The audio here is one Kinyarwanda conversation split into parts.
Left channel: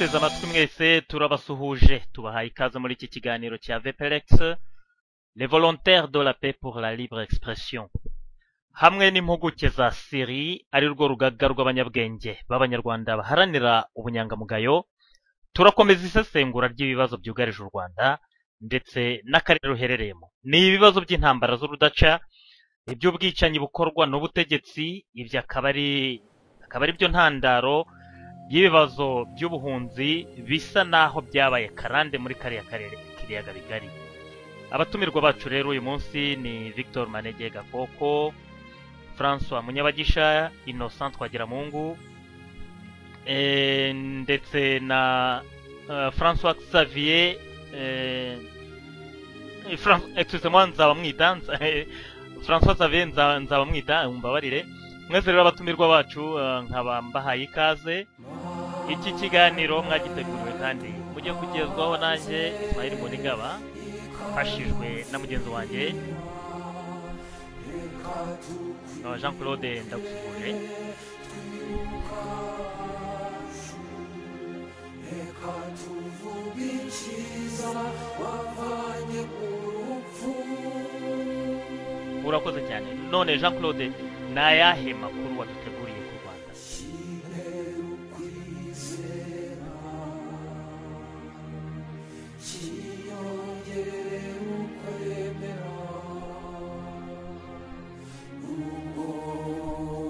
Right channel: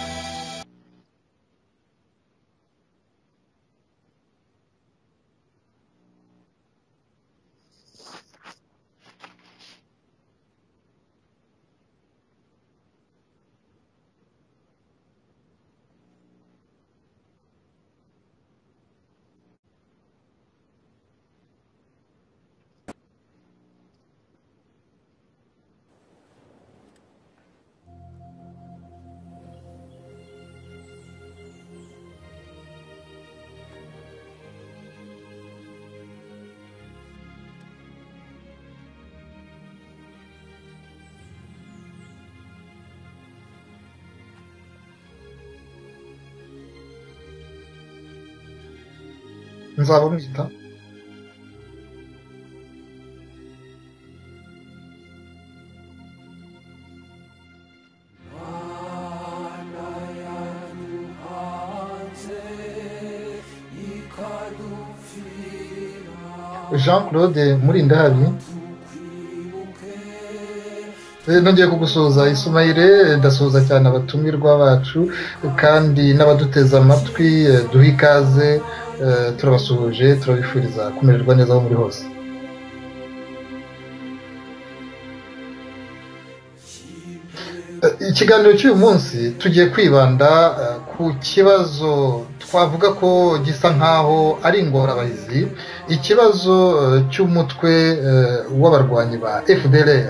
abaduteze amatwi mwese turabasuhuje tubahaye ikaze muri iki kiganiro cya VPLX les volontaires de la paix pour la libre expression hamwe n'impuguke za Syrie ari rwo rugaga rw'abanyabwenge b'abanyarwanda baharanira ubunyangamugayo. Turakomeza isesengura ry'ibibazo byugarije u Rwanda ndetse n'akarere ruherereyemo. Ni ibibazo by'intambara z'urudaca, iby'ubwicanyi bukorwa n'ubutegetsi, ibyo akaba ari byo ntandaro y'ibibazo by'ubuhunzi bisa naho byabaye karande muri kariya karere k'ibiyaga bigari. Abatumirwa bacu rero uyu munsi ni Victor Manege Gakoko, François Munyabagisha, Innocent Twagiramungu, ndetse na François Xavier François Xavier Nzabamwita, umbabarire. Mwese rero abatumirwa bacu nkaba mbahaye ikaze. Iki kiganiro mwagiteguye kandi mujye kugezwaho nanjye Ismail Bonigaba afashijwe na mugenzi wanjye Jean-Claude Murindahabi. Jean-Claude nongeye kugusuhuza Ismail, ndasuhuza cyane abatumirwa bacu kandi n'abaduteze amatwi, duha ikaze, turabasuhuje, turabifuriza kumererwa neza aho muri hose. Urakoze cyane. None Jean-Claude nayahe makuru waduteguriye ku Rwanda? Ikiganiro cy'uyu munsi tugiye kwibanda ku kibazo twavuga ko gisa nkaho ari ingorabahizi, ikibazo cy'umutwe w'abarwanyi ba FDLR.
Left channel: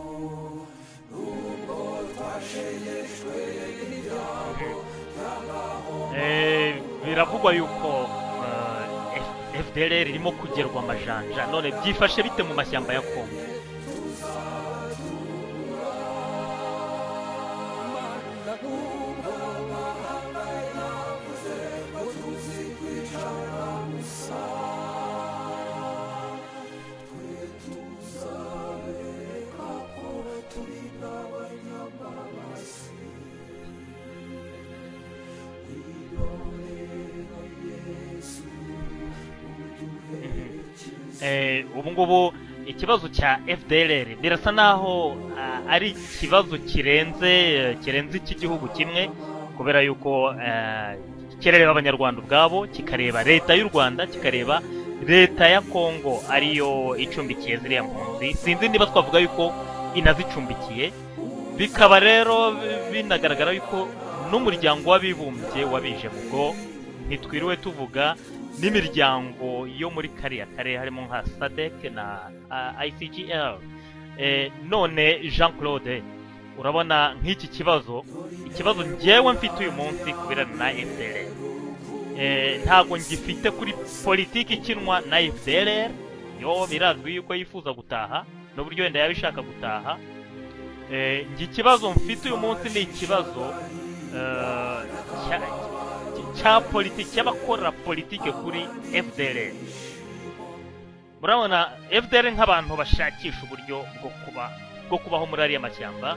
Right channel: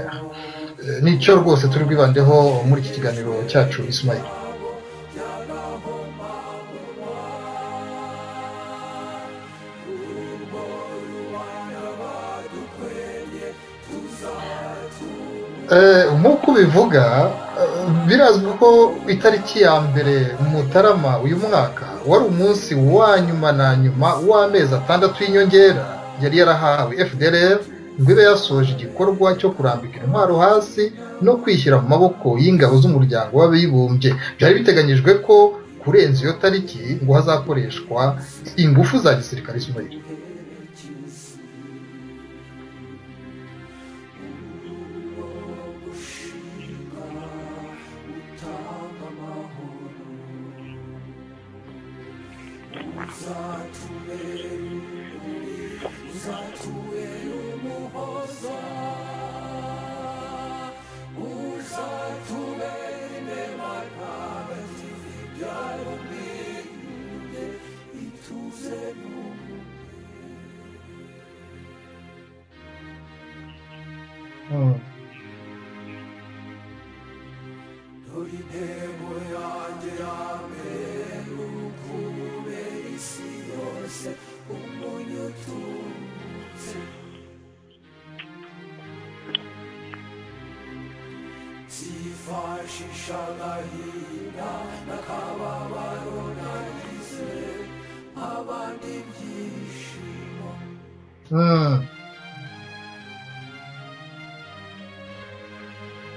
Nicyo rwose turi bwibandeho muri iki kiganiro cyacu Ismail. Biravugwa yuko FDLR irimo kugerwa amajanja, none byifashe bite mu mashyamba ya Kongo? Nk'uko bivuga, birazwi ko itariki ya mbere Mutarama uyu mwaka wari umunsi wa nyuma na nyuma w'amezi 6 y'inyongera yari yarahawe FDLR ngo ibe yasoje igikorwa cyo kurambika intwaro hasi no kwishyira mu maboko y'ingabo z'umuryango w'abibumbye. Byari biteganyijwe ko kurenza iyo tariki ngo hazakoreshwa ingufu za gisirikare Ismail. Ubu ngubu ikibazo cya FDLR birasa naho ari ikibazo kirenze icy'igihugu kimwe, kubera yuko kirareba abanyarwanda ubwabo, kikareba leta y'u Rwanda, kikareba leta ya Kongo ariyo icumbikiye ziriya mpunzi. Sinzi niba twavuga yuko inazicumbikiye. Bikaba rero binagaragara yuko n'umuryango w'abibumbye wabije ubwo, ntitwiriwe tuvuga n'imiryango yo muri kariya karere harimo nka SADC na ICGL. None Jean-Claude, urabona nk'iki kibazo njyewe mfite uyu munsi kubera na FDLR, ntabwo ngifite kuri politiki ikinwa na FDLR. Yo birazwi yuko yifuza gutaha n'uburyo wenda yabishaka gutaha. Ikibazo mfite uyu munsi ni ikibazo cya politiki, cy'abakora politiki kuri FDLR. Murabona FDLR nk'abantu bashakisha uburyo bwo kubaho muri ariya mashyamba.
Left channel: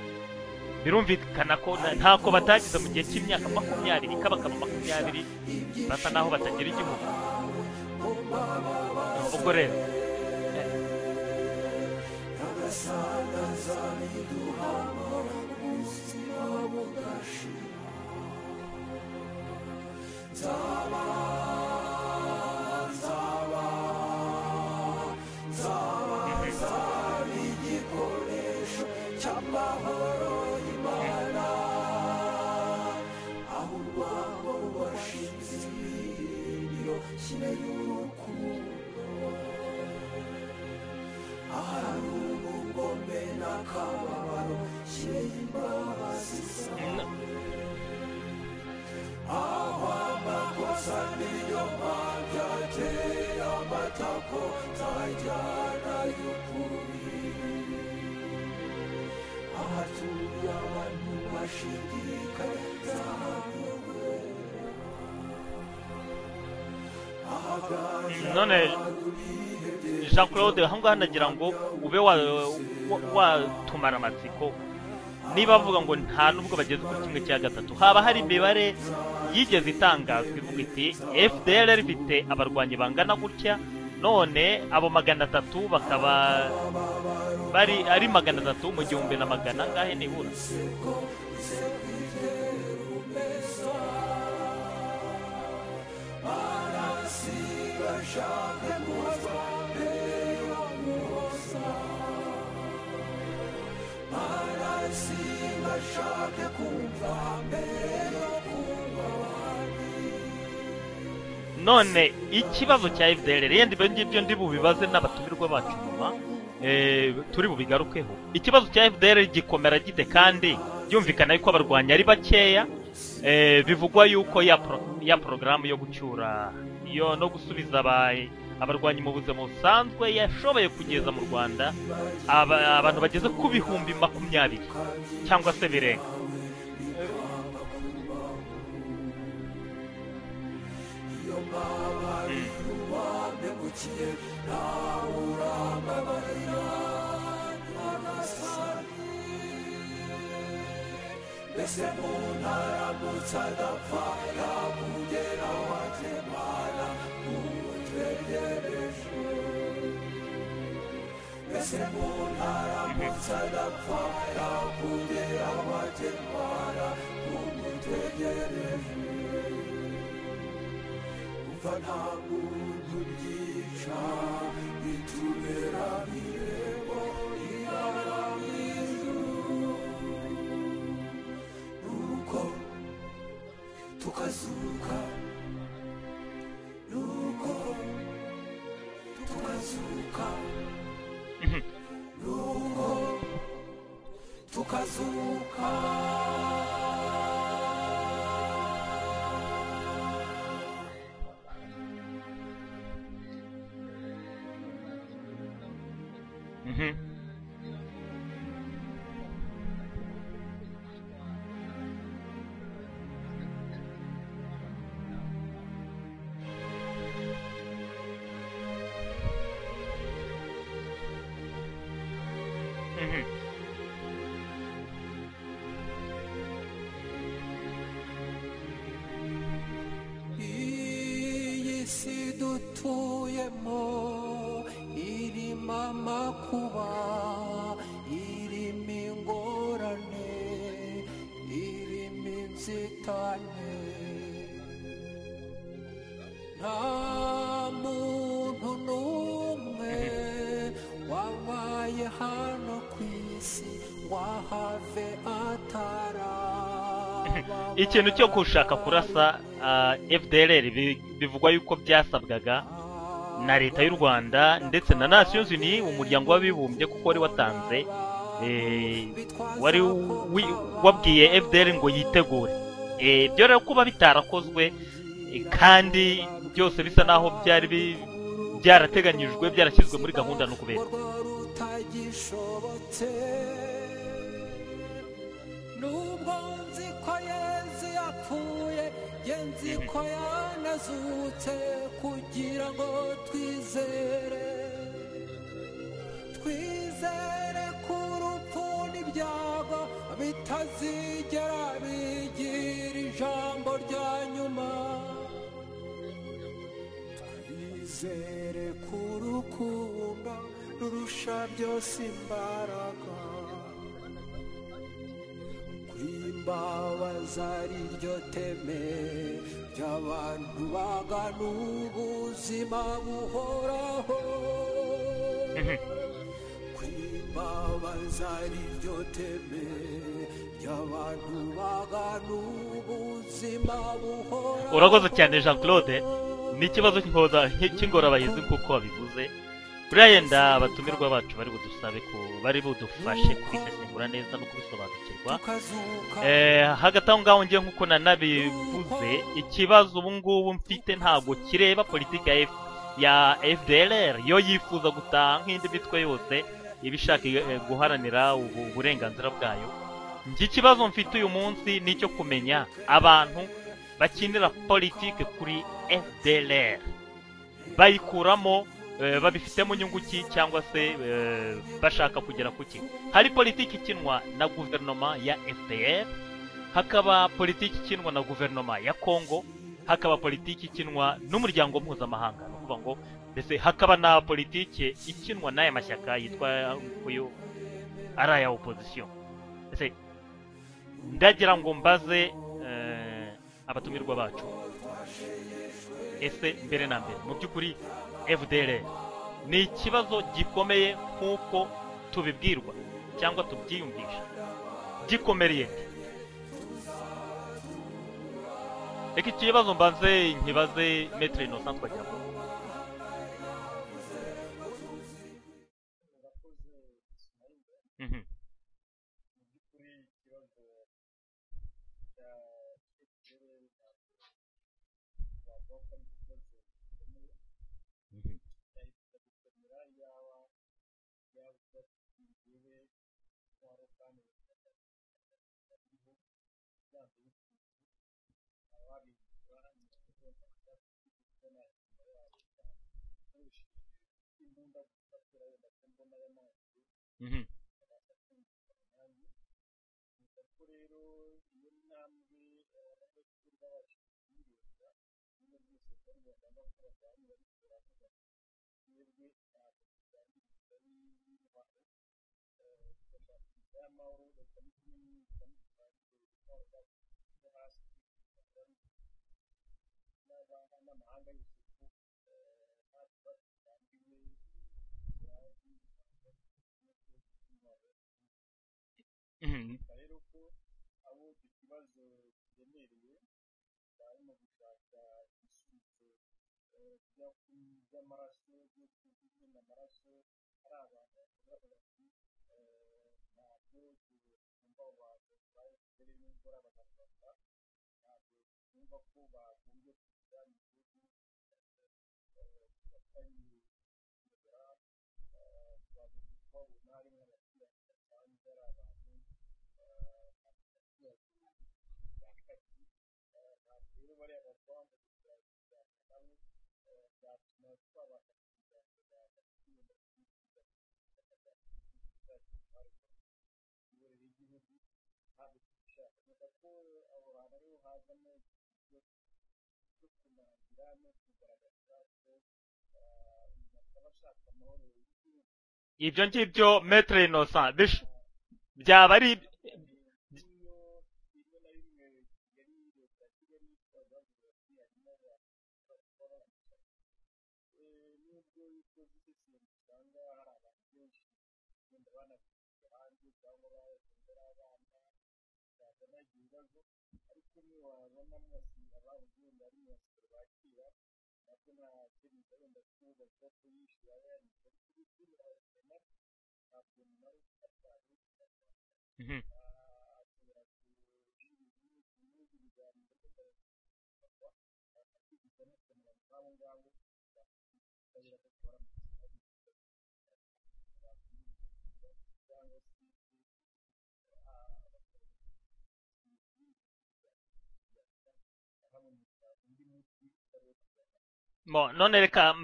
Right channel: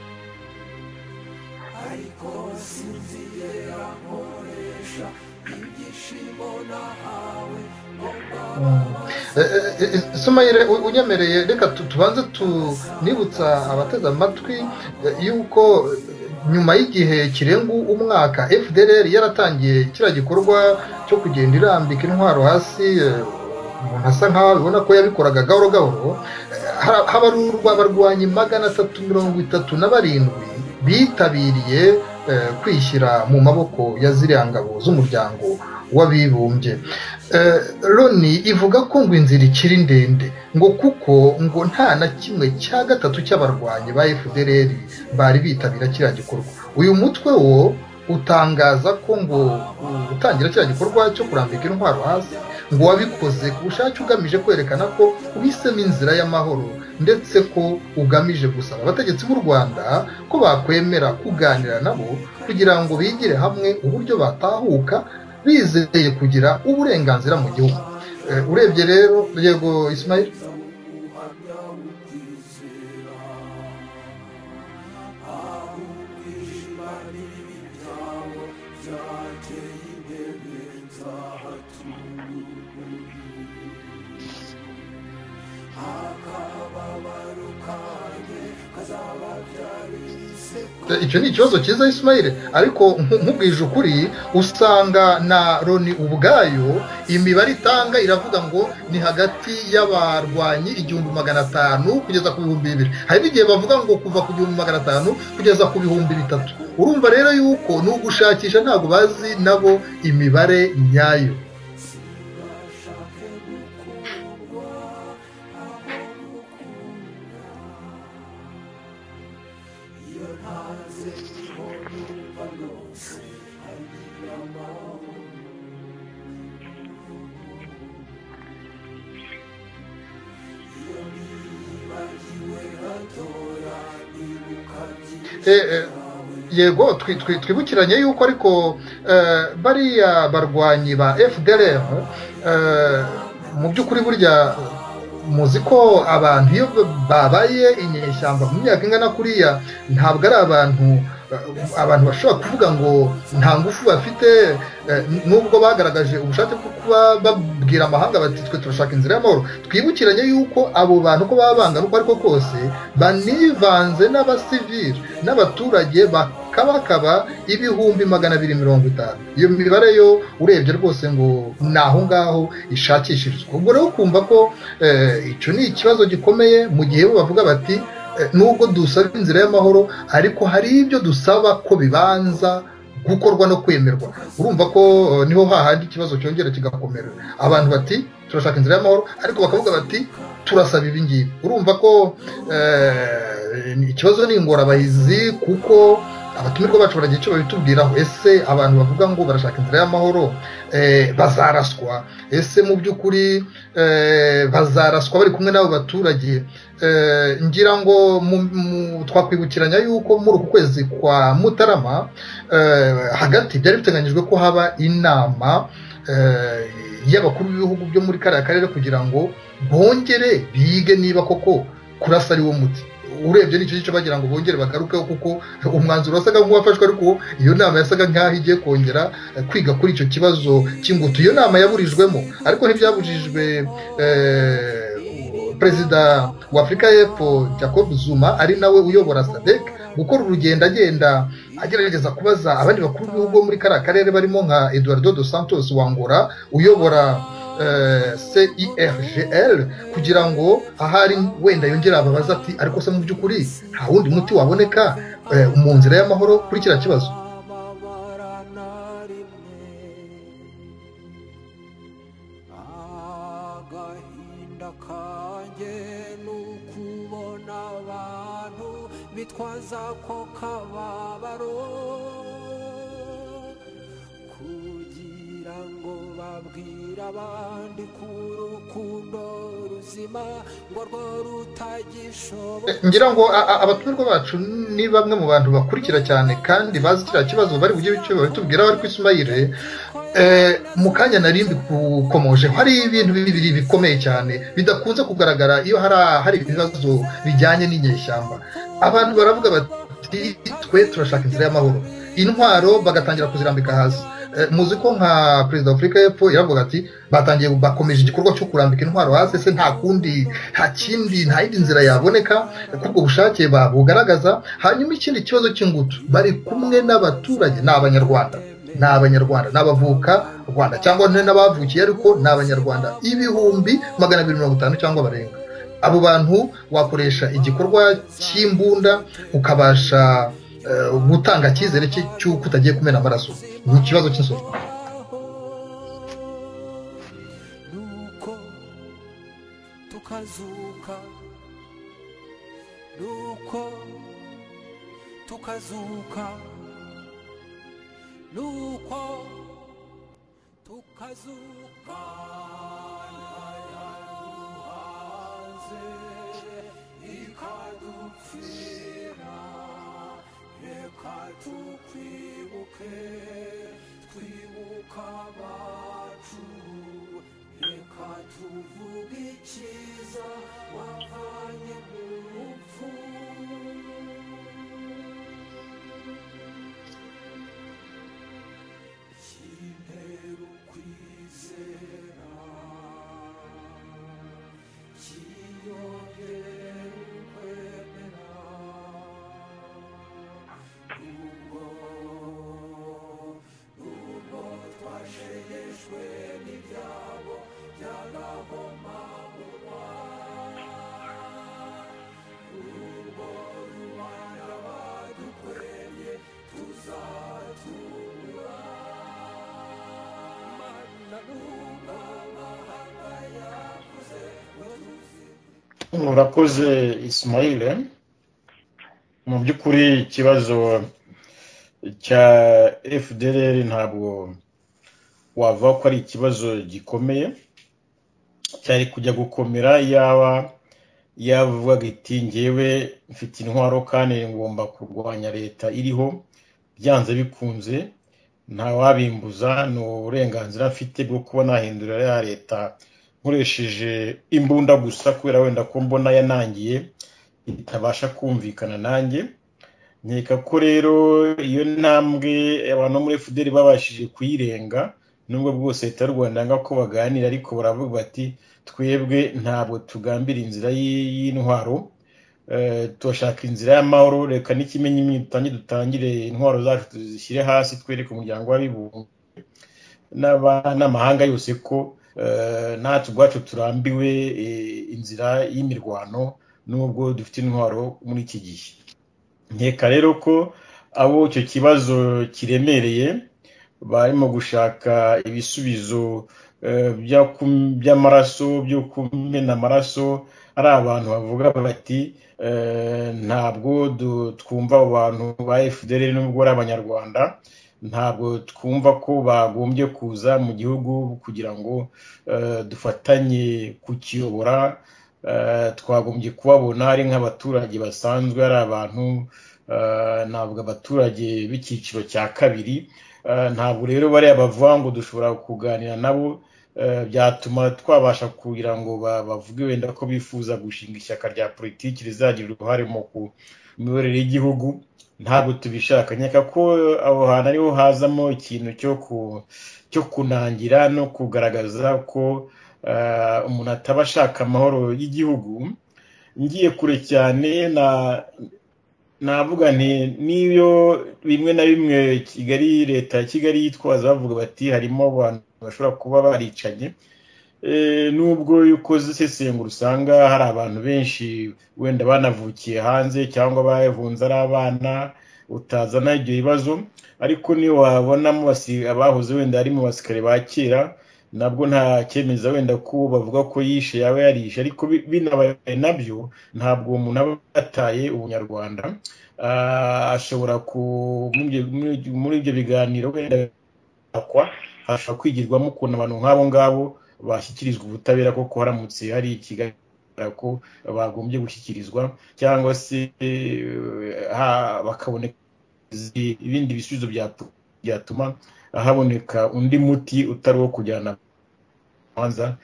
Birumvikana ko ntako batagize mu gihe cy'imyaka 20 kabakaba 20 basa naho batagira igihugu. Ismail, unyemereye reka tubanze tunibutsa abateze amatwi yuko nyuma y'igihe kirenga umwaka FDLR yaratangiye kiriya gikorwa cyo kugenda irambika intwaro hasi, hasa nkaho bibona ko yabikoraga gahoro gahoro. Habarurwa abarwanyi 337 bitabiriye kwishyira mu maboko ya ziriya ngabo z'umuryango w'abibumbye. Loni ivuga ko ngo inzira ikiri ndende, ngo kuko ngo nta na kimwe cya gatatu cy'abarwanyi ba FDLR bari bitabira kiriya gikorwa. Uyu mutwe wo utangaza ko ngo utangira kiriya gikorwa cyo kurambika intwaro hasi ngo wabikoze ku bushake ugamije kwerekana ko uhisemo inzira y'amahoro, ndetse ko ugamije gusaba abategetsi b'u Rwanda ko bakwemera kuganira nabo kugira ngo bigire hamwe uburyo batahuka bizeye kugira uburenganzira mu gihugu. Urebye rero yego Ismail, Jean-Claude, aho ngaho nagira ngo ube watumara amatsiko. Niba bavuga ngo nta nubwo bageze ku kimwe cya gatatu, haba hari imibare yigeze itangazwa ivuga iti FDLR ifite abarwanyi bangana gutya, none abo 300 bakaba ari 300 mu 1,000 angahe ni gute? icyo ni ikibazo cyiza Ismail, ariko nkubwije ukuri usanga na Loni ubwayo imibare itanga iravuga ngo ni hagati y'abarwanyi 1,500 kugeza ku 2,000. hari igihe bavuga ngo kuva ku 1,500 kugeza ku 3,000. urumva rero yuko ni ugushakisha, ntabwo bazi nabo imibare nyayo. none ikibazo cya FDLR yenda ibyo ndi bubibaze n'abatumirwa bacu turi bubigarukeho. ikibazo cya FDLR gikomera gite kandi byumvikana yuko abarwanyi ari bakeya? bivugwa yuko ya porogaramu yo gucyura yo no gusubiza abarwanyi mu buzima busanzwe yashoboye kugeza mu Rwanda abantu bageze ku 20,000 cyangwa se birenga. yego twibukiranye yuko ariko bariya barwanyi ba FDLR mu by'ukuri burya muzi ko abantu iyo babaye inyeshyamba mu myaka ingana kuriya ntabwo ari abantu bashobora kuvuga ngo nta ngufu bafite, nubwo bagaragaje ubushake bwo kuba babwira amahanga bati twe turashaka inzira y'amahoro. twibukiranye yuko abo bantu ko baba bangana uko ariko kose banivanze n'abasivili n'abaturage bakabakaba 250,000. iyo mibare yo urebye rwose ngo ni aho ngaho ishakishirizwa. ubwo rero kumva ko icyo ni ikibazo gikomeye, mu gihe bo bavuga bati nubwo dusaba inzira y'amahoro ariko hari ibyo dusaba ko bibanza gukorwa no kwemerwa. urumva ko niho hahandi ikibazo cyongera kigakomera. abantu bati turashaka inzira y'amahoro ariko bakavuga bati turasaba ibi ngibi. urumva ko ikibazo ni ingorabahizi, kuko abatumirwa bacu baragira icyo babitubwiraho. ese abantu bavuga ngo barashaka inzira y'amahoro bazaraswa? ese mu by'ukuri bazaraswa bari kumwe n'abo baturage? ngira ngo twakwibukiranya yuko muri uku kwezi kwa Mutarama hagati byari biteganyijwe ko haba inama y'abakuru b'ibihugu byo muri kariya karere kugira ngo bongere bige niba koko kurasa ari wo muti. urebye n'icyo gice bagira ngo bongere bagarukeho, kuko umwanzuro wasaga nk'uwafashwe, ariko iyo nama yasaga nk'aho igiye kongera kwiga kuri icyo kibazo cy'ingutu. iyo nama yaburijwemo, ariko ntibyabujijwe perezida wa Afurika y'Epfo Jacob Zuma ari nawe uyobora SADC gukora urugendo agenda agerageza kubaza abandi bakuru b'ibihugu muri kariya karere barimo nka Eduardo dos Santos wa Angola uyobora CIRGL kugira ngo ahari wenda yongera ababaza ati ariko se mu by'ukuri nta wundi muti waboneka mu nzira y'amahoro kuri kiriya kibazo. ikintu cyo gushaka kurasa FDLR bivugwa yuko byasabwaga na leta y'u Rwanda ndetse na Nations Unies, umuryango w'abibumbye, kuko wari watanze wari wabwiye FDLR ngo yitegure. byo rero kuba bitarakozwe kandi byose bisa naho byari byarateganyijwe byarashyizwe muri gahunda no kubera. ngira ngo abatumirwa bacu ni bamwe mu bantu bakurikira cyane kandi bazi kiriya kibazo, bari bujye bitubwira bari ku Ismail. mu kanya nari mbikomoje, hari ibintu bibiri bikomeye cyane bidakunze kugaragara iyo hari ibibazo bijyanye n'inyeshyamba. abantu baravuga bati twe turashaka inzira y'amahoro, intwaro bagatangira kuzirambika hasi. muzi ko nka perezida wa Afurika y'Epfo yaravuga ati bakomeje igikorwa cyo kurambika intwaro hasi, se nta yindi nzira yaboneka kubwo bushake babugaragaza. hanyuma ikindi kibazo cy'ingutu, bari kumwe n'abaturage, ni abanyarwanda n'abavuka Rwanda cyangwa n'abavukiye, ariko ni abanyarwanda 250,000 cyangwa barenga. abo bantu wakoresha igikorwa cy'imbunda ukabasha gutanga icyizere cy'uko utagiye kumena amaraso. ni ikibazo cy'insozi. urakoze cyane Jean Claude. ni ikibazo cy'ingorabahizi kuko wabivuze. burayenda abatumirwa bacu bari budufashe kwisesengura neza no kubisobanukirwa. hagati aho ngaho ngiye nk'uko nanabivuze, ikibazo ubu ngubu mfite ntabwo kireba politiki ya FDLR. yo yifuza gutaha nk'indi mitwe yose ibishaka guharanira uburenganzira bwayo. ikibazo mfite uyu munsi ni icyo kumenya abantu bakinira politiki kuri FDLR bayikuramo babifitemo inyungu ki, cyangwa se bashaka kugera ku ki. hari politiki ikinwa na guverinoma ya FDR, hakaba politiki ikinwa na guverinoma ya Congo, hakaba politiki ikinwa n'umuryango mpuzamahanga. kuvuga ngo ndetse hakaba na politike ikinwa n'aya mashyaka yitwa uyu ari aya opposition. Ese ndagira ngo mbaze abatumirwa bacu, ese mbere na mbere mu by'ukuri FDLR ni ikibazo gikomeye nk'uko tubibwirwa cyangwa tubyiyumvisha, gikomereye? Reka iki kibazo mbaze nkibaze Maître Innocent Twagiramungu. Urakoze Ismail. Mu by'ukuri ikibazo cya FDLR ntabwo wava ko ari ikibazo gikomeye, cyari kujya gukomera yavuga iti ngewe mfite intwaro kandi ngomba kurwanya leta iriho byanze bikunze, nta wabimbuza, ni uburenganzira mfite bwo kuba nahindurira ya leta nkoresheje imbunda gusa, kubera wenda ko mbona yanangiye itabasha kumvikana nanjye. Nkeka ko rero iyo ntambwe abantu muri FDL babashije kuyirenga, nubwo bwose leta y'u Rwanda nga ko baganira, ariko baravuga bati twebwe ntabwo tugambira inzira y'intwaro, turashaka inzira y'amahoro, reka n'ikimenyi dutangire intwaro zacu tuzishyire hasi, twereke umuryango w'abibumbye n'amahanga yose ko natwe ubwacu turambiwe inzira y'imirwano nubwo dufite intwaro muri iki gihe. Nkeka rero ko abo icyo kibazo kiremereye barimo gushaka ibisubizo by'amaraso, byo kumena amaraso, ari abantu bavuga bati ntabwo twumva abo bantu ba FDL nubwo ari abanyarwanda, ntabwo twumva ko bagombye kuza mu gihugu kugira ngo dufatanye kukiyobora, twagombye kubabona ari nk'abaturage basanzwe, ari abantu ntabwo abaturage b'icyiciro cya kabiri. Ntabwo rero bariya bavuga ngo dushobora kuganira nabo byatuma twabasha kugira ngo bavuge wenda ko bifuza gushinga ishyaka rya politiki rizagira uruhare mu miyoborere y'igihugu. Ntabwo tubishaka. Nkeka ko aho hantu ariho hazamo ikintu cyo kunangira no kugaragaza ko umuntu ataba ashaka amahoro y'igihugu. Ngiye kure cyane navuga nti niyo bimwe na bimwe leta ya Kigali yitwaza bavuga bati harimo abantu bashobora kuba baricanye, nubwo ukoze isesengura usanga hari abantu benshi wenda banavukiye hanze cyangwa bahunze ari abana, utazana ibyo bibazo. Ariko niyo wabonamo abahoze wenda ari mu basirikare ba kera, nabwo nta cyemeza wenda ko bavuga ko yishe yaba yarishe, ariko binabaye nabyo ntabwo uwo muntu aba yataye ubunyarwanda. Ashobora muri ibyo biganiro wenda hashobora kwigirwamo ukuntu abantu nk'abo ngabo bashyikirizwa ubutabera, koko haramutse hari ikigaragara ko bagombye gushyikirizwa, cyangwa se bakaboneka ibindi bisubizo byatuma haboneka undi muti utari uwo kujyana. None reka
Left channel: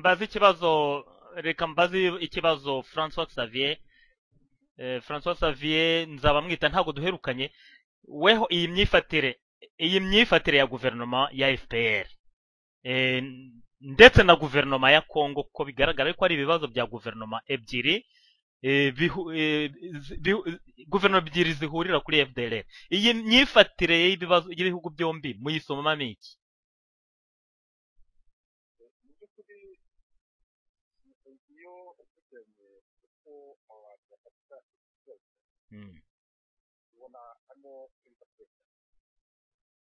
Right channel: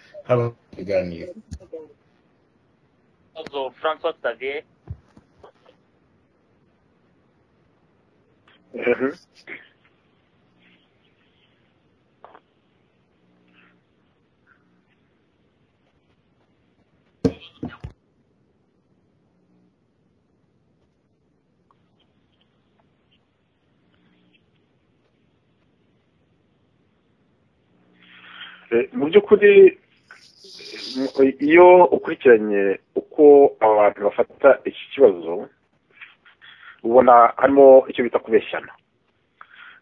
mbaze ikibazo François Xavier nzaba mwita, ntabwo duherukanye. Weho iyi myifatire ya guverinoma ya FPR ndetse na guverinoma ya Congo, ko bigaragara ko ari ibibazo bya guverinoma ebyiri, guverinoma ebyiri zihurira kuri FDLR. Iyi myifatire y'ibibazo y'ibihugu byombi muyisomamo iki? Mu by'ukuri iyo ukurikiranye uko abantu bafata iki kibazo, ubona harimo icyo bita kubeshyana.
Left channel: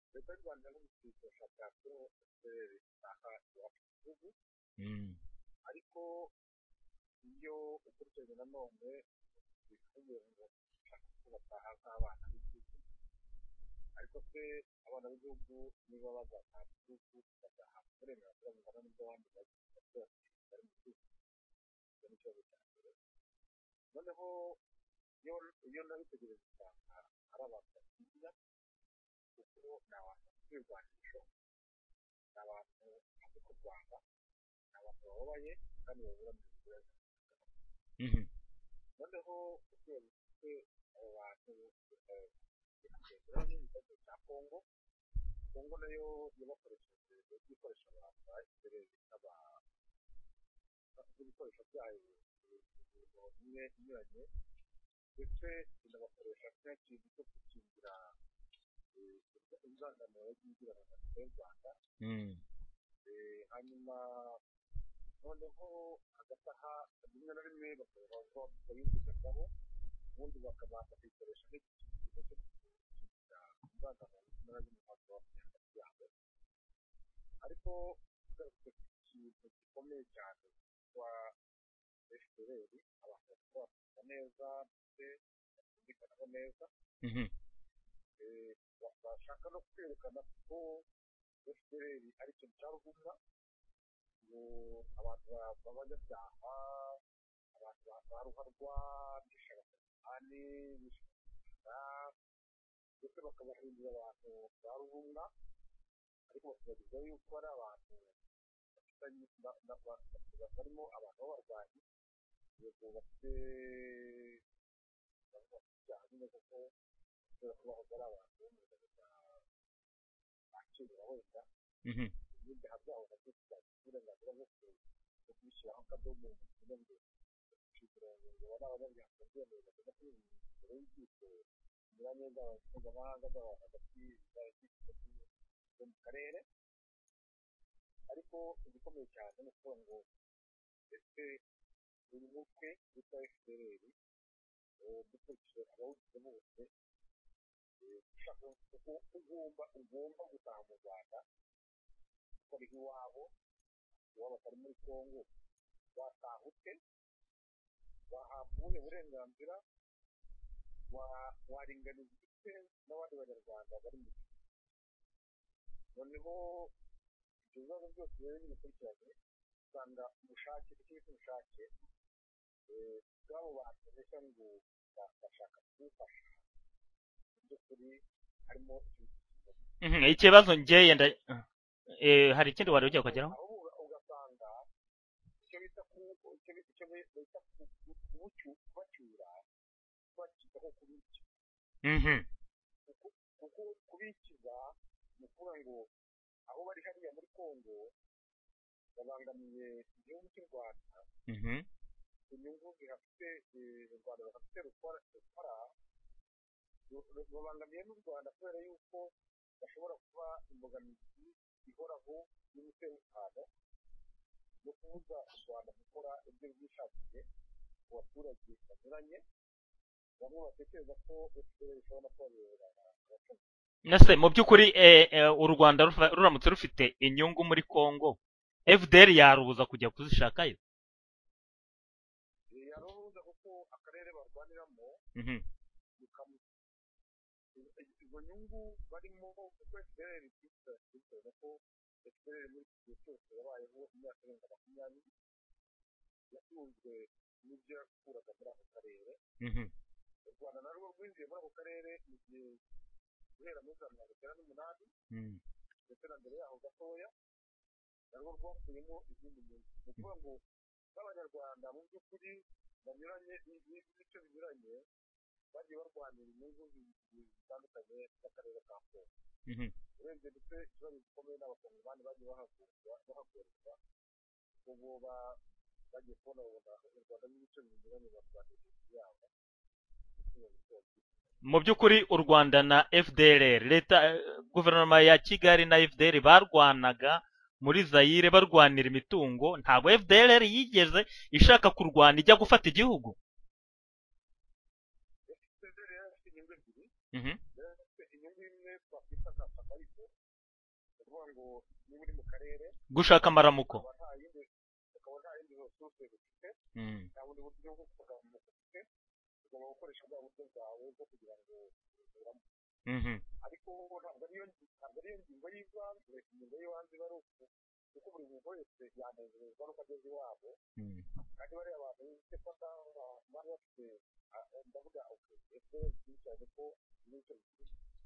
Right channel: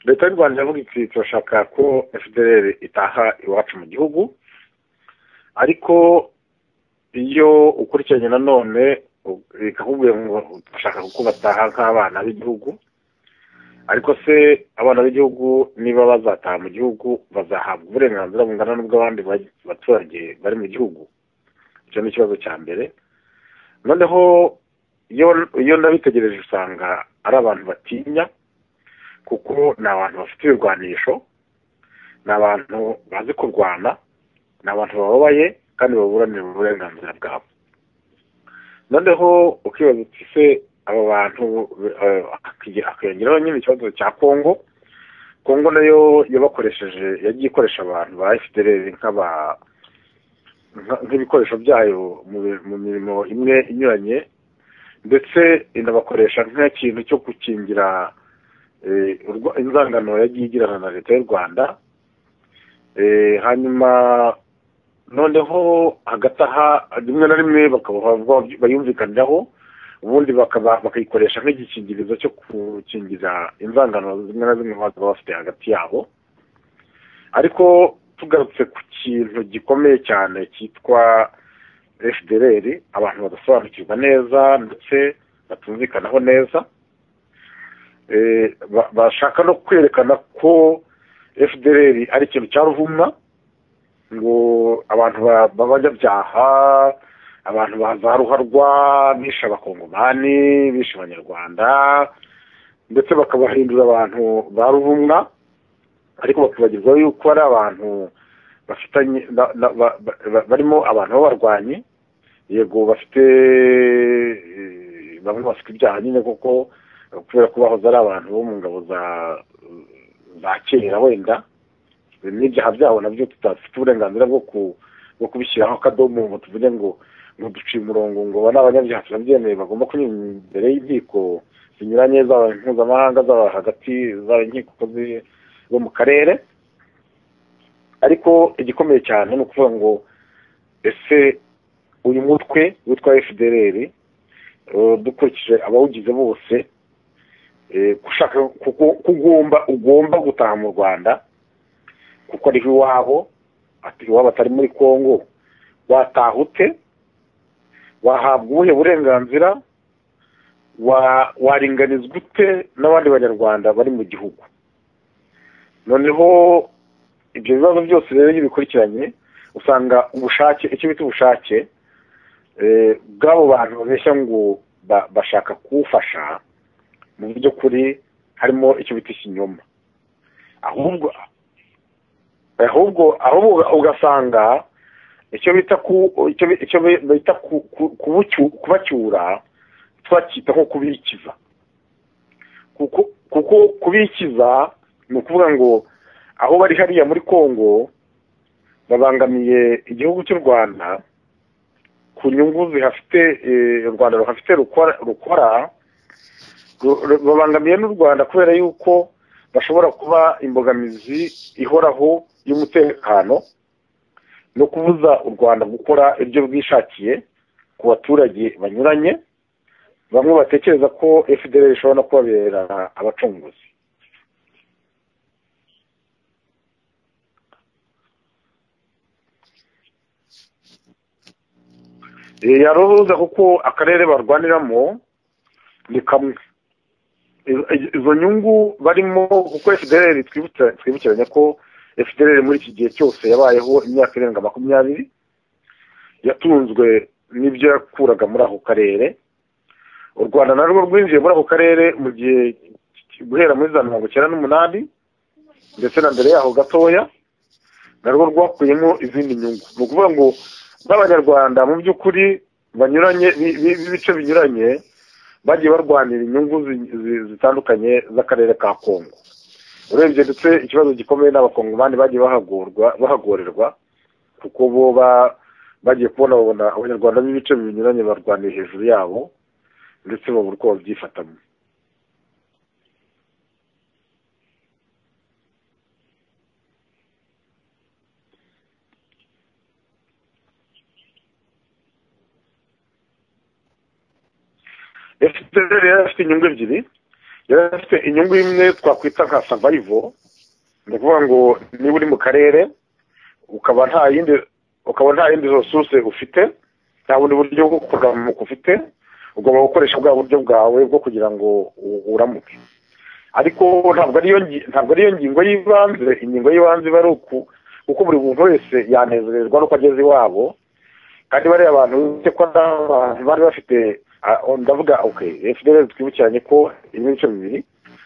Leta y'u Rwanda yavuga iti turashaka ko FDLR itaha iwacu mu gihugu, ariko iyo ukurikiranye nanone ikakubwira ngo turashaka ko bataha nk'abana b'igihugu. Ariko se abana b'igihugu niba bazataha mu gihugu bazahabwa uburenganzira bungana n'ubw'abandi baturage bari mu gihugu? Icyo ni ikibazo cya mbere. Noneho iyo nabitegereje usanga ari abantu batinya, kuko ni abantu bafite ibirwanisho, ni abantu bazi kurwana, ni abantu bababaye kandi baburanira uburenganzira bwabo. Noneho ukibaza uti se aba bantu hakiyongeraho nyine ikibazo cya Congo nayo yagiye ikoresha abantu ba FDLR nk'ibikoresho byayo mu mirimo imwe inyuranye, ndetse inabakoresha nk'ikintu cyo gukingira inzangano yagiye igirana na leta y'u Rwanda. Hanyuma noneho hagati aha rimwe na rimwe bayumvikaniraho, ubundi bakayikoresha nk'igikingirizo cyo gukingira inzangano zimwe na zimwe baba bafite hagati yabo. Ariko tugarutse ku kintu gikomeye cyane cyitwa FDLR, abantu badasobanukirwa neza ndetse batumvikanaho neza, bashaka no kwerekana ko FDLR ari ikintu cya ruvumwa, ngo abantu b'abanyabyaha, abantu bazaruharwa, bishe abakongomani, bishe abanyarwanda, ndetse bakabahindura abantu ba ruvumwa, ariko bakibagirwa yuko ari abantu bafitanye barimo abantu b'abarwanyi. Yego bafite bamwe bafite ibyaha nyine kuko kubera ko bahoze ari abantu bo mu ngabo za kera, wenda n'ibyaha byabo nabyo tutafite uburenganzira bwo kubishyiraho akadomo ngo tuvuge ngo duciye umurongo ngo aba ni abanyabyaha turabyemeye bagomba kunyura imbere y'inkiko zinyuranye, zaba mpuzamahanga, zaba hagati, zaba inkiko bo mu karere. Ariko igikomeye cyane ni ukuvuga ngo ese uyu mutwe witwa FDLR dukurikije abawugize bose, gushaka ugomba gutaha mu Rwanda kuko ari iwabo, iwabo atari muri Kongo, wataha ute? Wahabwa ubuhe burenganzira? Waringanizwa ute n'abandi banyarwanda bari mu gihugu? Noneho ibyo bibazo byose rero iyo bikurikiranye usanga ubushake, icyo bita ubushake bw'abo bantu babeshya ngo bashaka kuwufasha, mu buryo kuri harimo icyo bita ikinyoma. Ikibazo ngeye ahubwo ugasanga icyo bita kubacyura twacyita nko kubikiza, kuko kubikiza ni ukuvuga ngo aho bari hariya muri Kongo babangamiye igihugu cy'u Rwanda ku nyungu zihafite, u Rwanda ruhafite rukora, babangamiye n'u Rwanda kubera yuko bashobora kuba imbogamizi ihoraho y'umutekano no kubuza u Rwanda gukora ibyo bwishakiye ku baturage banyuranye, bamwe batekereza ko FDLR ishobora no kubabera abacunguzi. Nase mu by'ukuri u Rwanda ruramutse rufite inyungu muri Kongo, FDLR yarubuza kujya kuzishakayo? Yarubuza kuko akarere barwaniramo ni kamwe. Izo nyungu barimo, kuko FDLR twibukiranye ko FDLR muri iki gihe cyose yabayeho imyaka irenga 20, yatunzwe n'ibyo yakuraga muri ako karere. U Rwanda narwo rwinjiye muri ako karere mu gihe guhera muri za 1998 ndetse na mbere yaho gatoya, narwo rwakuyemo izindi nyungu. Ni ukuvuga ngo n'abanyarwanda mu by'ukuri banyuranye b'ibice binyuranye bagiye barwanira inyungu zitandukanye z'akarere ka Kongo. Urebye ndetse ikibazo gikomeye n'abakongomani bagiye bahagorerwa kuko bo bagiye kubona abanyarwanda b'ibice binyuranye barwaniye hejuru yabo, ndetse babura uko babyifatamo. Mu by'ukuri u Rwanda na FDLR, leta guverinoma ya Kigali na FDLR barwanaga muri Zaire barwanira imitungo, ntabwo FDLR yigeze ishaka kurwana ijya gufata igihugu. FDLR yarafite inyungu ebyiri. Yarafite inyungu imwe twakwita nka survival, ni ukuvuga ngo niba uri mu karere gushaka amaramuko, ukaba nta yindi resource ufite, nta bundi buryo bwo kuramuka ufite, ugomba gukoresha bwa buryo bwawe bwo kugira ngo uramuke. Ariko ntabwo ariyo ngingo y'ibanze. Ingingo y'ibanze bari kuko buri muntu wese yanezerezwa nuko ageze iwabo, kandi bariya abantu ko bari bafite, ndavuga FDLR twibukiranye ko irimo ibice bibiri.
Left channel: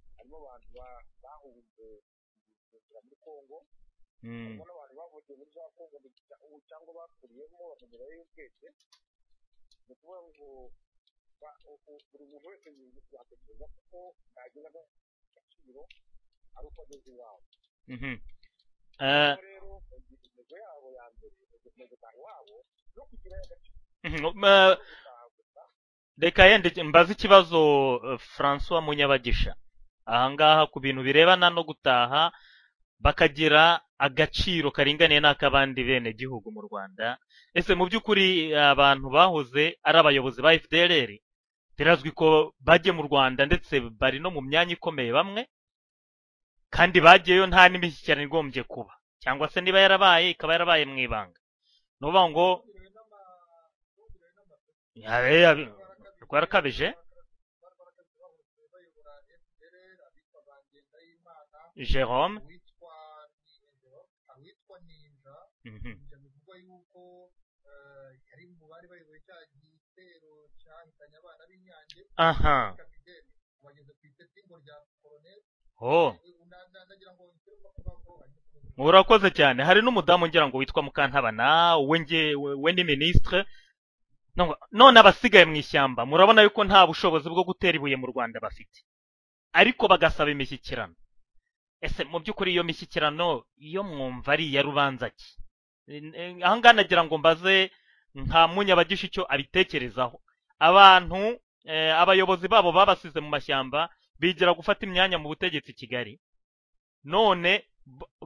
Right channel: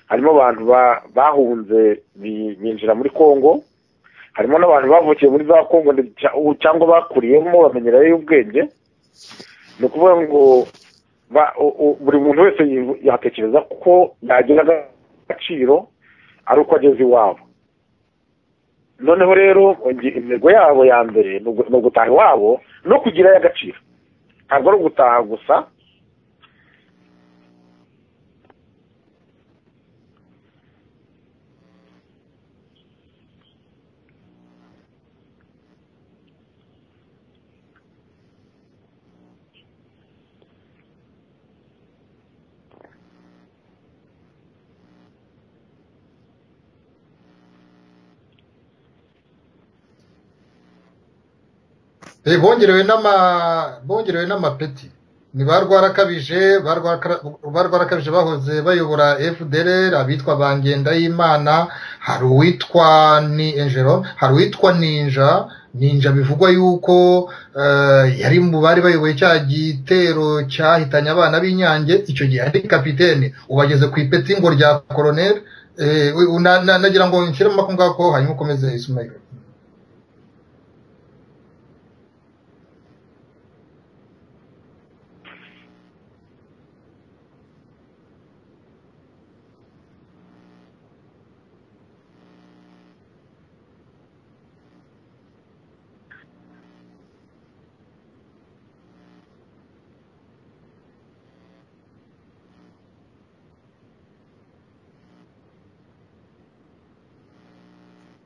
Harimo abantu bahunze binjira muri Kongo, harimo n'abantu bavukiye muri za Kongo cyangwa bakuriyemo bamenyerayo ubwenge. Ni ukuvuga ngo buri muntu wese yatekereza ko yagira agaciro ari uko ageze iwabo. noneho rero intego yabo ya mbere ni ugutaha iwabo no kugirayo agaciro ntabwo ari ugutaha gusa. reka yende mbaze ikibazo François Munyabagisha ahangaha ku bintu birebana no gutaha bakagira agaciro karinganiye n'akabandi bene gihugu mu Rwanda. Ese mu by'ukuri abantu bahoze ari abayobozi ba FDLR birazwi ko bagiye mu Rwanda ndetse bari no mu myanya ikomeye bamwe kandi bagiyeyo nta n'imishyikirano igombye kuba cyangwa se niba yarabaye ikaba yarabaye mu ibanga. bongerewe n'amapeti barwarakabije bahoze bayobora FDLR abitwa Bangendayimana, hari uwitwa Ninja bivugwa yuko yari mu bari bayoboye cya gitero cyahitanye abana b'Inyange, icyo gihe ari kapitene ubageze ku ipeti ngo rya colonel. nagira ngo nshyiremo makungako hanyuma ukomeze. Urakoze cyane. Hari n'umudamu ngira ngo witwa Mukantabana we ni ministre none abasigaye mu ishyamba murabona yuko nta bushobozi bwo gutera ibuye mu Rwanda bafite ariko bagasaba imishyikirano. Ese mu by'ukuri iyo mishyikirano iyo mwumva ari ya rubanza ki? Ahangana nagira ngo mbaze nka Munyabagisha icyo abitekerezaho. Abantu abayobozi babo babasize mu mashyamba bigira gufata imyanya mu butegetsi Kigali, none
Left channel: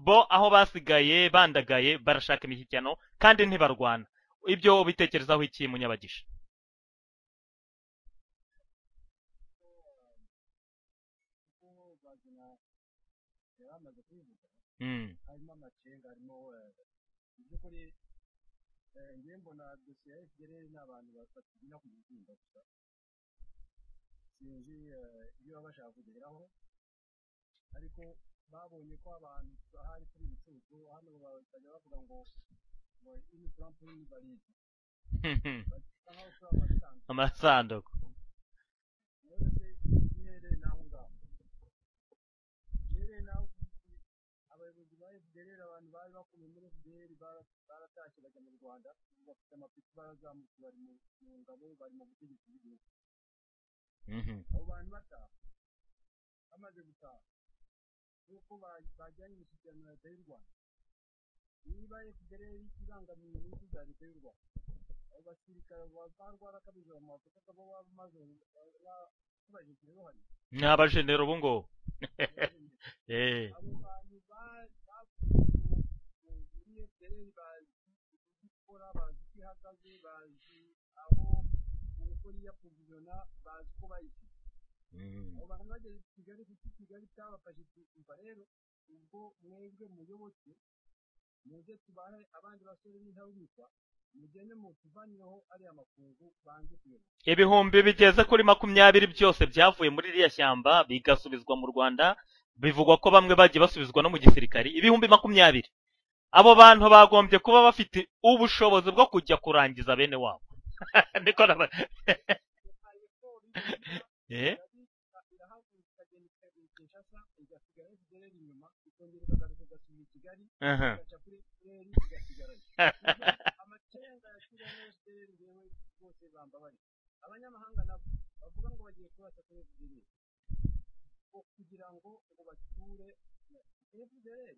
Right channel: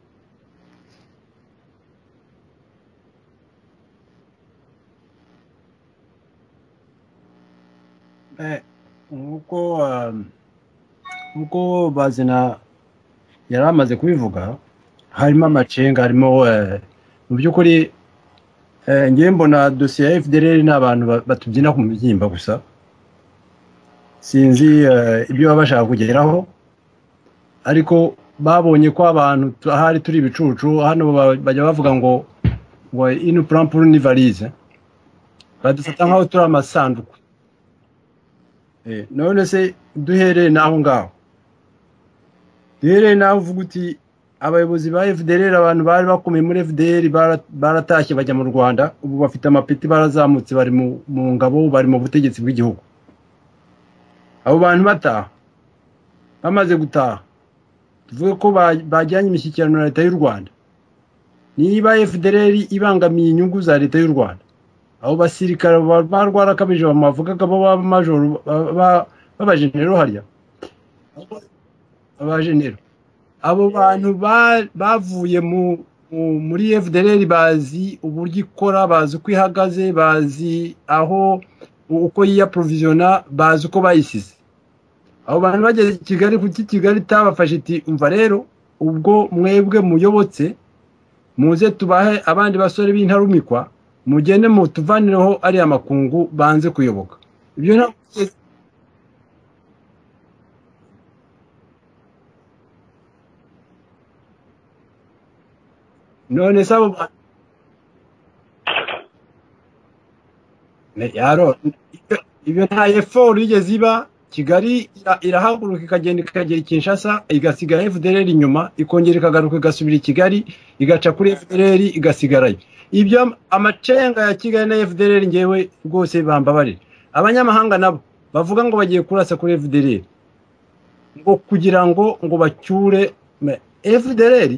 bo aho basigaye bandagaye barashaka imishyikirano kandi ntibarwana. Ibyo bitekerezaho iki Munyabagisha? uko bazina yaramaze kubivuga harimo amacenga, harimo mu by'ukuri ngiye mbona dosiye ya FDLR n'abantu batubyina ku mubyimba gusa, sinzi ibyo baba bashaka kugeraho, ariko babonye ko abantu ahari turi ibicucu hano bajya bavuga ngo ino plan pour une valise badufata nkaho turi amasanduku. None se duhereye naho ngaho, duhereye naho uvuga uti abayobozi ba FDLR abantu bari bakomeye muri FDLR baratashye bajya mu Rwanda, ubu bafite amapeti barazamutse bari mu ngabo, bari mu butegetsi bw'igihugu. Abo bantu bataha bamaze gutaha tuvuge ko bajyanye imishyikirano na leta y'u Rwanda. Niba FDLR ibangamiye inyungu za leta y'u Rwanda, abo basirikare barwarakabije bamuvugaga bo majoro babajenero harya n'abajenero bungo abajenero abo bantu bavuye muri FDLR bazi uburyo ikora, bazi uko ihagaze, bazi aho uko yiyaprovisiona, bazi uko bayisize. Abo bantu bageze Kigali kuki Kigali tabafashe iti umva rero ubwo mwebwe muyobotse muze tubahe abandi basore b'intarumikwa mugende mutuvanireho ari amakungu banze kuyoboka. Ibihumbi bigeze kuri 20 byose byavuye muri iriya shyamba bigasubizwa mu Rwanda, bivugwa ko bamwe bagiye basubizwa no mu gisirikari. Ibihumbi 20 abo bantu bagombye kuba bafite ubushobozi bwo kujya kurangiza bene wabo. Ibyo nta effort yigeze iba. Kigali irahaguruka ikagenda ikagera Kinshasa igasiga FDLR inyuma, ikongera ikagaruka igasubira Kigali igaca kuri FDLR igasigarayo. Ibyo amacenga ya Kigali na FDLR ngewe rwose bambabarira. Abanyamahanga nabo bavuga ngo bagiye kurasa kuri FDLR ngo kugira ngo bacyure FDLR,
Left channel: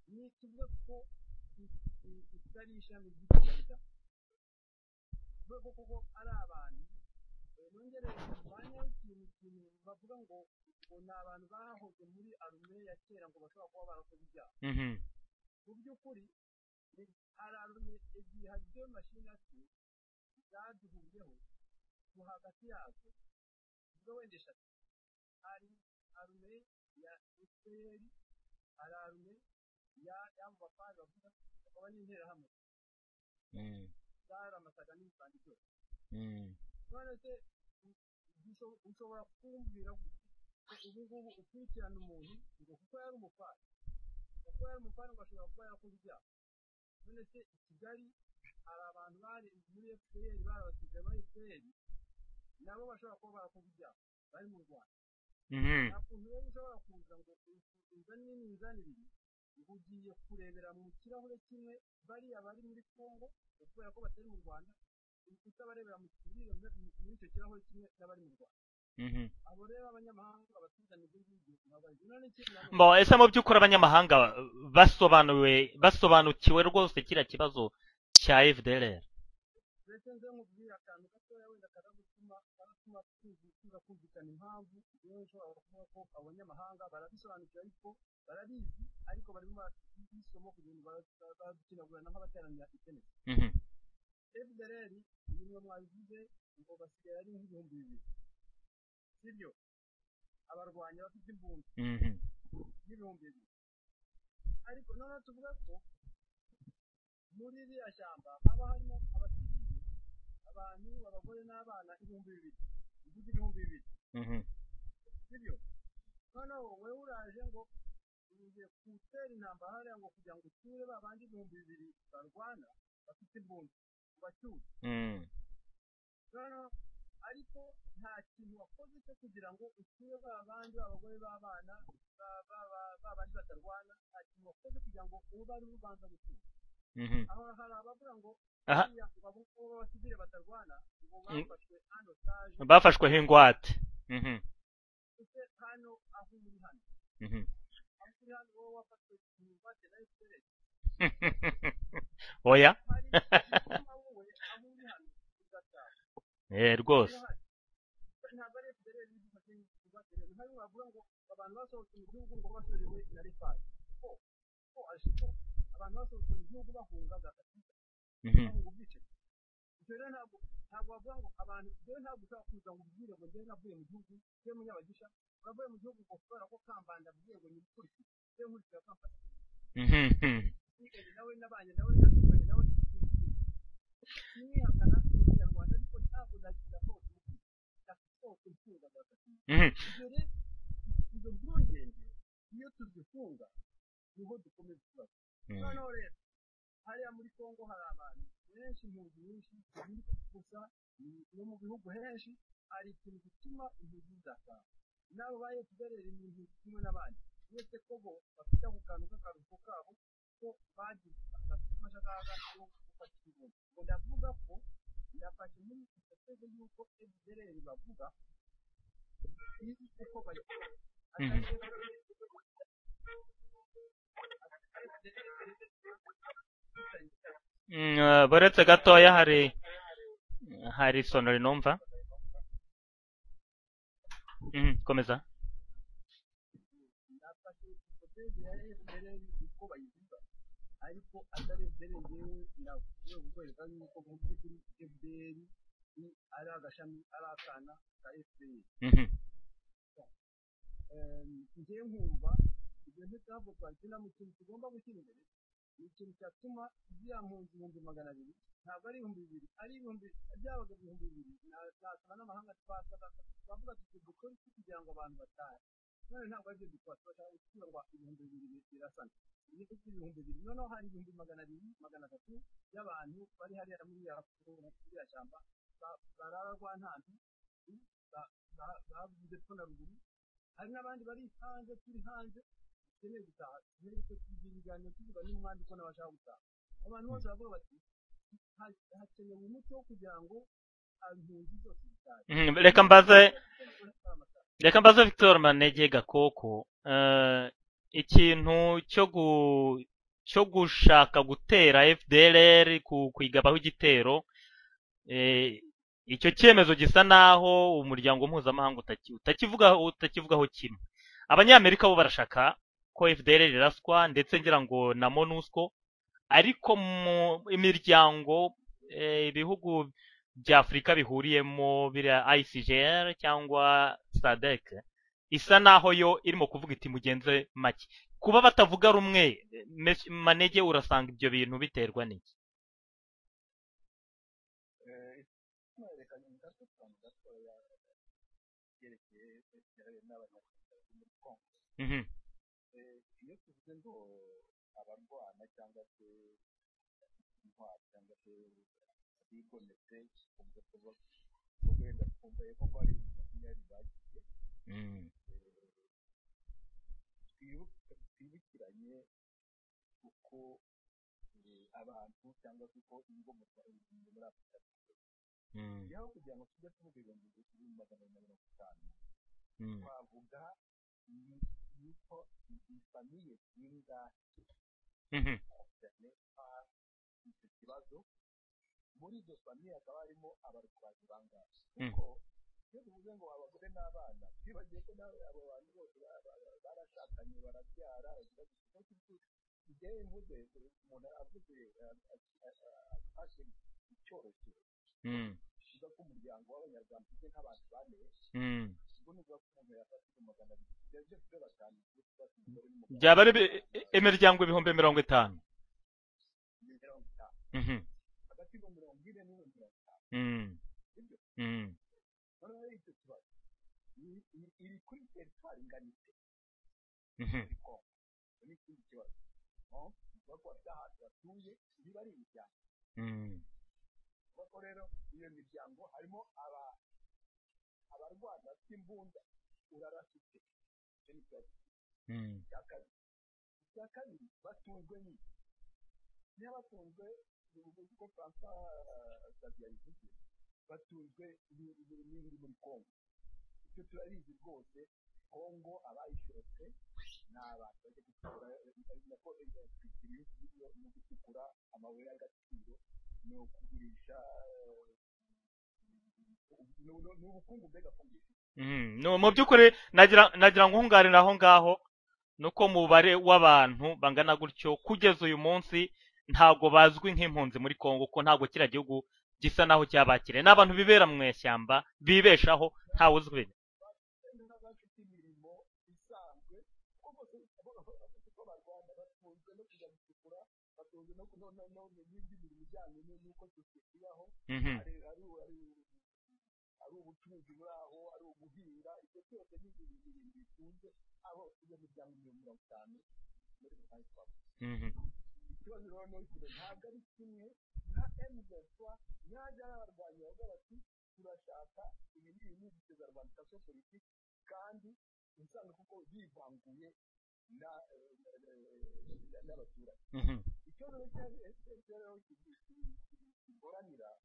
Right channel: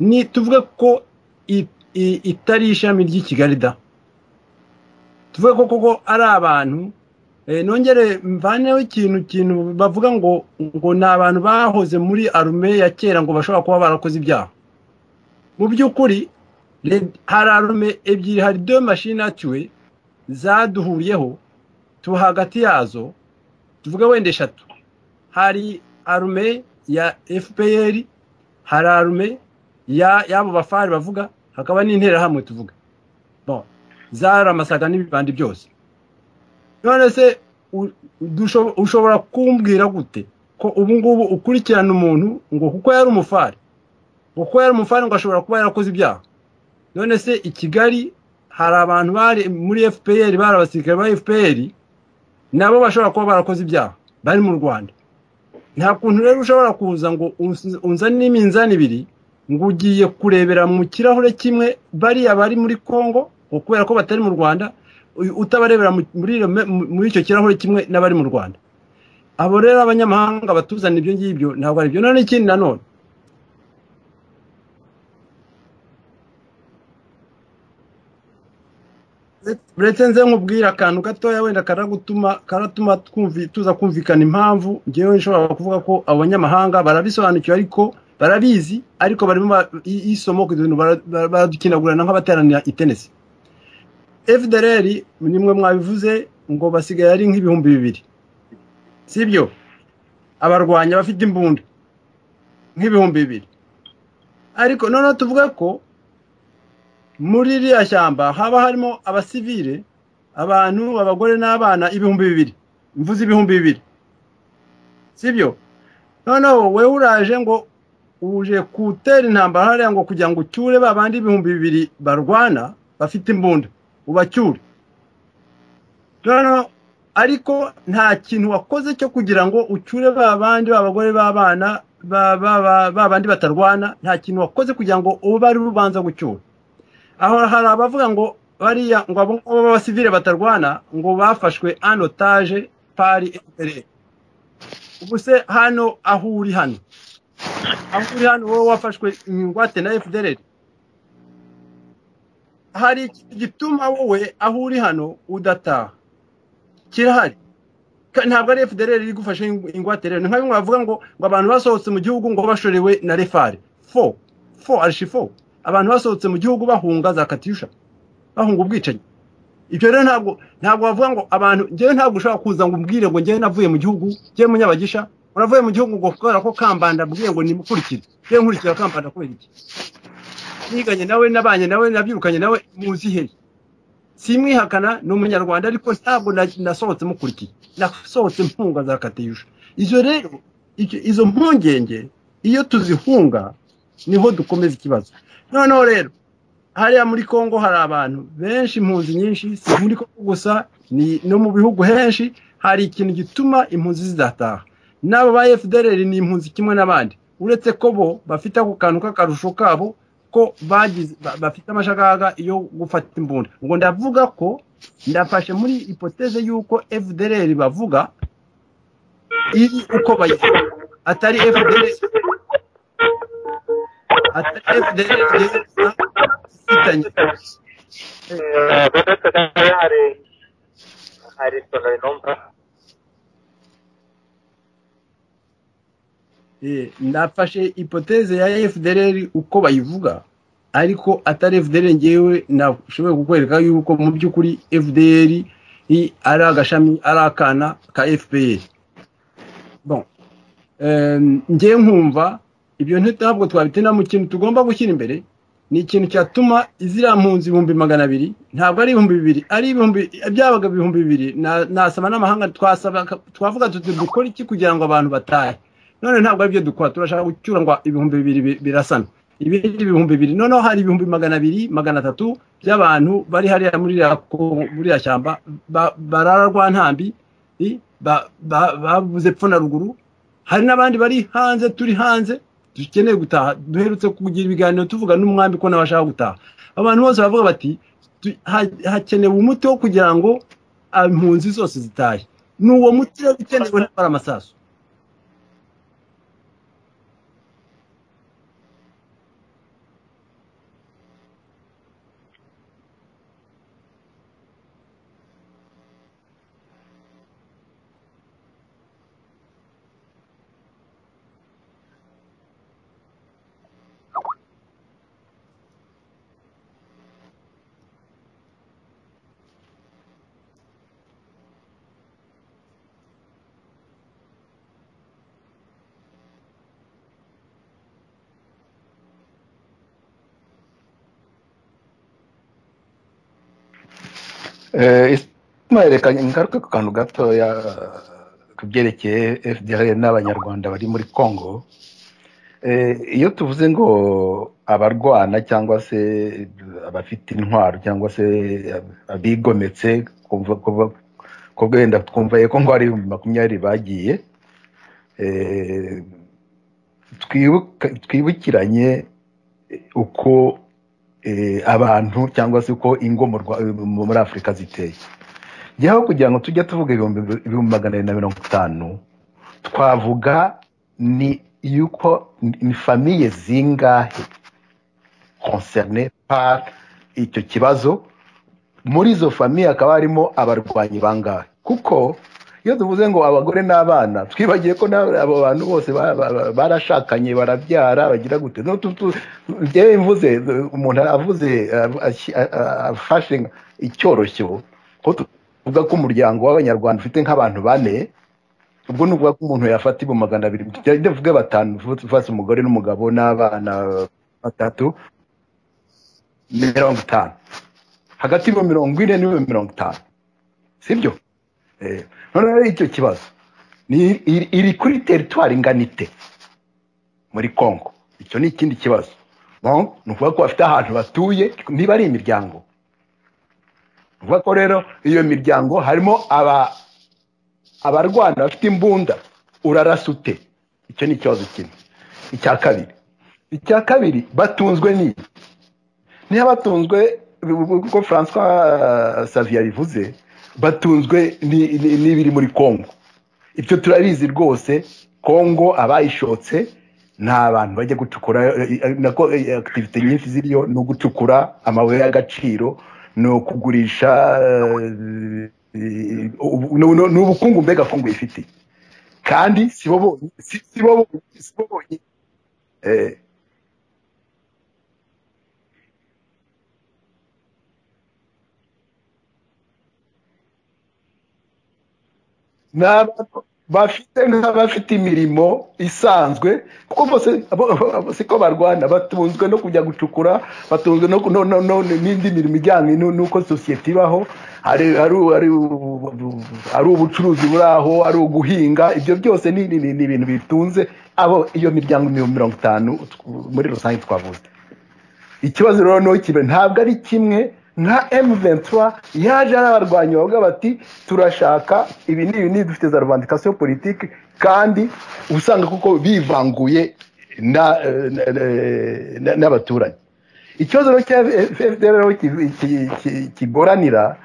ni tuvuge ko itari ishami ry'i Kigali da, tuvuge ko ari abantu. Nongere mvaneho ikintu bavuga ngo ni abantu bahoze muri arme ya kera ngo bashobora kuba barakoze ibyaha. Mu by'ukuri hari arme ebyiri, hari 2 machine atuwe zaduhuriyeho tu hagati yazo, tuvuge wende 3. Hari arme ya FPR, hari arme yabo bafari bavuga, hakaba n'intera hamwe tuvuga bon zaramasaga n'ibibandi byose. None se ushobora kumbwira gute ko ubu ngubu ukurikirana umuntu ngo kuko yari umufari ngo ashobora kuba yarakoze ibyaha? None se i Kigali hari abantu bari muri FPR, bari abasirikare ba FPR nabo bashobora kuba barakoze ibyaha bari mu Rwanda. Nta kuntu rero ushobora kuza ngo unzane n'iminzani ibiri ngo ugiye kurebera mu kirahure kimwe bari abari muri Kongo kubera ko batari mu Rwanda, utabarebera muri icyo kirahure kimwe n'abari mu Rwanda. Abo rero abanyamahanga batuzana ibyo ngibyo ntabwo ari byo. None ikindi nanone ese mu by'ukuri abanyamahanga basobanukiwe rwose kiriya kibazo cya FDLR. uretse nze nkubwira akantu gatoya wenda karatuma tuza kumvikana impamvu ngewe nshobora kuvuga ko abanyamahanga barabisobanukiwe ariko barabizi ariko barimo isomo ku bintu baradukinagurana nk'abateranira itenesi. FDLR nimwe mwabivuze ngo basigaye ari nk'ibihumbi 2,000 sibyo abarwanya bafite imbunda nk'ibihumbi 2,000 ariko noneho tuvuga ko muri iriya shyamba haba harimo abasivile abantu abagore n'abana ibihumbi 2,000 mvuze ibihumbi 2,000 sibyo noneho wewe uraje ngo uje kutera intambara hariya ngo kugira ngo ucyure babandi ibihumbi 2,000 barwana bafite imbunda ubacyure noneho ariko nta kintu wakoze cyo kugira ngo ucyure babandi babagore babana babandi batarwana nta kintu wakoze kugira ngo ube bari rubanza gucyura. Aho hari abavuga ngo bariya ngo abo b'abasivile batarwana ngo bafashwe en otage bafashwe ubuse hano aho uri hano wowe wafashwe ingwate na FDLR oya hari gituma wowe aho uri hano udataha rwose kirahari ntabwo ari FDLR iri gufasha ingwate rero nka bimwe bavuga ngo abantu basohotse mu gihugu ngo bashorewe na refare archifo abantu basohotse mu gihugu bahunga za katyusha bahunga ubwicanyi. Ibyo rero ntabwo bavuga ngo abantu ngewe ntabwo ushobora kuza ngo umbwire ngo ngewe navuye mu gihugu ngewe munyabagisha uravuye mu gihugu ngo kubera ko Kambanda abwiye ngo nimukurikire ngewe nkurikira Kambanda kubera iki niganye nawe nabanye nawe nabyirukanye nawe muzi he simwihakana n'umunyarwanda ariko ntabwo nasohotse mukurikiye nasohotse mpunga za katyusha. Izo rero izo mpungenge iyo tuzihunga niho dukomeza ikibazo. Noneho rero hariya muri Kongo hari abantu benshi impunzi nyinshi si muri Kongo gusa ni no mu bihugu henshi hari ikintu gituma impunzi zidataha n'abo ba FDLR ni impunzi kimwe n'abandi uretse ko bo bafite ako kantu k'akarusho kabo ko bafite amashagaga yo gufata imbunda. Ngo ndavuga ko ndafashe muri hypothèse yuko FDLR bavuga iri uko bayivuga atari FDLR baretse gatoya hari sonori numva komeza. Ndafashe hypothèse ya FDLR uko bayivuga ariko atari FDLR ngewe nashoboye kukwereka yuko mu by'ukuri FDLR ari agashami ari akana ka FPR. Bon ngewe nkumva ibyo ntabwo twabitina mu kintu tugomba gushyira imbere ni ikintu cyatuma izira mpunzi 200,000 ntabwo ari 2,000 ari byabaga 2,000 nasaba n'amahanga twavuga dukora iki kugira ngo abantu batahe none ntabwo ari byo dukora turashaka gucyura ngo 2,000 birasana ibindi 2,000 noneho hari 200,000 300 by'abantu bari hariya muri ya shyamba bararwa ntambi babuze pfo na ruguru hari n'abandi bari hanze turi hanze dukeneye gutaha duherutse kugira ibiganiro tuvuga n'umwambi ko nabashaka gutaha abantu bose bavuga bati hakenewe umuti wo kugira ngo impunzi zose zitahe. Reka mbaze Victor Manege Gakoko ikintu cyo gushaka gutera FDLR kwigabaho igitero icyo cyemezo gisa naho umuryango mpuzamahanga utakivugaho kimwe. Abanyamerika bo barashaka ko FDLR iraswa ndetse ngira ngo na MONUSCO ariko mu imiryango ibihugu bya Afrika bihuriyemo bira ICGR cyangwa SADC isa naho yo irimo kuvuga iti mugenze make kuba batavuga rumwe. Manege urasanga ibyo bintu biterwa n'iki? Reka ingaruka ku kantu gatoya kubyerekeye FDLR n'abanyarwanda bari muri Kongo. Iyo tuvuze ngo abarwana cyangwa se abafite intwaro cyangwa se abigometse ko wenda twumva ko ngo ari 20 bagiye twibukiranye uko abantu cyangwa se uko ingo muri Afurika ziteye. Gihaho kugira ngo tujye tuvuga 250 twavuga ni yuko ni famiye zingahe concernés par icyo kibazo muri izo famiye hakaba harimo abarwanyi bangahe kuko iyo tuvuze ngo abagore n'abana twibagiye ko abo bantu bose barashakanye barabyara bagira gute njyewe mvuze umuntu avuze afashe icyoroshyo ko tuvuga ko umuryango w'abanyarwanda ufite nk'abantu bane ubwo nuvuga ko umuntu yafata ibo 200 ndavuga batanu ufase umugore n'umugabo n'abana imiryango 50 50 hagati y'ibihumbi 40 n'ibihumbi 50 sibyo none icyo kibazo ni iri kuri territoire inganite muri Congo icyo ni ikindi kibazo bon nuvuga ko bafite ahantu batuye niba ari imiryango nuvuga ko rero iyo miryango harimo abarwana bafite imbunda urarasute icyo ni ikibazo kimwe icya kabiri batunzwe niba batunzwe ko François Xavier bivuze batunzwe n'ibiri muri Congo ibyo turabizi rwose Congo abayishotse nta bantu bajya gucukura nako activité nyinshi ziriyo no gucukura amabuye y'agaciro no kugurisha n'ubukungu mbega Congo ifite kandi nagira ngo umware aho ngaho nuko mubare w'abantu bangana gutyo kugeza uyu munsi ntago bazwi nk'impunzi muri Congo ko ntago kira gihugu gisa naho cyabakire n'abantu bibera mu ishyamba bibeshaho ntawuzwe bafite imirimo isanzwe kuko bose ko barwana batunzwe no kujya gucukura batunzwe n'indi mirimo ijyanye n'uko sosiyete ibaho ari ubucuruzi buraho ari uguhinga ibyo byose ni ibintu bitunze abo iyo miryango 50 muri rusange twavuze ikibazo rero no kibe ntabwo ari kimwe nka M23 yaje arabarwanyi bavuga bati turashaka ibi ni dufite za revendication politique kandi usanga kuko bivanguye n'abaturanyi ikibazo rero cya FDLR kigoranira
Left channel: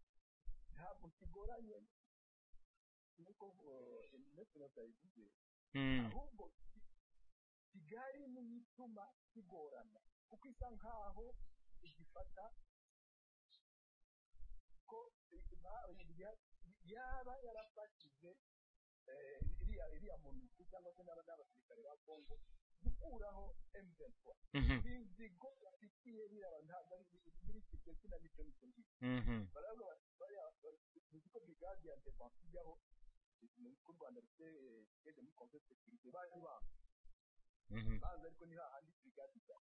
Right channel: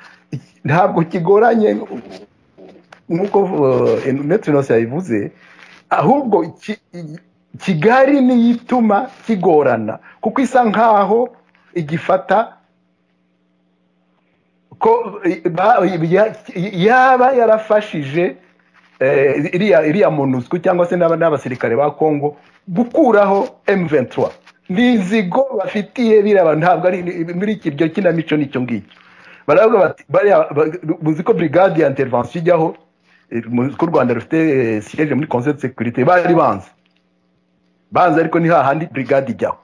ntabwo kigoranye nkuko Netrinose yabivuze ahubwo Kigali niyituma kigorana kuko isa nkaho igifata ko yaba yarafashije iriya MONUSCO cyangwa se n'abasirikare ba Congo gukuraho M23 nizigo bafitiye biraba ntabwo ari muri kiryo kinamico nicyo ngicyo baravuga bati muzi ko brigade ya intervention ijyaho ko Rwanda rufite siège muri Conseil de sécurité bari banza ariko ni hahandi brigade ijyaho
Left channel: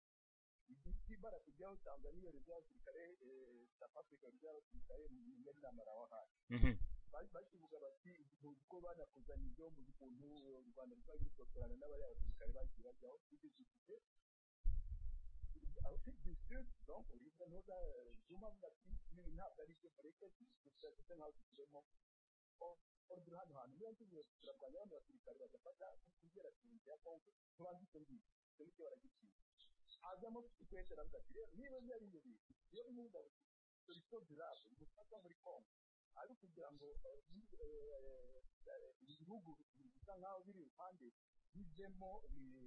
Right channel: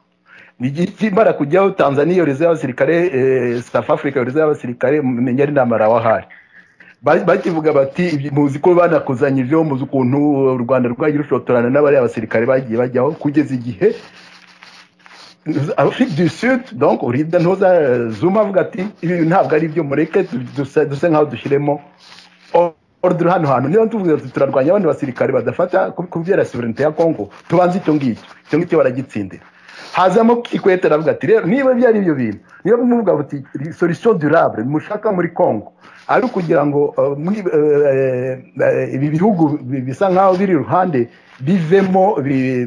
nigikimara kujyaho Tanzania yoreze y'abasirikare South Africa yoreze y'abasirikare menya ari namara wahari bakivuga bati muzi ko banakuzanye ivyo muzi ukuntu u Rwanda rwagira ushotorana n'abari abasirikare bagiye bajyaho kugeza igihe Afrique du Sud donc urida ntoza Zuma avuga ati ibi ntabwo ari byo mureke duse nkaho dushiremo ordre hano niyo tuvuze ati turarwanya abandi basirikare badafata kubyera sovereignty ya Congo tubanze icyo ngicyo baragitsindira hazamo Kikwete aravuga ati rero niba byari ibyo bintu niba muvuga buti solution durable mushaka muri Congo ari kugira ngo ibi bihugu bisa nkaho biri ruhande bivemo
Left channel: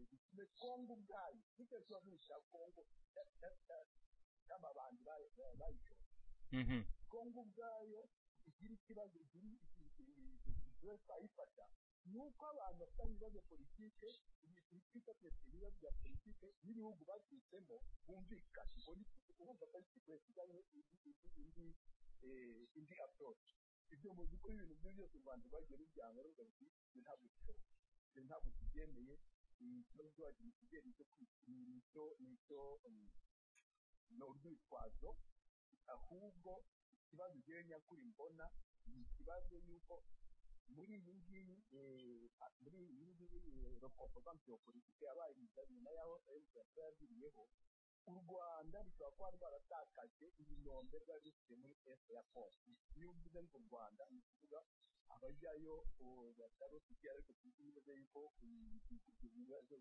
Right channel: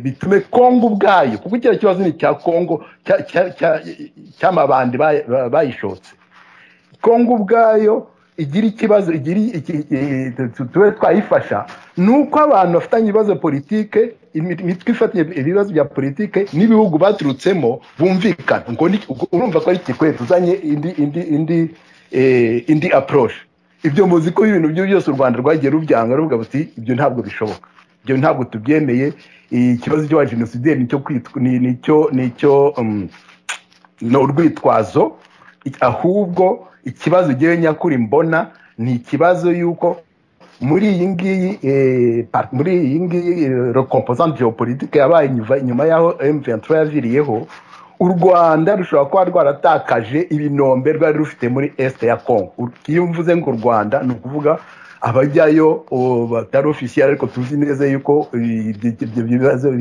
bitume Congo ubwayo kuko icyo kibazo ni cya Congo cy'amabandi bayishotse Congo ubwayo igira ikibazo tuwe twayifasha nuko abantu bafitanye ibibazo politike imitwe ifatiye ibibazo bya politike n'ibihugu baturutsemo bumvikana ngo urumva ko ari Kikwete uzanye indi approach ibyo muzi ko ibintu byo byose u Rwanda rwagiye rubyanga ruvuga buti ibyo ntabwo bishoboka ibyo ntabwo tubyemeye ikibazo cyo genocide nicyo no urwitwazo ahubwo ikibazo giye nyakuri mbona ni ikibazo yuko muri iyi ngiyi recomposante géopolitique yabaye nyuma yaho M23 yaviriyeho u Rwanda rushobora kuba rwaratakaje ibinombe rwari rufite muri est ya Congo iyo mvuze ngo u Rwanda ni ukuvuga abajyayo batari officiel ariko tuzi neza yuko ibyo bibazo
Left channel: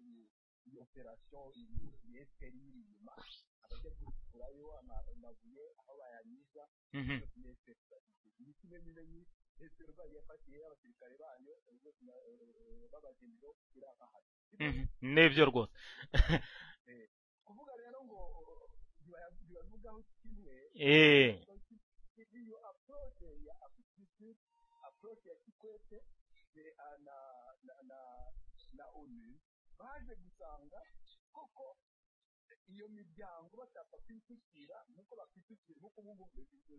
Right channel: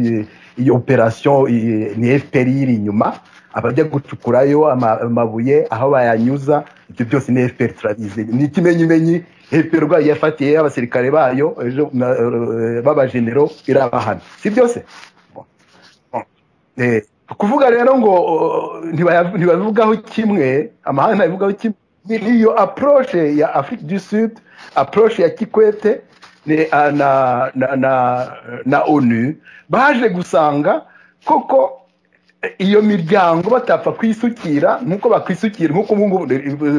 iyo operation ni FPR iri inyuma abajya gucukurayo amabuye aho bayanyuza ibyo byose ni FPR turabizi ni ikimenyimenyi FPR rwayo yafatiye abasirikare bayo baba genero irabahana si byose n'ibyo rwose kuvuga rero ngo ntibabivugaho kimwe amahanga ntibabivugaho kimwe niyo approche ya Afrique du Sud approche ya Kikwete na ONU baje gusanga koko iyo miryango batapfa kwisukira nkuko bakwisukira nkuko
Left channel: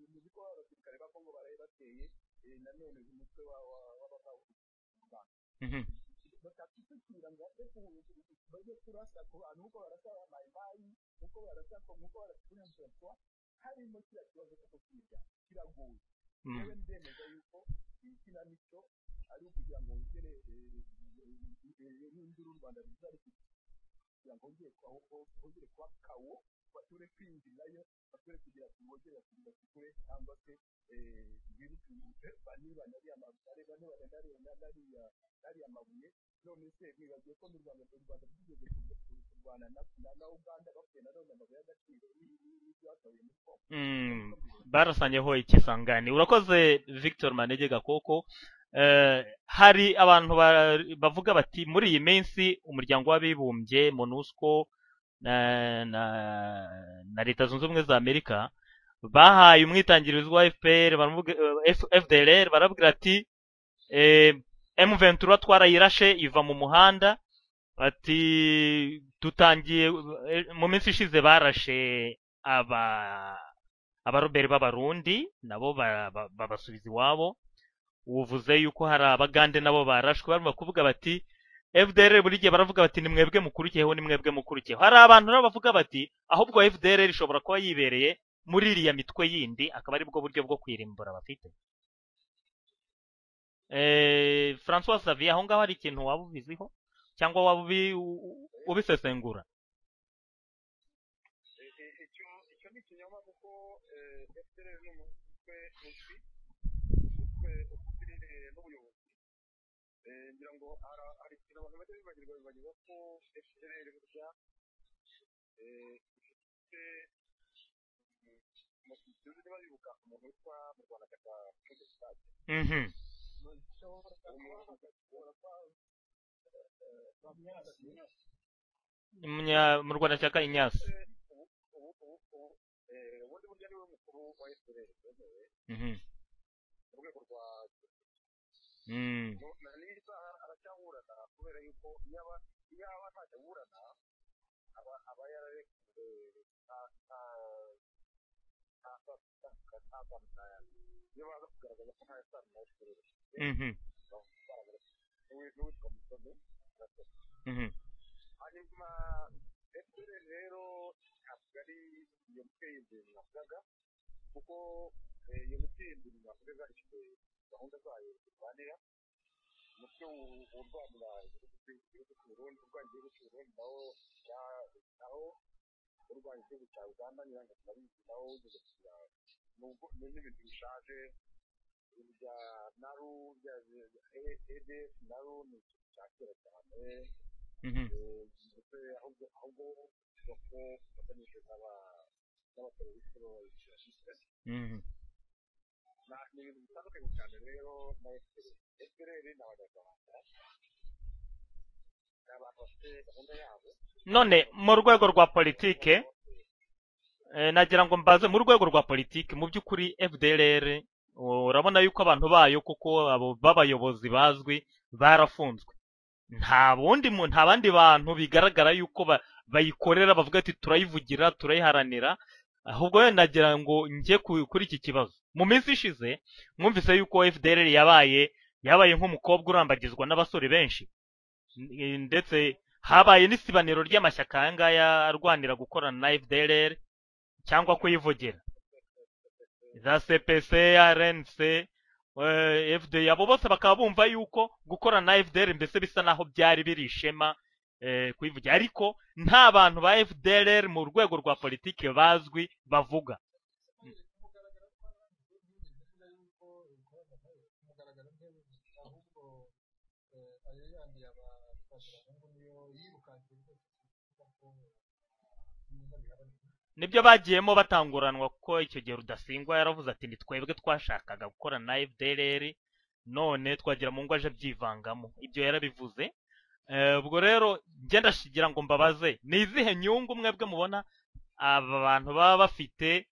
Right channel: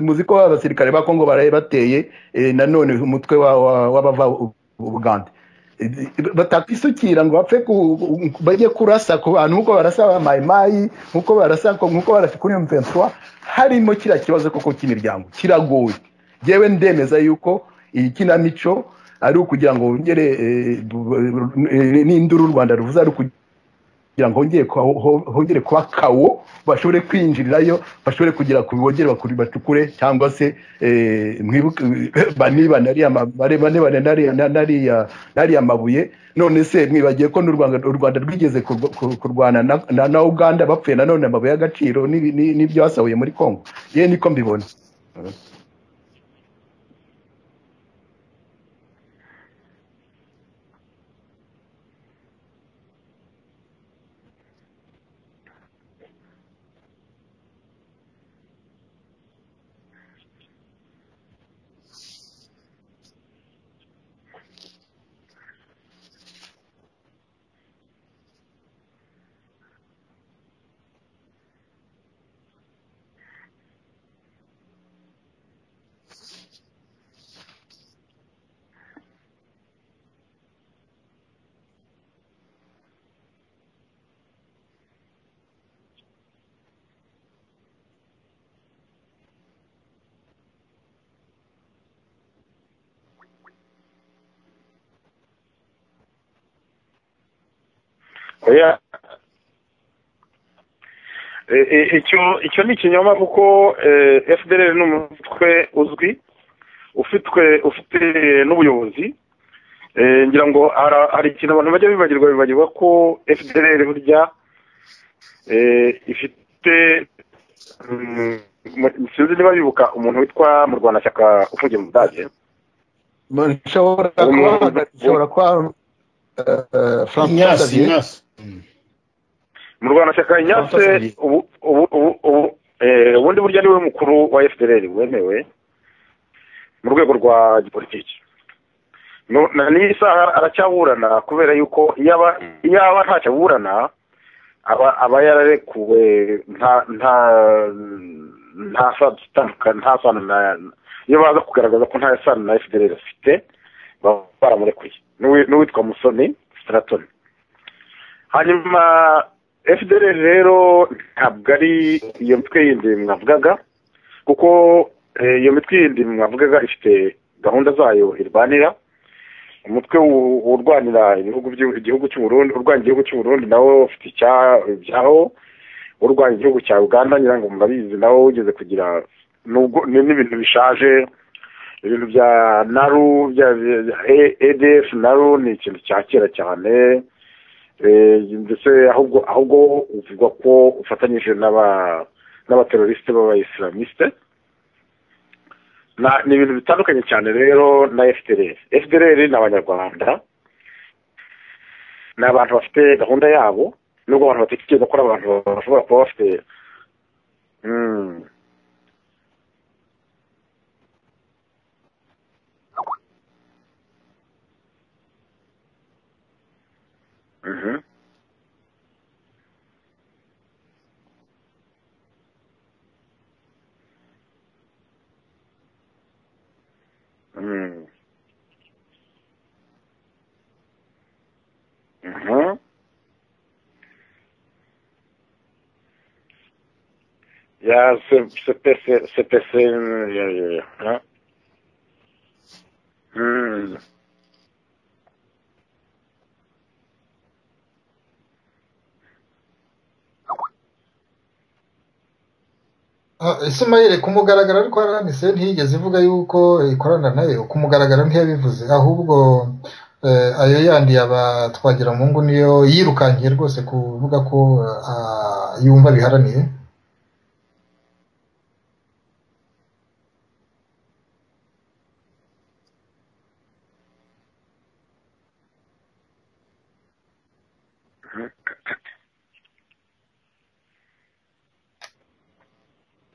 muzi ko abasirikare ba Kongo baraye bateye nanone umutwe w'abava Uganda batakwisukira ngo bapfe bajye kurasa ku bantu nkuko barasa ba mayimayi nkuko barasa kuri M23 harimo kira kibazo koko cy'imiryango kiragoye jewe ndemeza yuko iyi kinamico ari ukugira ngo wongere n'induru Rwanda ruvuza ari kugira ngo hongere kuba kawo bashobore kwinjirirayo bashobore kugira ku bibogere bakuri bacukure cyangwa se baniba nari amabuye none se mwibagiye ko n'u Rwanda rwigeze kurwana na Uganda bapfuye nanone amabuye y'agaciro n'ibyo basahuye muri Kongo ye niko mbibona barasanyeho ikisangani urakoze Victor Manege Gakoko hari abantu bavuga bati muri iyi minsi umuryango w'abibumbye MONUSCO na Leta Zunze Ubumwe za Amerika bahaye umwitangirizo wa FDLR barabwira ati M23 twarayirashe iva mu muhanda bati dutangiye mu minsi ishize barashe abaroberi b'abarundi nabo babasubiza iwabo uvuze yuko hari abagande nabo barashwe barimo kuvuga bati FDLR buri gihe baravuga bati nimwebwe mukurikiyeho hari abantu nabo bavuga bati ahubwo FDLR ishobora kuba yibereye muri iriya mitwe yindi akaba ari bwo buryo bwo kwirimbura bafite François Xavier aho ngaho hari ikintu waba ubiziho cyangwa waba ubisesengura icyo ni ikinyoma kuko FDLR ni umutwe uzwi ufite n'ubuyobozi ngira ngo hari ikintu abantu bajya bibagirwa ko FDLR burya ifite sinzi niba bibuka umuntu witwa mu Rwanda cyaka ufungiye mu Budage nshobora kuba François Xavier mu Rwanda cyaka Ignace ubundi burya niwe mukuru wa FDLR wemewe mu rwego rwa gipolitiki n'iyi saha aracyaburana kubera yuko yaba ntacyo aburana aba yararekuwe nta sano iyo baza kugaragaza ko nta sano na FDLR afite baba baramurekuye n'uwitwa Musoni Straton hanyuma FDLR rero ntabwo ari iyo mitwe yindi mwavugaga kuko iyo mitwe yindi mwavugaga ifite gahunda zayo irwanira umutwe urwanira igihugu cy'u Burundi urwanya igihugu cy'u Burundi nawo ufite ibyaho urwanya igihugu cya Uganda nyirango murabizi nawo ugeze kugira n'ibintu bishaje ibintu bya naru bya ADF naru ni ikintu cya kera cyane ndetse ahubwo uvuga ko ufatanyije n'abateroriste b'abayislamiste ni ibintu bitandukanye cyane rero na FDLR ni abanyarwanda ni abantu bafite gahunda yabo mu rwego rwa politiki nagira ngo mbaze mu rwego rwa politiki mu by'ukuri FDLR urabona yuko abantu bayo kuko abo b'abayobozi bazwi barafunzwe nta bandi bantu bigaragara yuko bayikorera bavuga ati turayivugira turayiharanira ahubwo wenda nagira ngo njye kuri iki kibazo mu minsi ishize mwumvise yuko FDLR yabaye nk'umukobwa urambagizwa n'abasore benshi ndetse habaye n'isibaniro ry'amashyaka aya ngaya arwanira gukorana na FDLR cyangwa kuyivugira CPC RNC FD abo bose bakaba bumva yuko gukorana na FDLR mbese bisa naho byari biri ishema kuyivugira ariko nta bantu ba FDLR mu rwego rwa politiki bazwi bavuga Ismail kumugaragara ariko RNC ntiyigeze ivuga yuko ikorana nayo kumugaragara ntiyabivuze ahubwo ayo yandi twagira mu ngo niyo yirukankiye rwose kuvuga ko yumva biharaniye nibyo bagiyemo batanguranwa kuko icyo gihe Rudasingwa yaravuze ati twebwe twashakaga gukorana na FDLR none twagira mu ngo aje byivangamo ibyo yarabivuze ubwo rero ngenda shigira ngo mbabaze ni izihe nyungu mwebwe mubona aba bantu baba bafite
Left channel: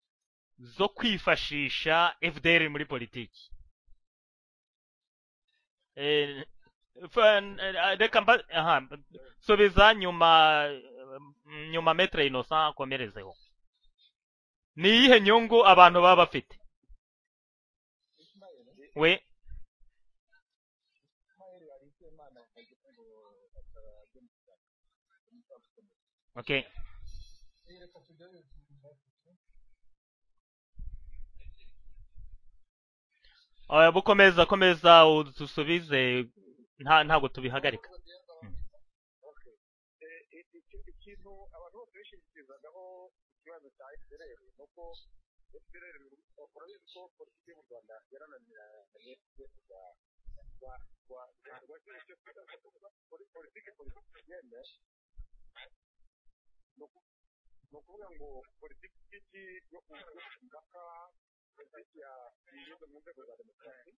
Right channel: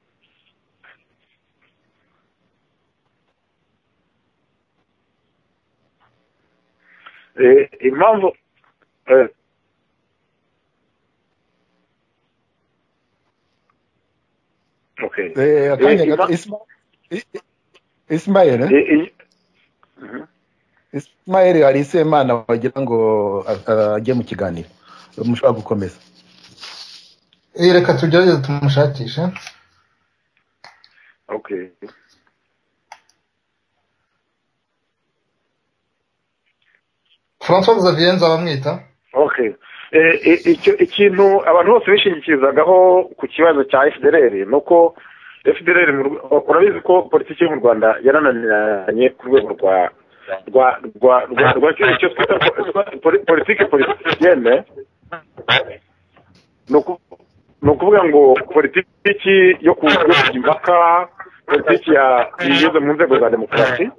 zo kwifashisha FDL muri politiki? Subiza nyuma Maître Innocent akomerezeho. Ni iyihe nyungu abantu baba Ismail Ismail hari Semana wagira ngo ajye mu kiganiro mushobora gukomeza. Okay. Reka tugerageze tumushakisha. Okay. Komeza udusubize ntago tubi. François Xavier Nzabamwita. Okay. Ikintu abantu bose bishingikizagaho ku kibazo cya FDLR nuko FDLR urabizi ko politiki yo mu Rwanda yarananiranye ku rwego rwa cyo twita politiki politicienne. Nukuvuga ngo politiki yo kujya impaka, politiki yigeze mu nzego za demokarasi.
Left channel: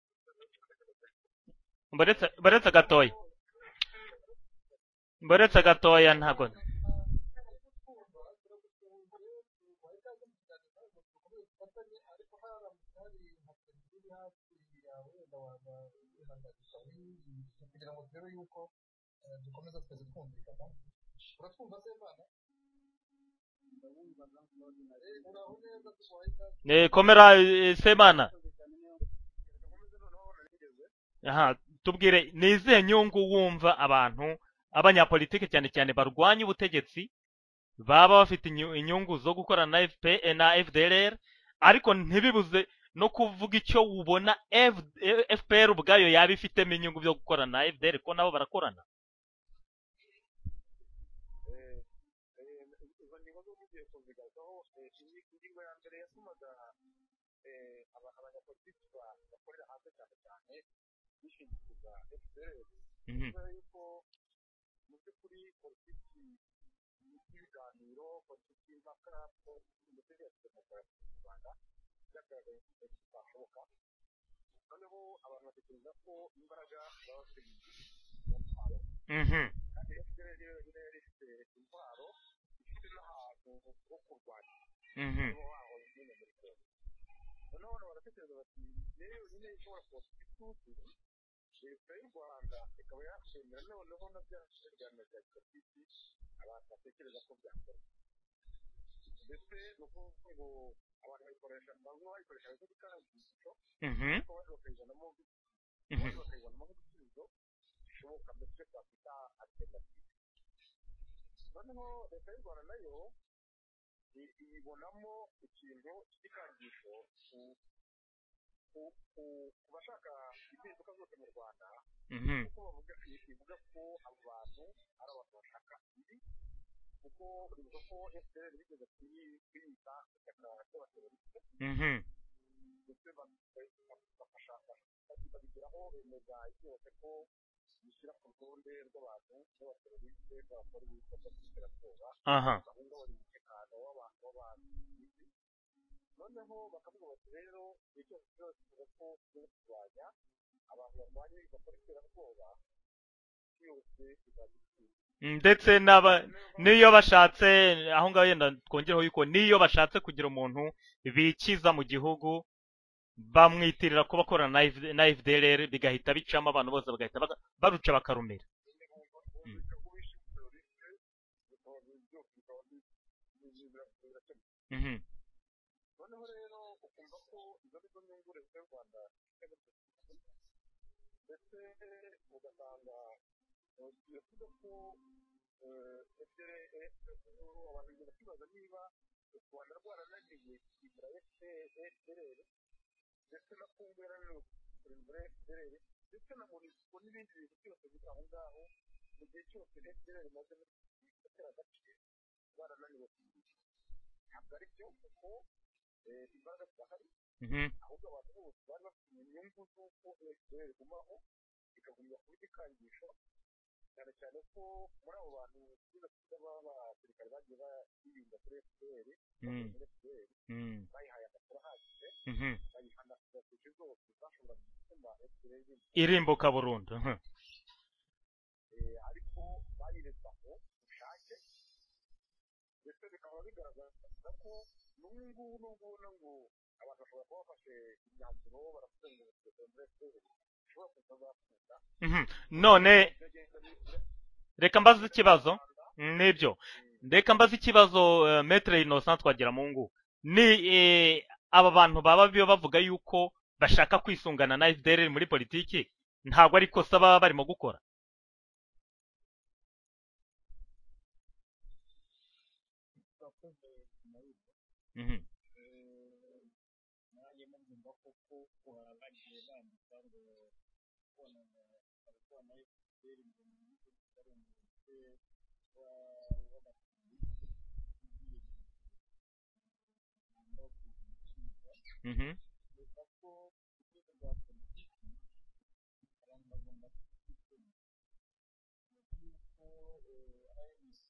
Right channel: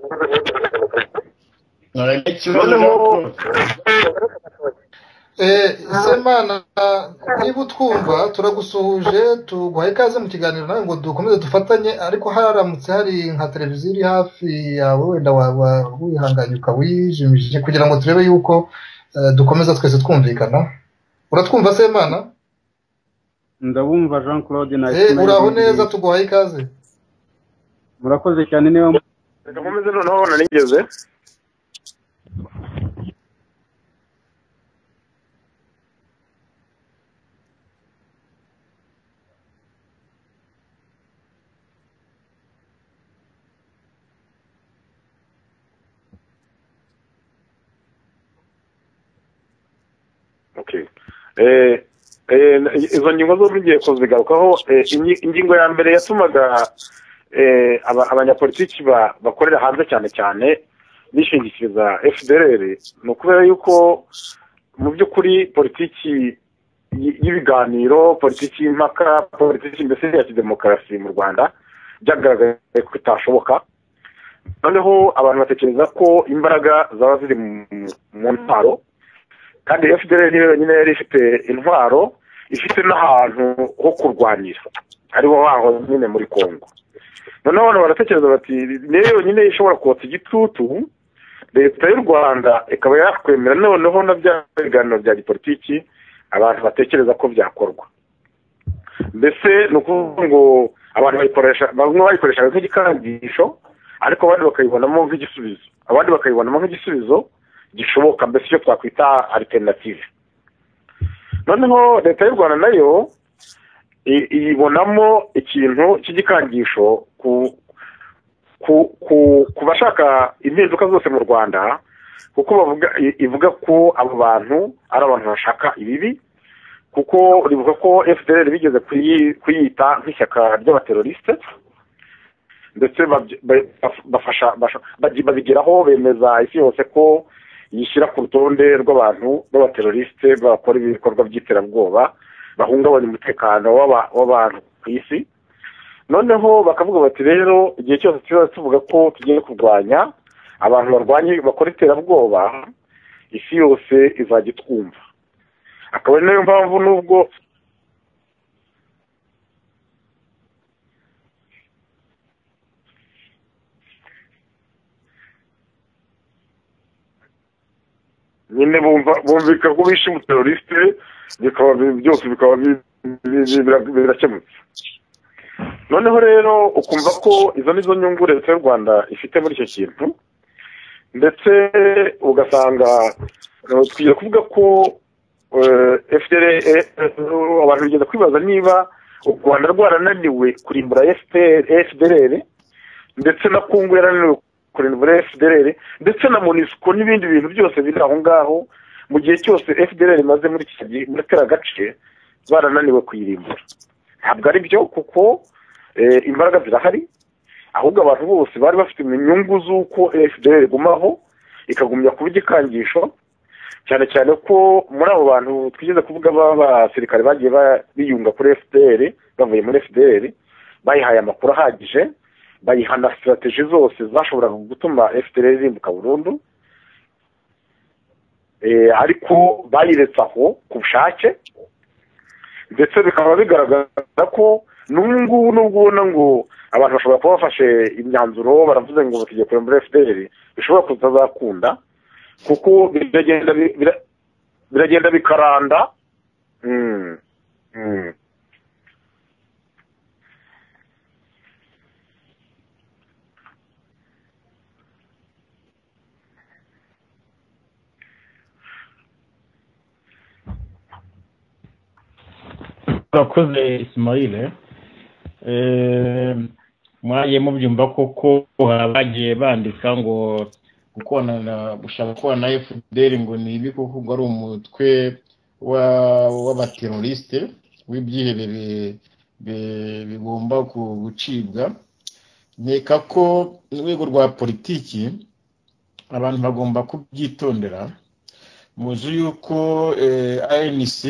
Semana niba utwumva turagusuhuje tuguhaye ikaze mu kiganiro nawe ngo dukomeze dufatanye, ariko haramutse hari nka televiziyo iri hafi yawe wenda waba wihanganye ukawijimije kugira ngo turebe yuko dukomeza twese twumvikana. Uratwumva Semana? Ndabumva Jean Claude na uraho neza, tuguhaye ikaze. Komera Semana. Urakoze cyane niba ndakomeze noneho nanigeze. Tubwire ni izihe nyungu wumva abantu abanyapolitike cyane cyane barwanya ubutegetsi baba bafite inyungu zo gukorana na FDLR, ariko ntibibuze no kuvuga icyo ubona FPR ubwayo yaba ifitemo inyungu byo gukorana na FDLR ko nabo barakorana. Okay. Izo nyungu zo bigiye kuzigarukaho. Ingingo ya mbere yatumaga abanyapolitiki bakorera hanze cyane cyane bishingikiriza FDLR ni ukubera yuko mu by'ukuri politiki y'ibiganiro, politiki y'impaka, politiki mbese ya demokarasi mu Rwanda byagaragaye ko itashoboka. Noneho abantu batekereza ko imbaraga zaba ziri mu ntwaro, kandi FDLR niyo yonyine yari ifite intwaro, ifite n'ahantu ho kurwanira ariho haho nyine muri Kongo. Noneho abantu baratekereza bati niyo yonyine ishobora kotsa igitutu leta y'u Rwanda ikaba yakwemera noneho na bya biganiro bya politiki abantu batekereza ko byakorwa. Mbese ni ukuvuga ngo abantu bamwe bayikoreshaga nk'igikangisho, ariko abandi bakayibonamo nk'igisubizo, abandi bakayibonamo nk'igisubizo gishoboka, mbese icyo twakwita alternative. Noneho leta y'u Rwanda nayo iyibonamo ikintu cy'igikangisho ku bashaka impinduka zose mu Rwanda, kuko ivuga ko abo bantu ari abantu bashaka ibibi, kuko rivuga ko FDLR bigeze kuyita nk'ishyaka ry'abateroriste, ndetse babigeraho bemeza isi yose ko yishyira ku rutonde rw'abantu b'abateroriste bakora ibikorwa by'iterabwoba bahungabanya umutekano w'abantu ku isi. Noneho bakavuga bati rero igihe cyose tuvuga ko tugiye kurwanya abantu barwanya bakora iterabwoba, isi yose izajya itwumva. Ndetse niyo bashatse aho ngaho yenda twongereho yuko niyo bashatse kugira umuntu bikiza mu gihugu bamwitirira ko bakorana na FDLR, bigahita bicamo abantu bose bagahita baruca bakarumira. Nyine bumvika ko bishe umuteroriste, byose bikaba birakemutse. Noneho rero ukumva ko izo nizo nyungu leta y'u Rwanda ifite muri icyo kintu, ndetse ugasanga tugiye kuvuga ko FDLR abantu bigenda kwibaza niba u Rwanda rwarananiwe kurimbura FDLR, ndetse na Kongo yarananiwe kurimbura FDLR, ndetse na MONUSCO n'ibindi bintu byose biri aho ngaho, mu gihe cyose FDLR imaze muri kariya gace barananiwe kuyirimbura. Ntabwo ari byo, kuko imbaraga zirahari, ahubwo abantu bose bari bafite inyungu z'uko FDLR igumaho ikagumya kuba igikangisho, cyane cyane ko muri abo bantu twigeze kuvuga b'abasirikare bagiye biyunga kuri FDLR bavuye muri FDLR, bayihaye amakuru ahagije, bayiha na strategy zose zashoboraga gutuma FDLR irimbuka burundu. ariko bayiretse aho ku bushake ndetse bikaba bigaragaza ko n'ubu nubwo ubona ngo abantu bashobora kuba bafashe imyanzuro baravuze ngo bagiye kureba muri FDR bishobora kutazakunda kuko biragenda bikaranda nibyo. Reka mbaze ikibazo Maître Innocent Twagiramungu, ni aba bantu baba bavuga yuko bashaka kwisungana na FDR muri politiki, ntabwo ari kosa baba barimo gukora? urakoze Ismail. Mwagiye mubyumva koko bagiye bandika ngo gushaka kubona na FDR ngo ni ibi kuko ari umutwe w'abateroriste w'ibyihebe bigomba gucibwa. Nkeka ko urwego rwa politiki abantu bagomba kubyitondera. Muzi yuko ANC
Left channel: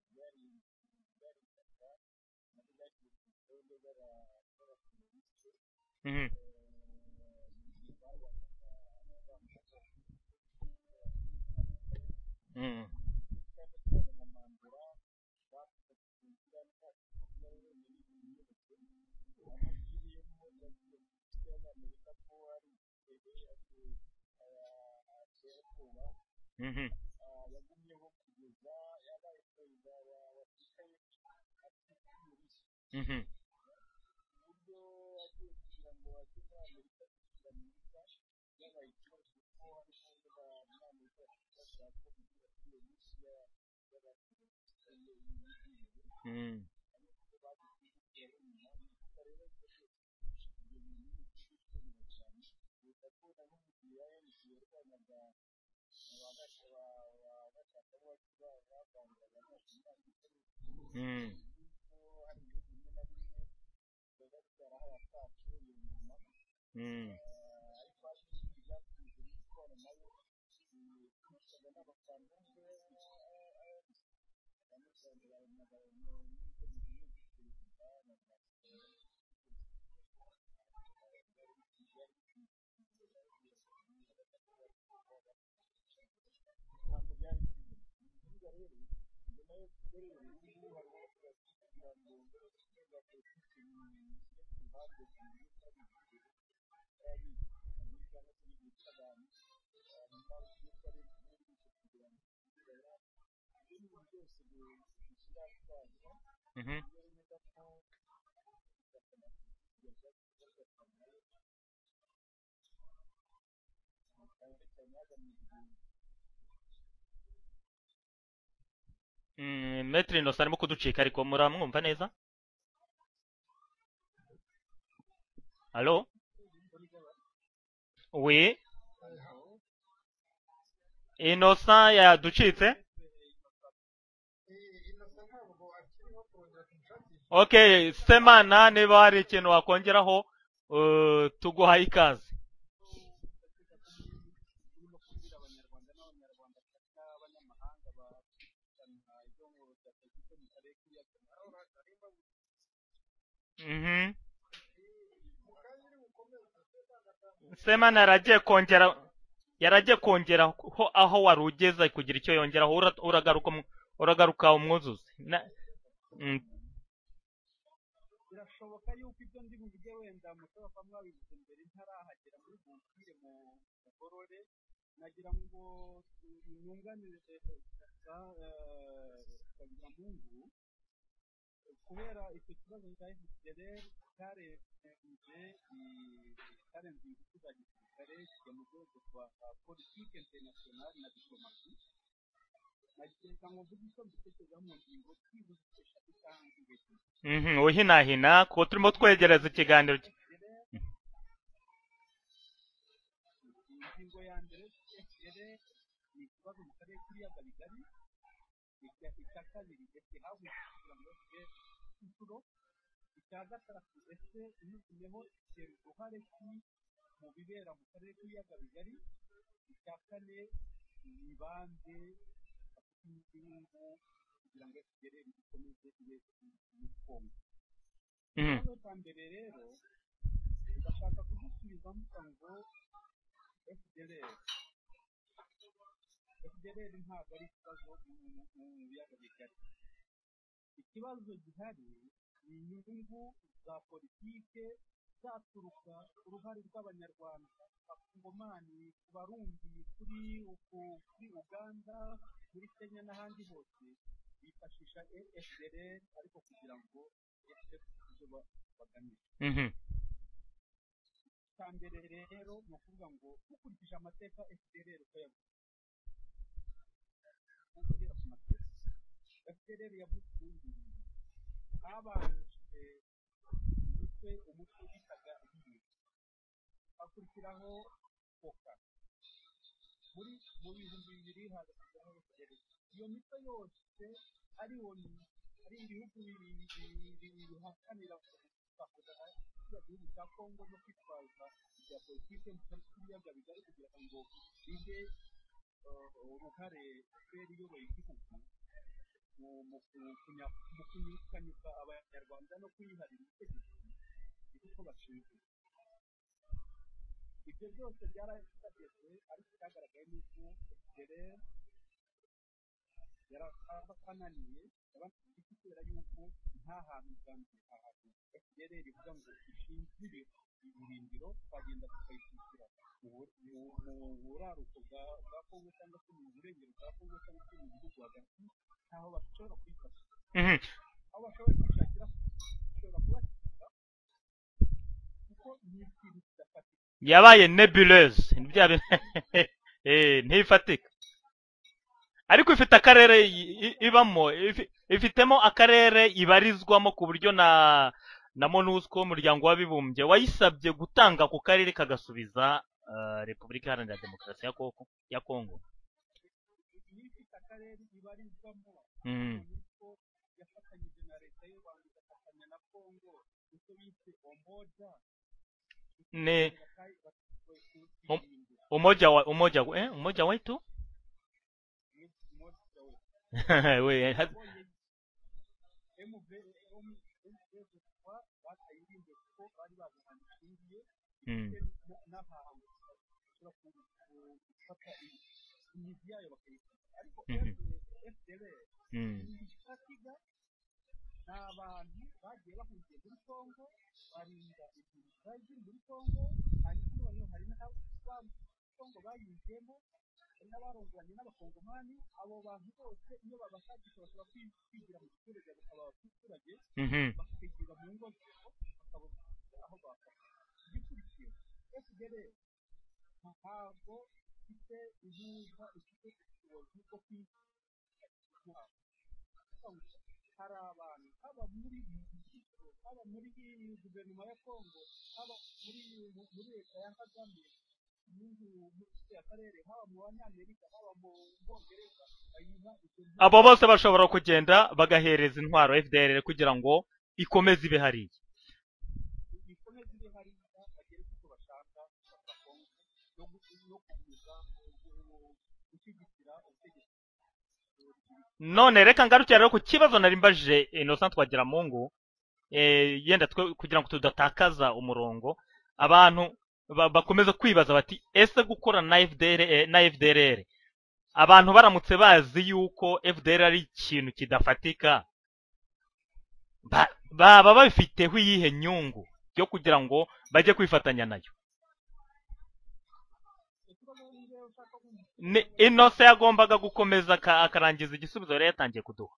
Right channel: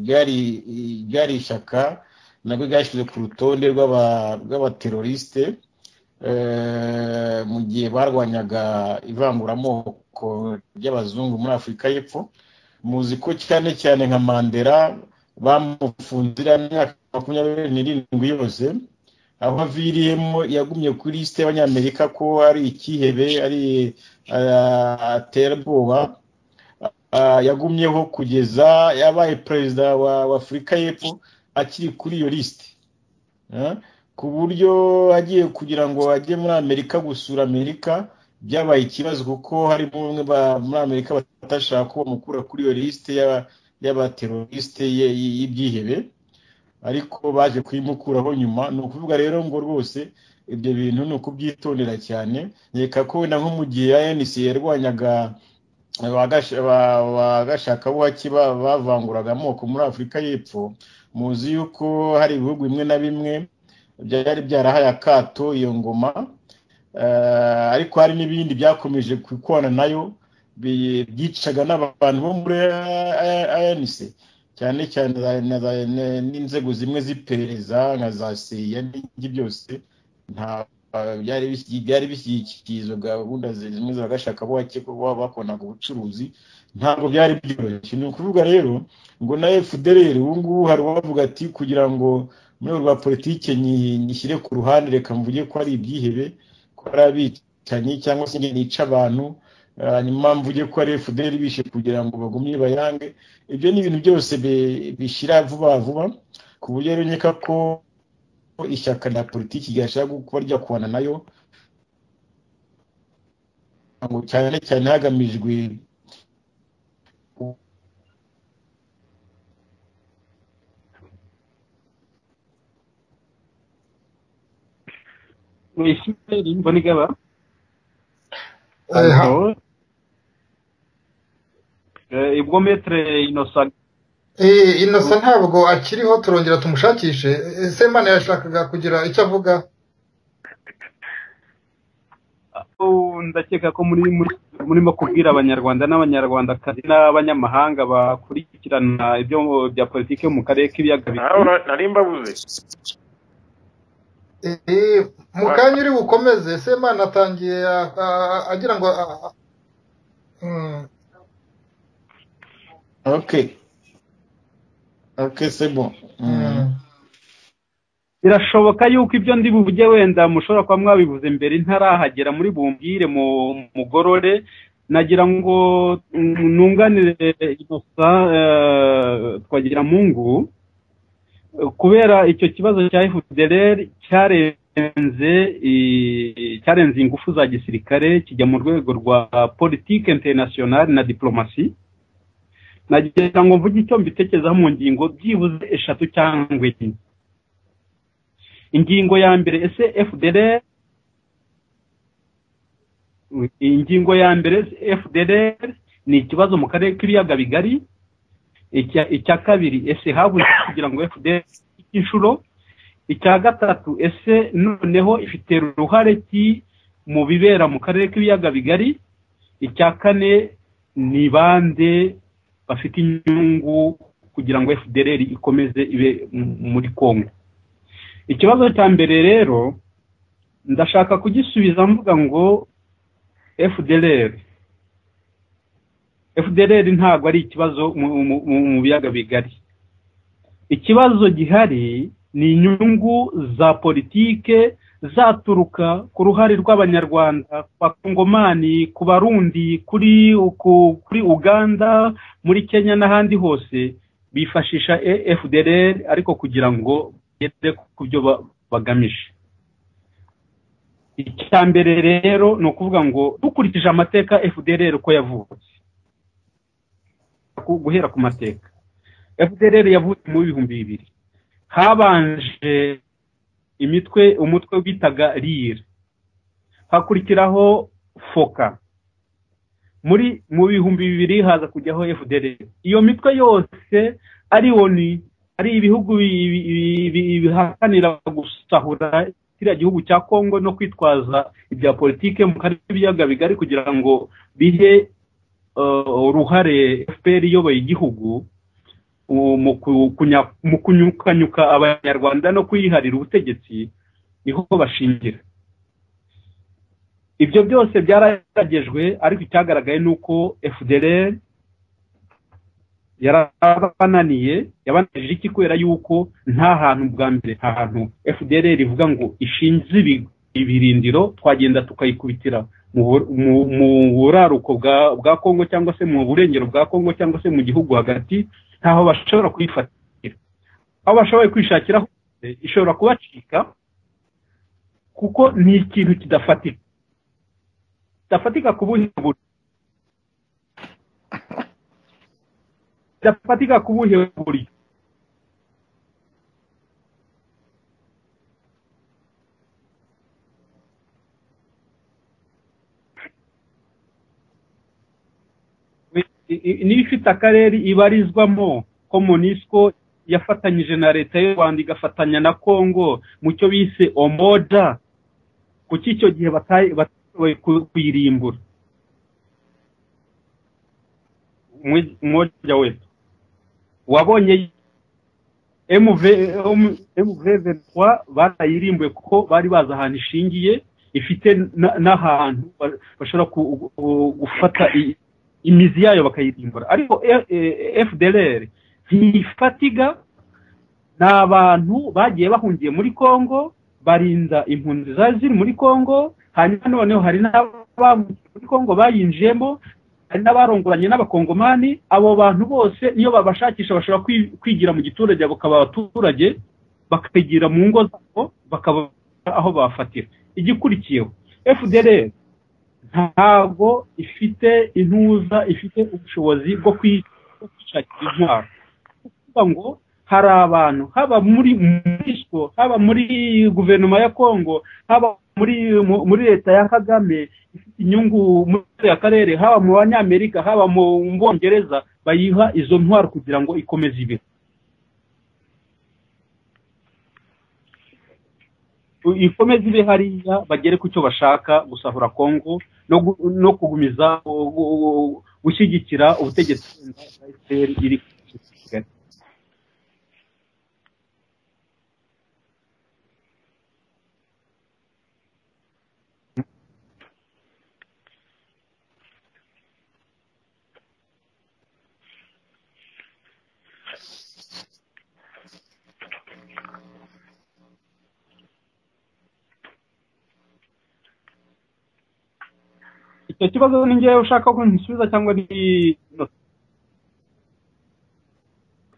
ryari ishyaka nabwo ryashyize ku rutonde rw'abateroriste mu gihe barwanyaga ivanguramoko ry'abazungu muri Afurika y'Epfo. Muzi ko cyane cyane nka Mandela bamufunzira imyaka 27 yose, aho aviriyemo yagumye kuri liste y'abanyamerika ko ari ikihebe, ari aterabwoba. Yagumyeho kugeza yabaye perezida wa Afurika y'Epfo akiri kuri iyo liste, ku buryo agiye kugira ngo ajye muri Amerika gusura Amerika byabaye ikibazo kuko hari bamwe muri Amerika batashaka ko bamukura kuri iyo liste y'abateroriste y'ibyihebe, ariko baje kuyimukuraho nyuma. Ni ukuvuga rero ngo rwose ibyo bintu ni ukubyitondera cyane. Nkeka ko wenda nko mu gihe ANC yarwanyaga bagashaka buhaki bavanguraga amoko muri Afurika y'Epfo, muzi yuko hari ibihugu bimwe na bimwe byari byarahaye akato iyo ngoma, ariko hari n'ibindi byakomeje kwikorana nayo byicaga n'abantu bo muri ANC, cyane cyane n'inzego zimwe z'iperereza nka za CIA n'ibindi byose. nta byari bishyikirizwa gahunda zimwe zagashaka bo bakonaga ubucuruzi, ntabwo byari byoroshye. Ni ukuvuga rero ngo na FDR ubu ngubu hari uwavuga ati kugira ngo muri rwa politike nyishyire ku ruhande, reka mvuge ko ari ibyihebe, ko ari abicanyi cyangwa se nica abantu, hanyuma mvuge ko ari FDR bishe kugira ngo bagumye bayange. Ibyo ni ibintu byose bishira vuba vuba, ku buryo rero nkeka ko ishyaka rya politiki ryashaka kuba ryakubana nayo ngo cyane cyane hagamijwe. Maître Innocent arimo kuducika, ariko muramwumva neza? Oui. Innocent yaducitse. Maître Innocent Innocent ntabwo akiriho, turongera tumushakishe. Semana yashakaga kugira icyo avuga. Wakongeraho tuguhaye ikaze. Ndakeka ko murimo kubwira abanyarwanda n'abanyarwandakazi n'abanyamahanga bakurikirana ibyo bya politiki yo mu karere k'ibiyaga bigari. Nari mbabuze. Mu kanya uri bukomeze, Semana atangiye yaragiye kongera aho wari ugeze kugira icyo yongeraho. Uragaruka umwuzuzi. C'est bon. Birashoboka yuko ibyo ndi buvuge wenda mushobora kuba mwabivuze mbere ntarahagera muri bumbwire mu mugorore. Nagira ngo nunganire Innocent Twagiramungu kubera icyo kibazo cya FDLR cyarenze ingufu za gisirikare kijya mu rwego rwa politique internationale na diplomasi. Nagira ngo mvuge icyo mbitekerezaho mu ngingo byibuze 3 cyangwa 4. Uhinahina ko ingingo ya mbere ese FDLR, ingingo ya mbere FDLR ni ikibazo mu karere k'ibiyaga bigari. Icya kabiri ese habuze kugira ngo FDLR inshuro. Icya gatatu ese noneho ifite uruhare ki mu bibera mu karere k'ibiyaga bigari. Icya kane ni bande bafite inyungu kugira ngo FDLR ikomeze ibe muri Kongo. Ikibazo cya mbere rero ndashaka kugisubiza mvuga ngo FDLR FDLR ntabwo ari ikibazo mu biyaga bigari. Ikibazo gihari ni inyungu za politike zaturuka ku ruhare rw'abanyarwanda, kwa Kongomani, ku Barundi, kuri Uganda, muri Kenya n'ahandi hose bifashisha FDLR ariko kugira ngo bagere ku byo bagamije. Icya mbere rero ni ukuvuga ngo dukurikije amateka FDLR uko yavutse, guhera ku mateka FDLR yavutse mu 2000, habanje umutwe witaga RIR, hakurikiraho FOCA, mu 2000 haza kujyaho FDLR. Iyo mitwe yose ari ONU, ari ibihugu bihakanira gusahura kiriya gihugu cya Kongo no kwitwaza ibya politike mu karere k'ibiyaga bigari kugira ngo bihe uruhare FPR iyoboye igihugu mu kunyukanyuka abanyarwanda no kwiharira ubutegetsi, niho bashingira. Ibyo byose byaragejwe, ariko icyagaragaye nuko FDLR yabananiye iki kubera yuko nta hantu bwa mbere, nta hantu FDLR ivuga ngo ishinze ibirindiro twagenda tukayikubitira mu buraruko bwa Kongo cyangwa se mu burengero bwa Kongo cyangwa se mu gihugu hagati, ntaho bashobora kuyifatira. Aho bashoboye kwishakira ishobora kubacika kuko ni ikintu kidafatika, yabaye nebuleuse, kidafatika ku bundi buryo. Ntifatika, ariko ifite akarere ifitemo akarere ibarizwamo ku buryo na MONUSCO, umuryango w'abibumbye, wayisabye gutanga ku karere kagasubiza Repubulika Iharanira Demokarasi ya Kongo. Niba ifite akarere ibarizwamo ko MONUSCO yafatanyije na leta y'u Rwanda igafatanya na Kongo mu cyo bise Umoja, kuki icyo gihe bataye kuyirimbura? Umoja wetu wabonye MV23 barayirimbuye kuko bari baza ahantu ishingiye, ifite n'ahantu bashobora gufata imizi yayo bakayirimbura. Ariko FDLR ntifatiga, ni abantu bagiye bahungiye muri Kongo, barinda impunzi ziri muri Kongo, hanyuma noneho hari muri Kongo bayinjiyemo, hari n'abarongoranye n'abakongomani. Abo bantu bose niyo babashakisha bashobora kwigira mu giturage, bakaba abaturage, bakagira mu ngo zabo, bakaba aho bafatira. Igikurikiyeho, FDLR ntabwo ifite intuza, ifite ubushobozi bwo kwishakira intwaro. Kuvuga ngo hari abantu, haba muri MONUSCO, haba muri guverinoma ya Kongo, haba muri leta ya Kagame, ifite inyungu muri akarere, haba mu Banyamerika, haba mu Bongereza, bayiha izo ntwaro. Abo bose bashobora kugenda bagahereza intwaro FDLR kugira ngo ikomeze ibe hariya, bagere ku cyo bashaka, gusahura Kongo no kugumiza gushyigikira ubutegetsi. None reka ngarukira rero ku kibazo nari mbajije Innocent Twagiramungu, yenda kugira ngo tudatakaza umurongo. Abantu bakomeza kwibaza bati ese gukora na FDLR, abantu baramutse bazi yuko FDLR ari ikintu kidafatika, baba babifiteho iyihe nyungu yo kugira ngo bajye kwifatanya nayo? Icyo kibazo ni ngewe ushaka ko nsubiza cyangwa ni Innocent yagombaga gukomeza akarangiza igisubizo yari yatangiye kuduha.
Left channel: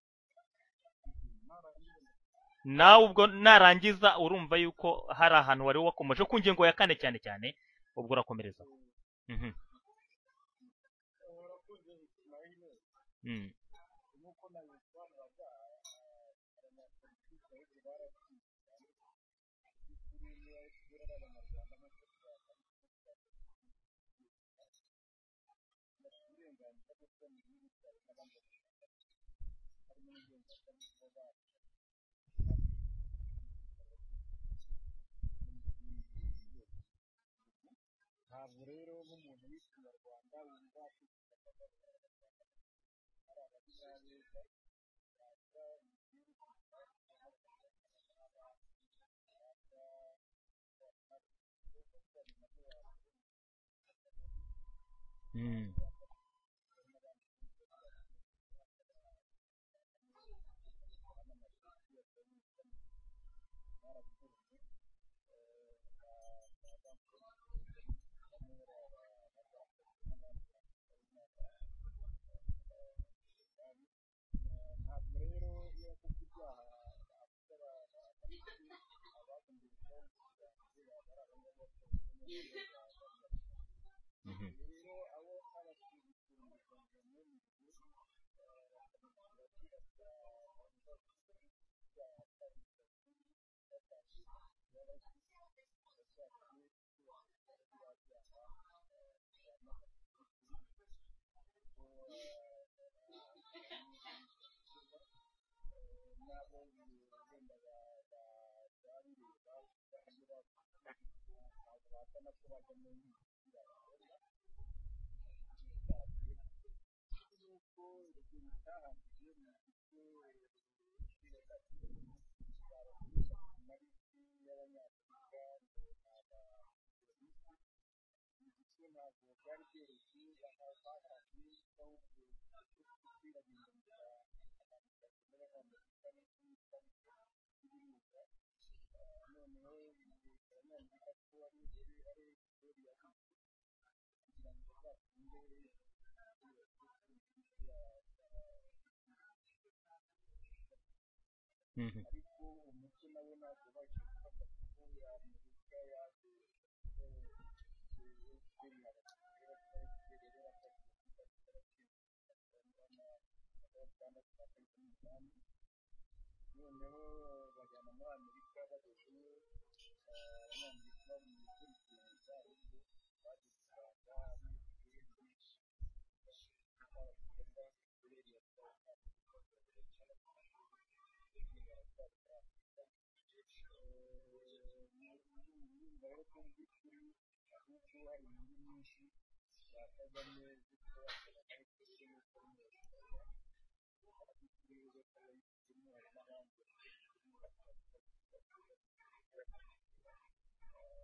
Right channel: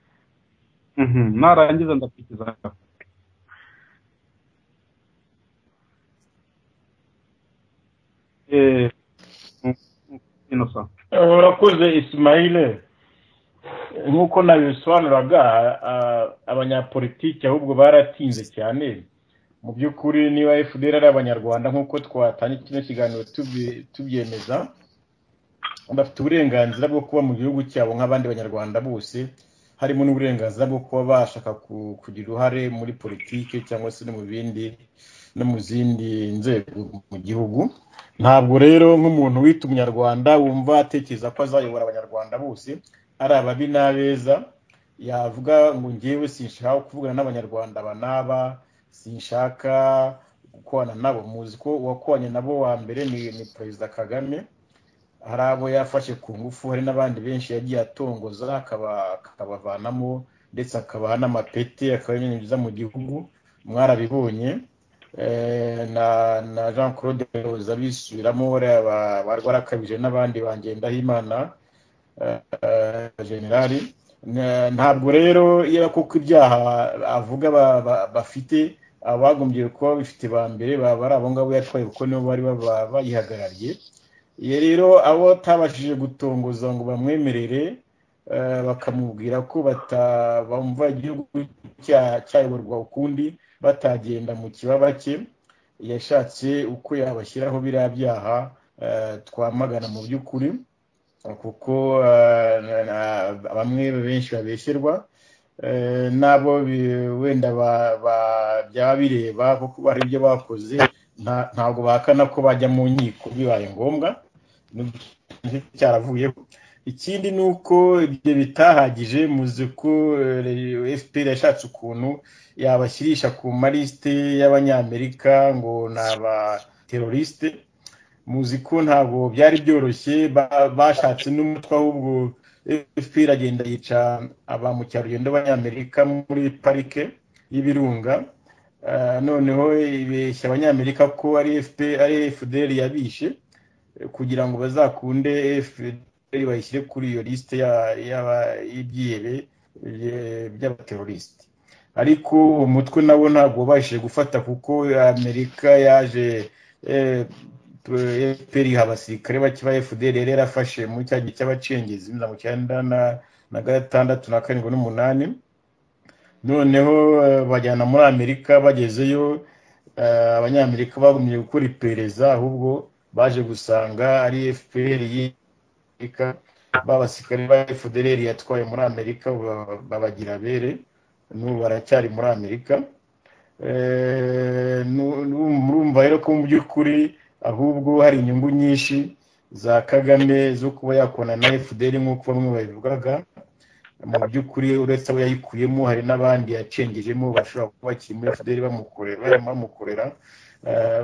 Narangiza ndakikiza. Nawe ubwo narangiza urumva yuko hari ahantu wari wakomeje ku ngingo ya 4 cyane, ubwo urakomereza. Innocent. Urakoze Ismail. Nkuko nabisobanuraga, abanyapolitiki ahubwo baratinze cyane. Mu by'ukuri niba FDLR ari abanyarwanda nkuko twatangiye kino kiganiro tubyemeza, bafite uburenganzira bwo kuba mu gihugu cyabo nk'abandi banyarwanda bose, harimo n'uburenganzira bwo kuba bashaka kugira uruhare muri politike cyangwa se no mu zindi nzego mu gihugu. Ntabwo rero nk'umuntu wita umunyarwanda wumva atekereza ko azayobora abanyarwanda bose ari ababi n'abeza, yavuga ngo ngewe sinshaka kuvugana n'abanyarwanda banaba, sinshaka gukorana nabo. Muzi ko uwakoranye nabo wa mbere ni Perezida Kagame, hari abo yafashe ku ngufu hari n'abandi benshi yagiye atongoza akabavanamo ndetse akabaha n'amapeti akabinjiza mu gihugu mwarabibonye na Jean Claude Roza bisubiramo bari barakabije n'abandi Bangendahimana generali ntabwo rero iyo kuko ibyaha avuga bafite abagombye kuba bifite ba mbere bari abo ngabo yatwaye kuko nibo bari bayihagarariye iyo rero abo tabashije gutongoza ngo bamwemerere bakamubwira ko bumva igihugu cyayoborwa ukundi batagenda mu kibaba cye yashatse uko yabashyiraho biriya byaha twamagana mu by'ukuri kuko bamwe benshi babeshyerwa nabo wenda byaba bireba kuko bari ibyo bakoze ntabwo bahakana ko bajya mu nkiko bibaye ngombwa cyaravuyeho ikindi ni uko ibyo bitahagije muzi ko FPR yashatse ukuntu yabashyirisha ku malisite y'abanyamerika ngo ni abateroriste muzi ko ntabwo byari byoroshye bashatse n'umutwe ahubwo FPR agenda yica aba mukerarugendo b'abanyamerika muri parike y'ibirunga noneho ibeshya abanyamerika ko ari FDR yabishe kugira ngo bazakunde FDR bayishyire kuri iyo liste y'ibyihebe by'abateroriste ariko umutwe nabo ntabwo babashije gufata kuko Amerika yaje FPR iha abasirikare bake ba FDR yari yarafashe muri cya gihe cy'abacengezi mu 1996 na 7 noneho bajyana muri Amerika bagezeyo abanyamerika bagumye gukora iperereza ahubwo baje gusanga ari FPR y'Afrika babasirikare ba FDR yatwaye muri Amerika babagira bere n'ubu baracyari muri Amerika murumva rero ko mu by'ukuri ahubwo hari inyungu nyinshi za Kagame zo kuba yakona na FDR nk'uko bamwe babivugaga mu by'ukuri uretse abo yayikuyemo hari n'abandi yacengejemo bashobora kuba bakiri muri FDR bamukorera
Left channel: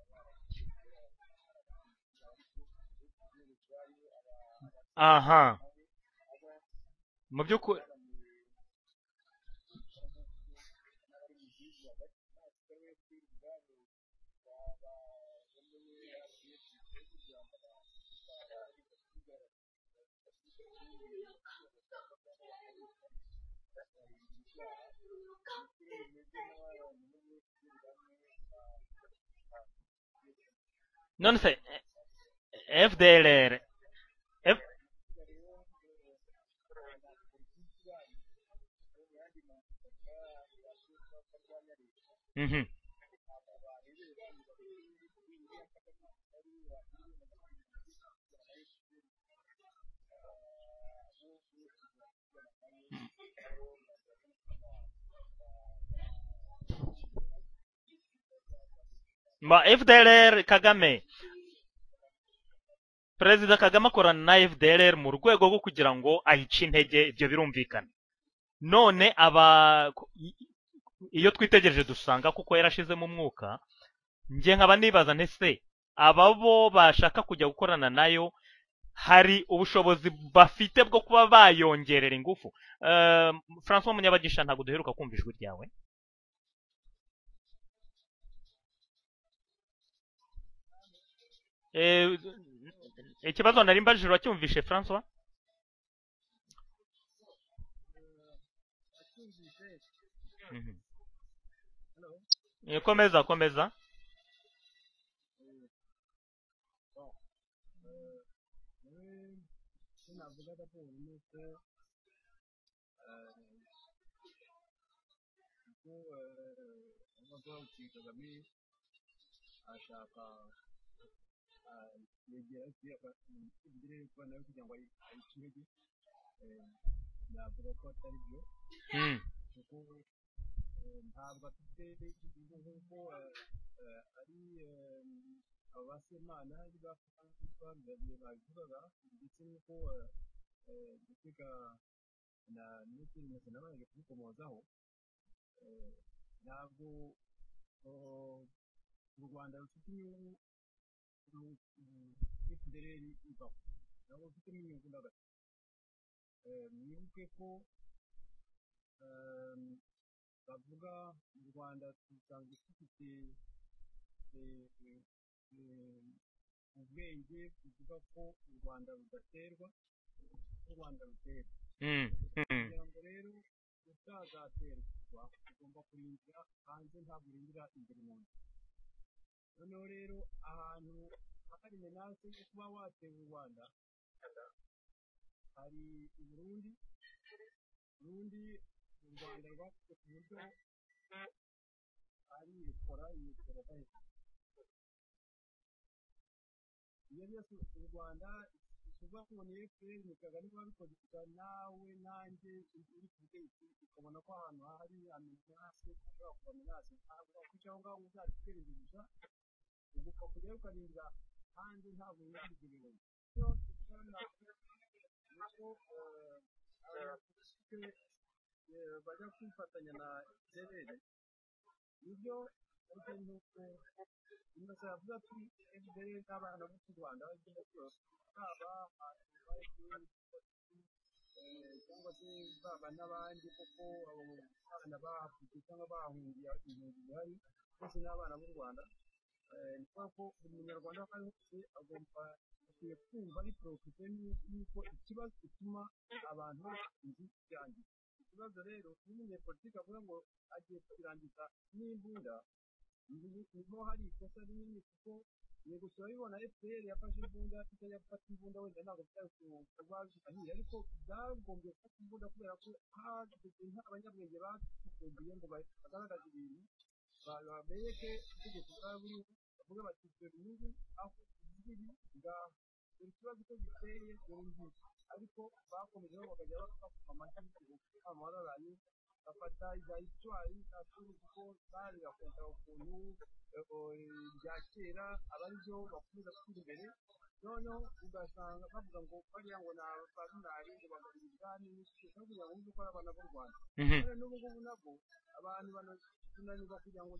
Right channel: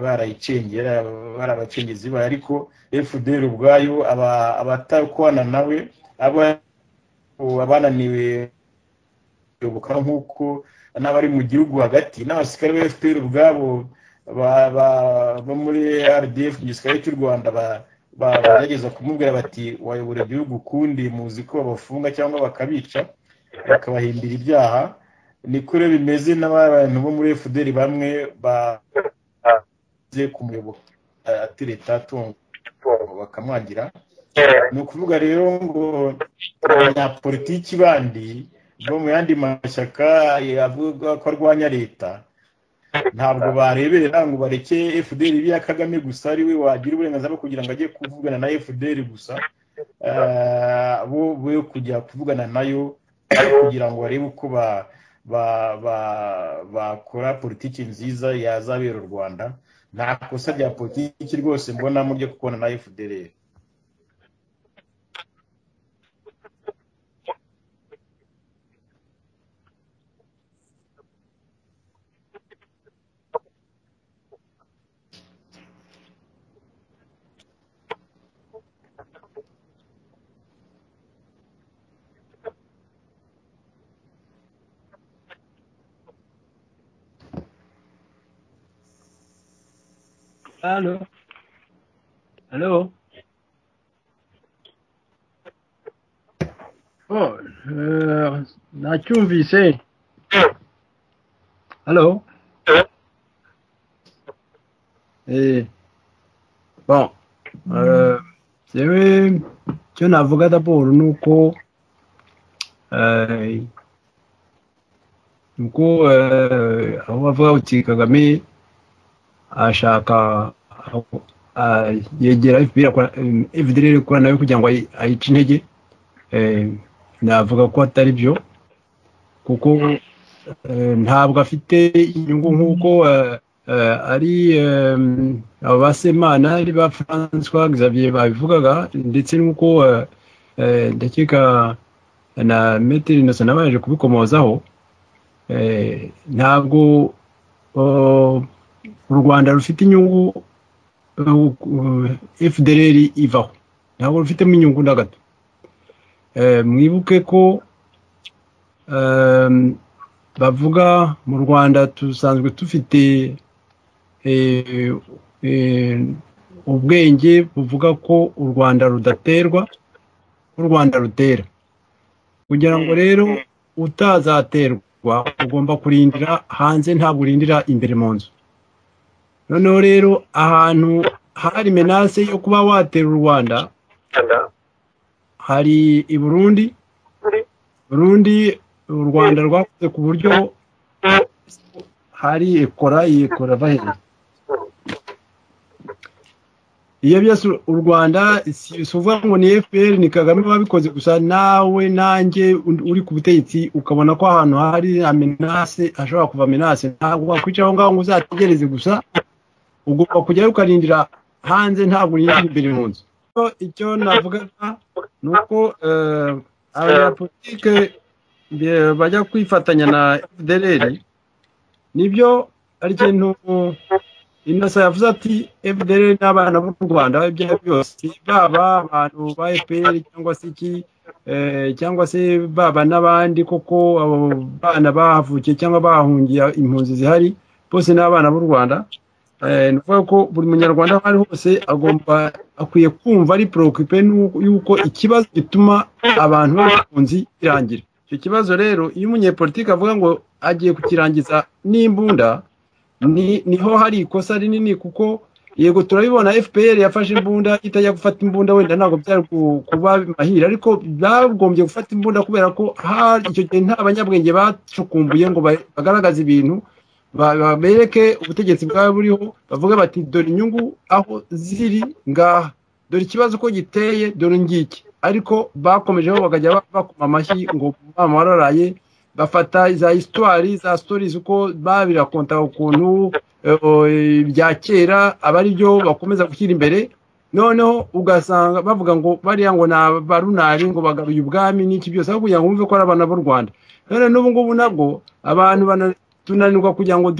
barayicengera barabacengezi ariko FDR ubwayo abatakwana nawe abananiwe yoboka nk'uko n'abari mu gihugu hagati n'abasirikare ba FPR ubwabo bo muri RDF igisirikare cy'u Rwanda bageza kumubwira bati wayobora igihugu ukundi muzi ko babafunga cyangwa bakabica bakabahimbira ibyaha niko rero bimeze n'abantu bo muri FDR bamwe baze kumuyoboka leta tunga FDR ni ukuvuga rero ngo abanyapolitiki bandi bo mu yandi mashyaka yavuga ko arwanya leta ntabwo barebera ngo bareke FDR ibi ya Kagame gusa ari we wagira uburenganzira bwo kugira ngo ajye kuvugana na FDR gusa bo kujya kuvugana nayo kugira ngo barebe uko bakora politiki nziza yazabera u Rwanda FDR Kagame iki rwose mbona mu byo kubona na FDR Perezida Kagame akorana na FDR mu rwego rwo kugira ngo ayice intege ibyo birumvikana none iyo twitegereje dusanga kuko yarashizemo umwuka ngiye nkaba nibaza ntese ababo bashaka kujya gukorana nayo hari ubushobozi bafite bwo kuba bayongerera ingufu François Munyabagisha ntabwo duheruka kumva ijwi ryawe Hello ikibazo nari mbajije wacyumvishe François nacyumvise Hello komeza bon yewe cyo navuga d'abord nuko aho bavuga uti Kagame ashaka yegera FDR kora nawe kugira ngo ayice intege navuga ko atari byo kuko ntabwo afite inyungu nk'uko ari abasemana ari ba François Xavier babivugaga ndetse n'uko ndakeka na Metero Innocent nabaje kubikomozaho ntabwo u Rwanda rufite inyungu FDR ivaho ntabwo rufitemo inyungu na gato. Mwibuke ko bavuga mu Rwanda tusanzwe dufite ubwenge buvuga ko u Rwanda rudaterwa, u Rwanda rutera. Kugira ngo rero utazaterwa ugomba kurindira hanze, ntabwo urindira imbere mu nzu. Noneho rero ahantu hari menace yo kuba watera u Rwanda hari i Burundi. U Rwanda rwakoze ku buryo hari ikora bahera. Iyo byose u Rwanda si uvuga ngo ni FPR ni Kagame wabikoze gusa, nawe nanjye uri ku butegetsi ukabona ko ahantu hari menace, ashobora kuva menace, ntabwo wakwicara aho ngaho ngo uzategereze gusa, ugomba kujyayo ukarindira hanze, ntabwo urindira imbere mu nzu. Icyo navugaga ni uko abanyapolitike bajya kwifatanya na FDLR, nibyo ari ikintu Innocent yavuze ati FDLR n'abana b'u Rwanda ibyo byose, baba abantu ba FPR cyangwa se iki cyangwa se baba n'abandi koko abo bana bahavukiye cyangwa bahungiye impunzi zihari, bose n'abana b'u Rwanda. Ni ukuvuga ko buri munyarwanda aho ari hose akwiye kumva ari preoccupé yuko ikibazo gituma abantu b'impunzi kirangira. Icyo kibazo rero iyo umunyepolitike avuga ngo agiye kukirangiza n'imbunda, niho hari ikosa rinini, kuko yego turabibona FPR yafashe imbunda, itajya gufata imbunda wenda ntabwo byari kuba mahira, ariko bagombye gufata imbunda kubera ko icyo gihe nta banyabwenge bacukumbuye ngo bagaragaze ibintu, bereke ubutegetsi bwaba buriho, bavuga bati dore inyungu aho ziri ngaha, dore ikibazo ko giteye, dore ngiki. Ariko bakomejeho bakajya bakoma amashyi ngo mama wararaye, bafata za histoire za stories uko babirakonta ukuntu bya kera aba ari byo bakomeza gushyira imbere. Noneho ugasanga bavuga ngo bariya ngo na barunari ngo bagaruye ubwami n'iki byose, aho kugira ngo bumve ko ari abana b'u Rwanda. None n'ubu ngubu nabwo abantu tunanirwa kugira ngo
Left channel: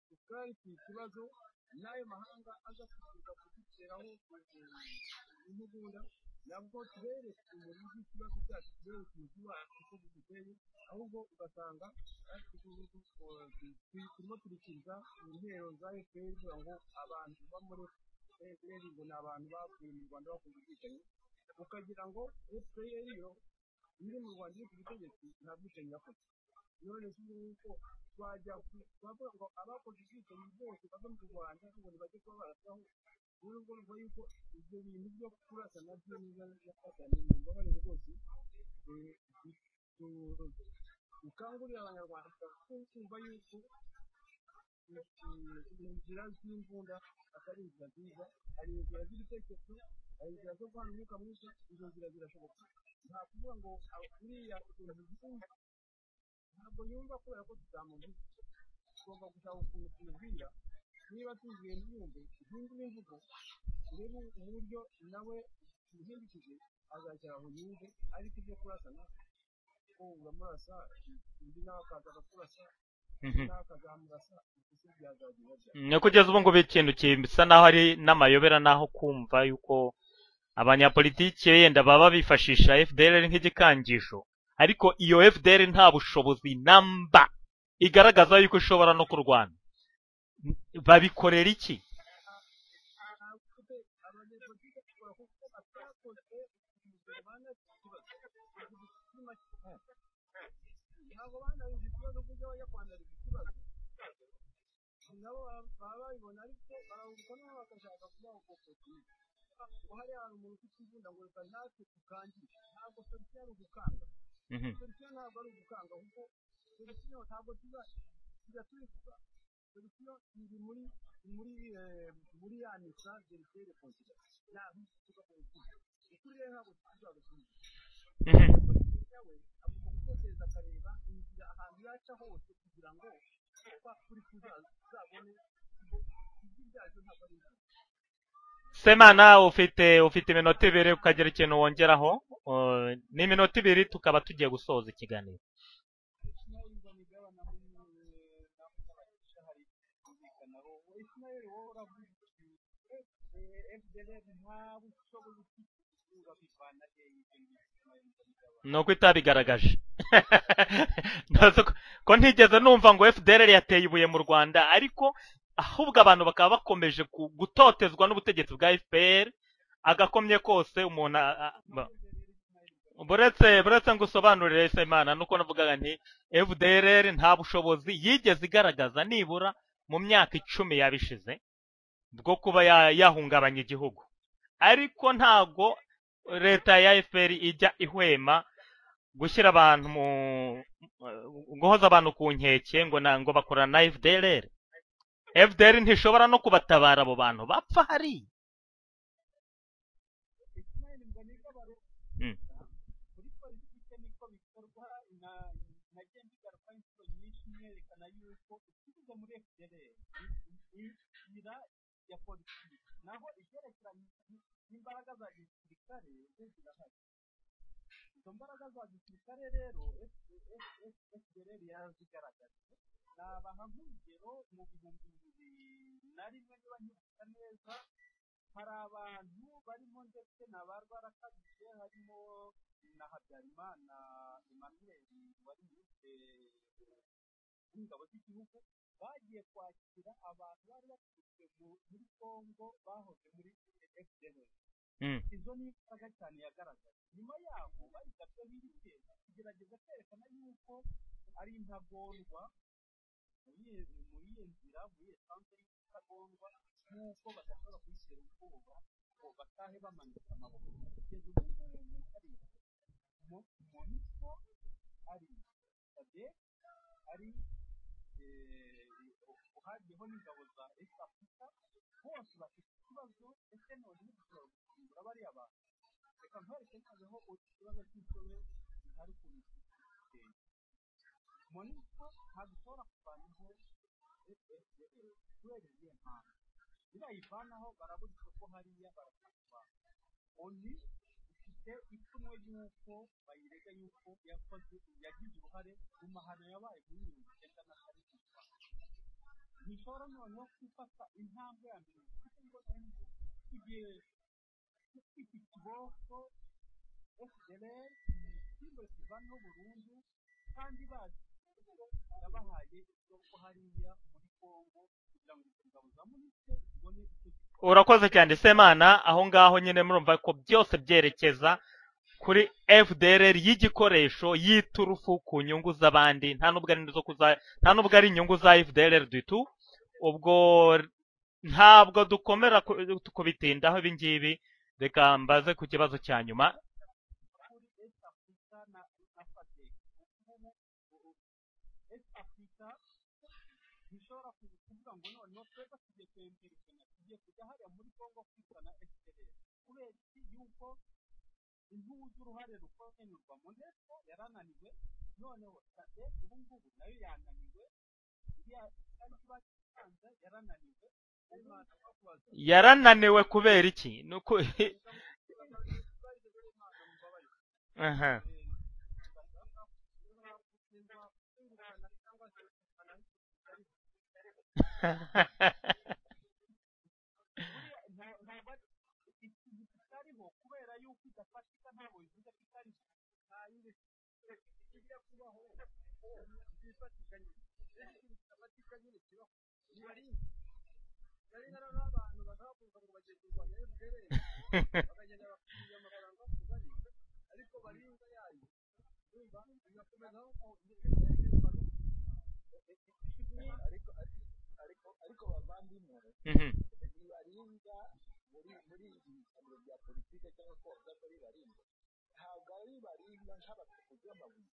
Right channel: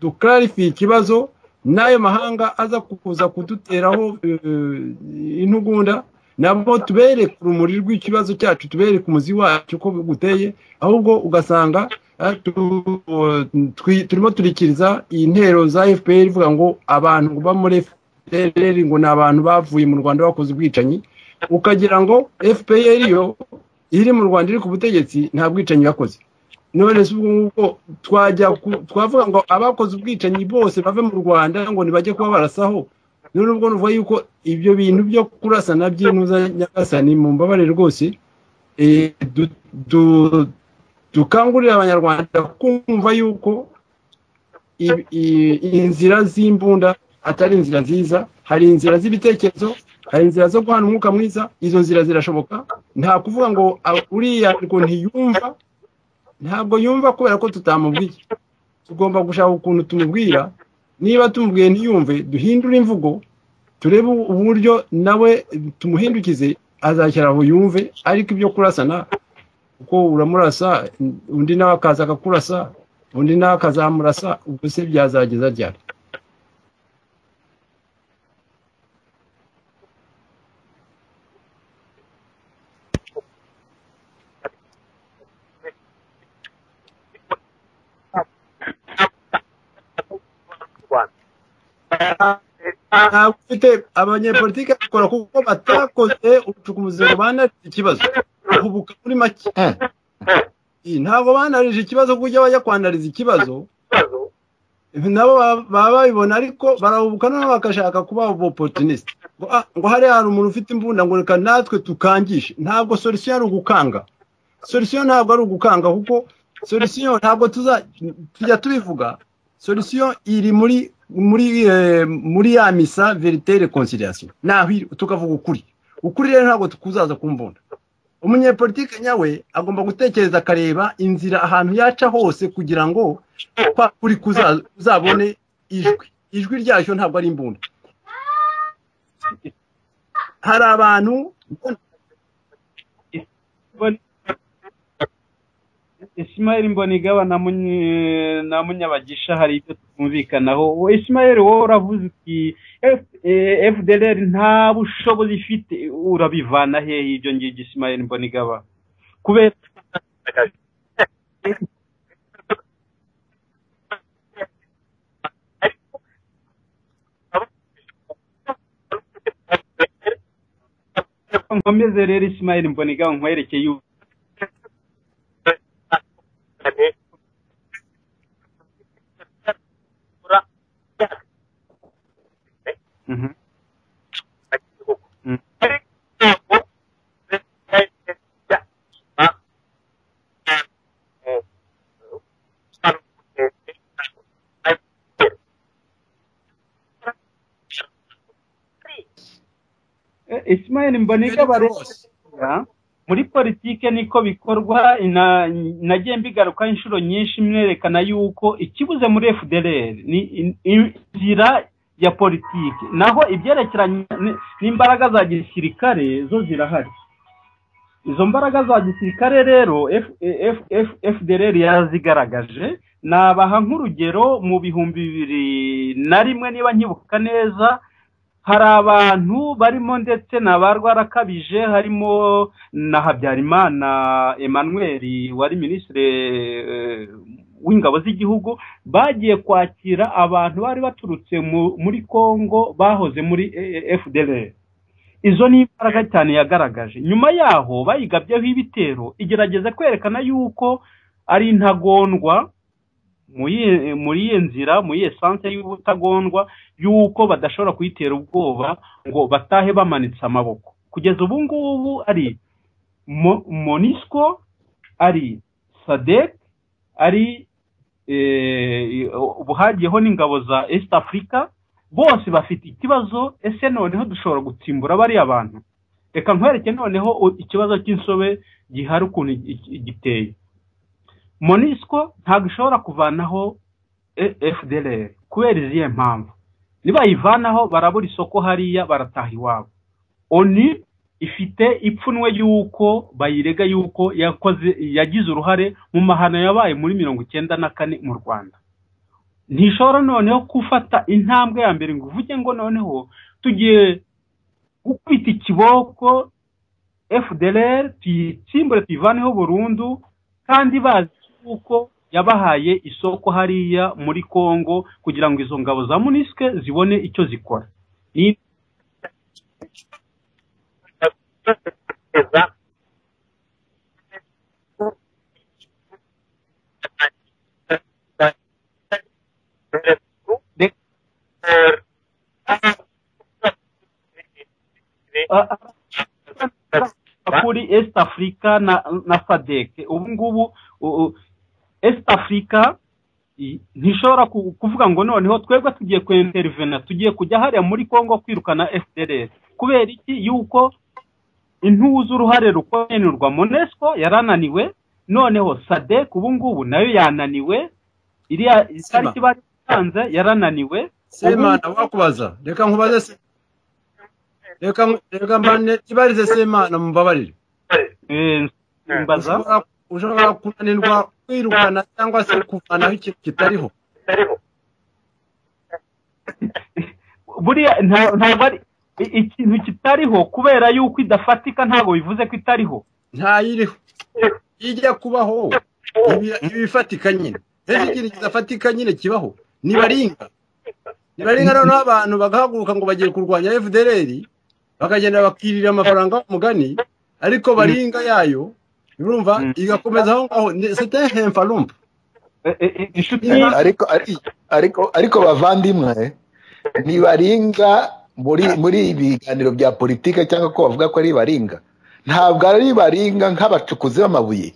duclarify ikibazo, n'ayo mahanga aza kuza kuduteraho intugunda, nabo tubereke urumuri rw'ikibazo cyacu, tubereke umuzi wacu uko guteye, ahubwo ugasanga turimo turikiriza intero za FPR ivuga ngo abantu ba muri FPR ngo ni abantu bavuye mu Rwanda bakoze ubwicanyi, ukagira ngo FPR yo iri mu Rwanda iri ku butegetsi nta bwicanyi yakoze. None se ubwo twavuga ngo abakoze ubwicanyi bose bave mu Rwanda ngo nibajye kuba barasaho. None ubwo nuvuga yuko ibyo bintu byo kurasana by'intuza Nyagasani mu mbabare rwose, dukangurira abanyarwanda kumva yuko inzira z'imbunda atari inzira nziza. Hari inzira z'ibitekerezo, hari inzira zo guhana umwuka mwiza, izo nzira zirashoboka. Nta kuvuga ngo uriya ngo ntiyumva, ntabwo yumva kubera ko tutamubwiye. Tugomba gushaka ukuntu tumubwira, niba tumubwiye ntiyumve, duhindure imvugo, turebe uburyo nawe tumuhindukize, azashyira aho yumve. Ariko ibyo kurasana, kuko uramurasa undi nawe akaza akakurasa, undi nawe akazamurasa, ubwo se byazageza ryari? Ni kugeza ubu ngubu ikintu bisa naho ari n'amayobera, naho kumva yuko abanyapolitiki yenda baba bifashisha FDLR nk'igikangisho, ariko iyo FDLR nta bushobozi namba igaragaza yuko ishobora no kurwana. Babikorera iki? Ntabwo ufite abanyapolitiki bakora kuko batakoze ubucukumbuzi ngo banarije ikibazo, uhubuka muri make. Ntabwo banarije ikibazo kujya bajya kwanariza ikibazo, nabo baba babibona, ariko barahubuka nabo bakashaka kuba opportunist ngo hari umuntu ufite imbunda ngo reka natwe tukangishe. Ntabwo solution ari ugukanga, solution ntabwo ari ugukanga, kuko solution ntabwo tujya tubivuga. Solution iri muri ya misa verite reconciliation, naho tukavuga ukuri rero ntabwo tukuzaza kumbunda. Umunyepolitike nyawe agomba gutekereza akareba inzira ahantu yaca hose kugira ngo kuri kuzabone ijwi ryacyo, ntabwo ari imbunda. Semana ufite iminota ibiri, utagira ikintu wongeraho? Ni iminota ibiri tukaba tugiye gusoza ikiganiro. Ismail Mbonigaba na Munyabagisha hari ibyo twumvikanaho. Ismail wowe uravuze uti FDLR nta bushobozi ifite, urabivana hehe ibyo ngibyo Ismail Mbonigaba? Nuko itabigaragaje ko ntigeze numva ngo FDLR yateye ibuye mu Rwanda, ariko ahubwo abantu bakaba bakomeje gutotezwa n'ubutegetsi bwa FPR agakomye kose umuntu nkomeze rero Ismail Mbonigaba uretse ngo usobanurire Semana nuko navugaga nti FDLR nta bushobozi yigeze igaragaza nibura mu myaka 10 yabishize bwo kuba yahungabanya igihugu, ariko ntago leta ya FPR ijya ihwema gushyira abantu mu guhoza abantu ku nkeke ngo bakorana na FDLR. FDLR ntishobora no kubatabara abo bantu bapfa hari. Ismail Mbonigaba muri politike niko bikorwa, nagiye mbigaruka inshuro nyinshi mwerekana yuko ikibuze muri FDLR ni inzira ya politike, naho ibyerekeranye n'imbaraga za gisirikare zo zirahari. Izo mbaraga za gisirikare rero FDLR yarazigaragaje. Nabaha nk'urugero mu 2001 niba nkibuka neza, hari abantu barimo ndetse n'abarwarakabije, harimo na Habyarimana Emmanuel wari ministre w'ingabo z'igihugu, bagiye kwakira abantu bari baturutse muri Kongo bahoze muri FDLR. Izo ni imbaraga cyane yagaragaje. Nyuma yaho bayigabyeho ibitero, igerageza kwerekana yuko ari intagondwa muri iyo nzira, muri essence y'ubutagondwa, yuko badashobora kuyitera ubwoba ngo batahe bamanitse amaboko. Kugeza ubu ngubu ari MONUSCO, ari SADC, ari ubuhagiyeho n'ingabo za East Africa, bose bafite ikibazo. Ese noneho dushobora gutsimbura bari abantu? Reka nkwereke noneho ikibazo cy'insobe gihari ukuntu giteye. MONUSCO ntabwo ishobora kuvanaho FDLR kubera izihe mpamvu. Niba yivanaho barabura isoko hariya, barataha iwabo. ONU ifite ipfunwe yuko bayirega yuko yagize uruhare mu mahano yabaye muri 1994 mu Rwanda. Ntishobora noneho gufata intambwe ya mbere ngo uvuge ngo noneho tugiye gukubita ikiboko FDLR tuyitsimbure tuyivaneho burundu, kandi bazi uko yabahaye isoko hariya muri Kongo kugira ngo izo ngabo za MONUSCO zibone icyo zikora. Urakoze cyane Semana, aho ngaho nyine murumva ko byose byerekeza kuri FDLR y'igikoresho y'iturufu ku nyungu z'abandi, nta nubwo ari inyungu za FDLR dutu. Ubwo ntabwo dukomera kubitindaho ibi ngibi, reka mbaze ku kibazo cya nyuma kuri East Africa na SADC. ubu ngubu East Africa ntishobora kuvuga ngo noneho twebwe tugiye kwintervena, tugiye kujya hariya muri Kongo kwirukana FDLR. Kubera iki? Yuko intuza uruhare rukonerwa MONUSCO yarananiwe, noneho SADC ubu ngubu nayo yananiwe, iriya itariki batanze yarananiwe. Semana wakubaza, yarananiwe kubera iki? Reka mbane ibarize Semana mumbabarire. Mbaza ushobora kunanirwa kwirukana cyangwa se kuvanaho ikintu kitariho. Buriya ntabwo ari ikintu kitariho kubera yuko idafatika, ntabwo bivuze ko itariho. Ntayiriho, ijya kubaho ibifatika nyine. Ikintu kidafatika nyine kibaho. Nibaringa noneho abantu bagahaguruka ngo bagiye kurwanya FDLR, bakagenda bakirira amafaranga mugani, ariko baringa yayo urumva igakomeza aho ngaho. C'était un falump. ariko bavandimwe nibaringa muri ibiganiro bya politike cyangwa ko bavuga ko ari baringa, ntabwo ari baringa nk'abacukuzi b'amabuye.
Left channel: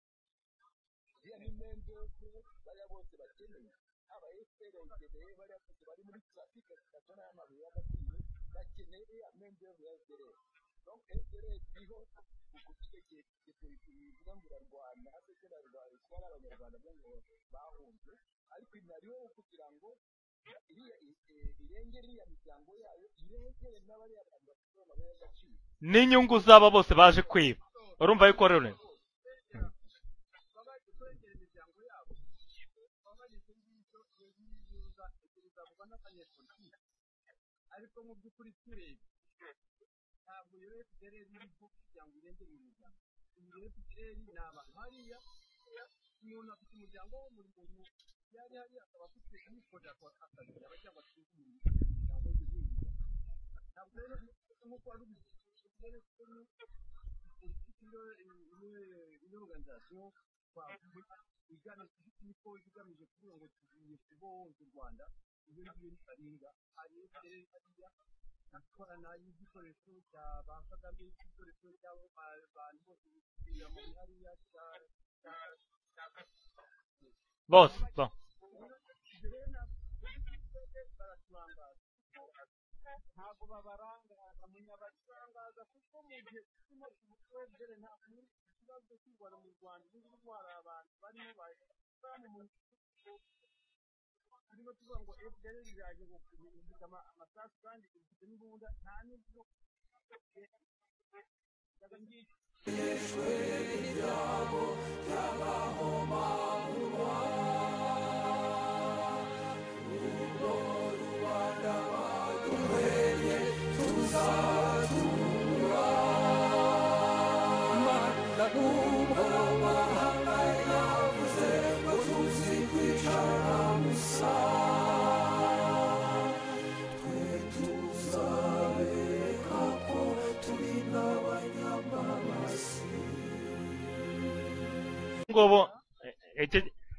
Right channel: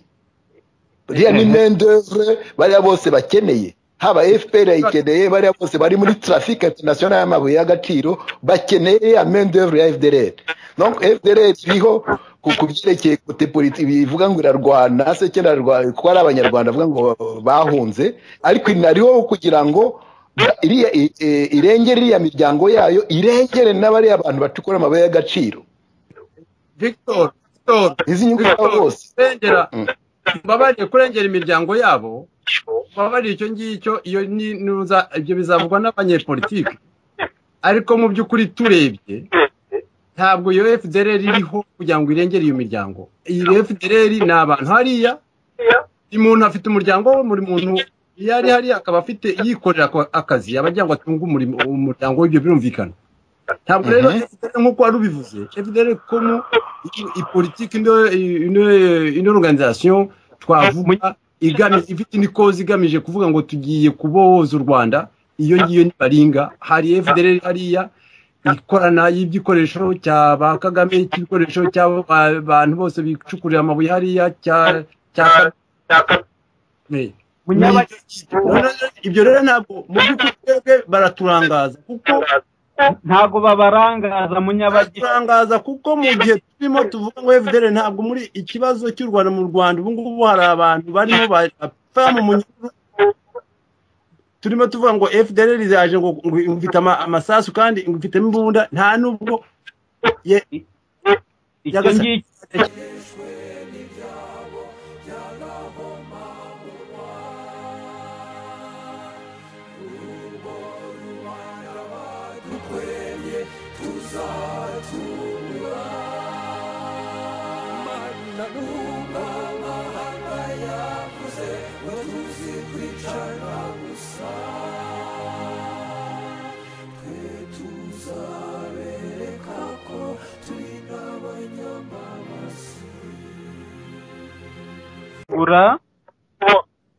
Buriya ni main d'œuvre bariya bose bakeneye, haba FPR ikeneye, bariya bose bari muri trafic international y'amabuye y'agaciro bakeneye ya main d'œuvre ya FDLR. Donc FDLR iriho kubyerekeye kote politiki bivuga ngo irarwana se cyenda rwa ko ari abanyarwanda bavuga ngo bahunze, ariko inariho kugira ngo irengere iriya miryango yayo, irengere n'abari abantu bacukura amabuye y'agaciro n'inyungu z'aba bose baje kwiba. Izi nyungu z'aba bose babariye kurengera imiryango yabo babariye icyo ngicyo iyo nuza ibyo bizavugwa n'abanyepolitike ariko mu by'ukuri turebye ntabwo iyo FDLR iriho kugira ngo irengere iyo miryango iyi FDLR ni abantu hariya umuntu afite umuryango we muri muntu yari hariya akaba afite yikorera akazi abajya ngo atunge umuryango w'ibyo birumvikana ntabwo rero nk'uko wari ubivuze FDLR comme ipolitique une organisation twavuga ifite n'ikoze igamije kuvuga ngo tugiye kubohoza u Rwanda iyo ngiyo ni baringa hari FDLR hariya ikorana y'ibyikoresho cya ba Kagame cy'ibikoresho cy'abantu bose bicukurira amabuye hariya ibyo rero ntabwo mu by'ukuri baraturangaza kuko ntabwo babarangaza munyabagirangaza kuko mu gihe turimo tuvuga ngo FDLR ntabwo muri ikibazo cy'u Rwanda mu Rwanda ubu ngubu hari abantu barimo bapfa mu munyururu turimo tuvuga ngo FDLR zaje ngo mfite amasasu kandi mfite imbunda nta nubwo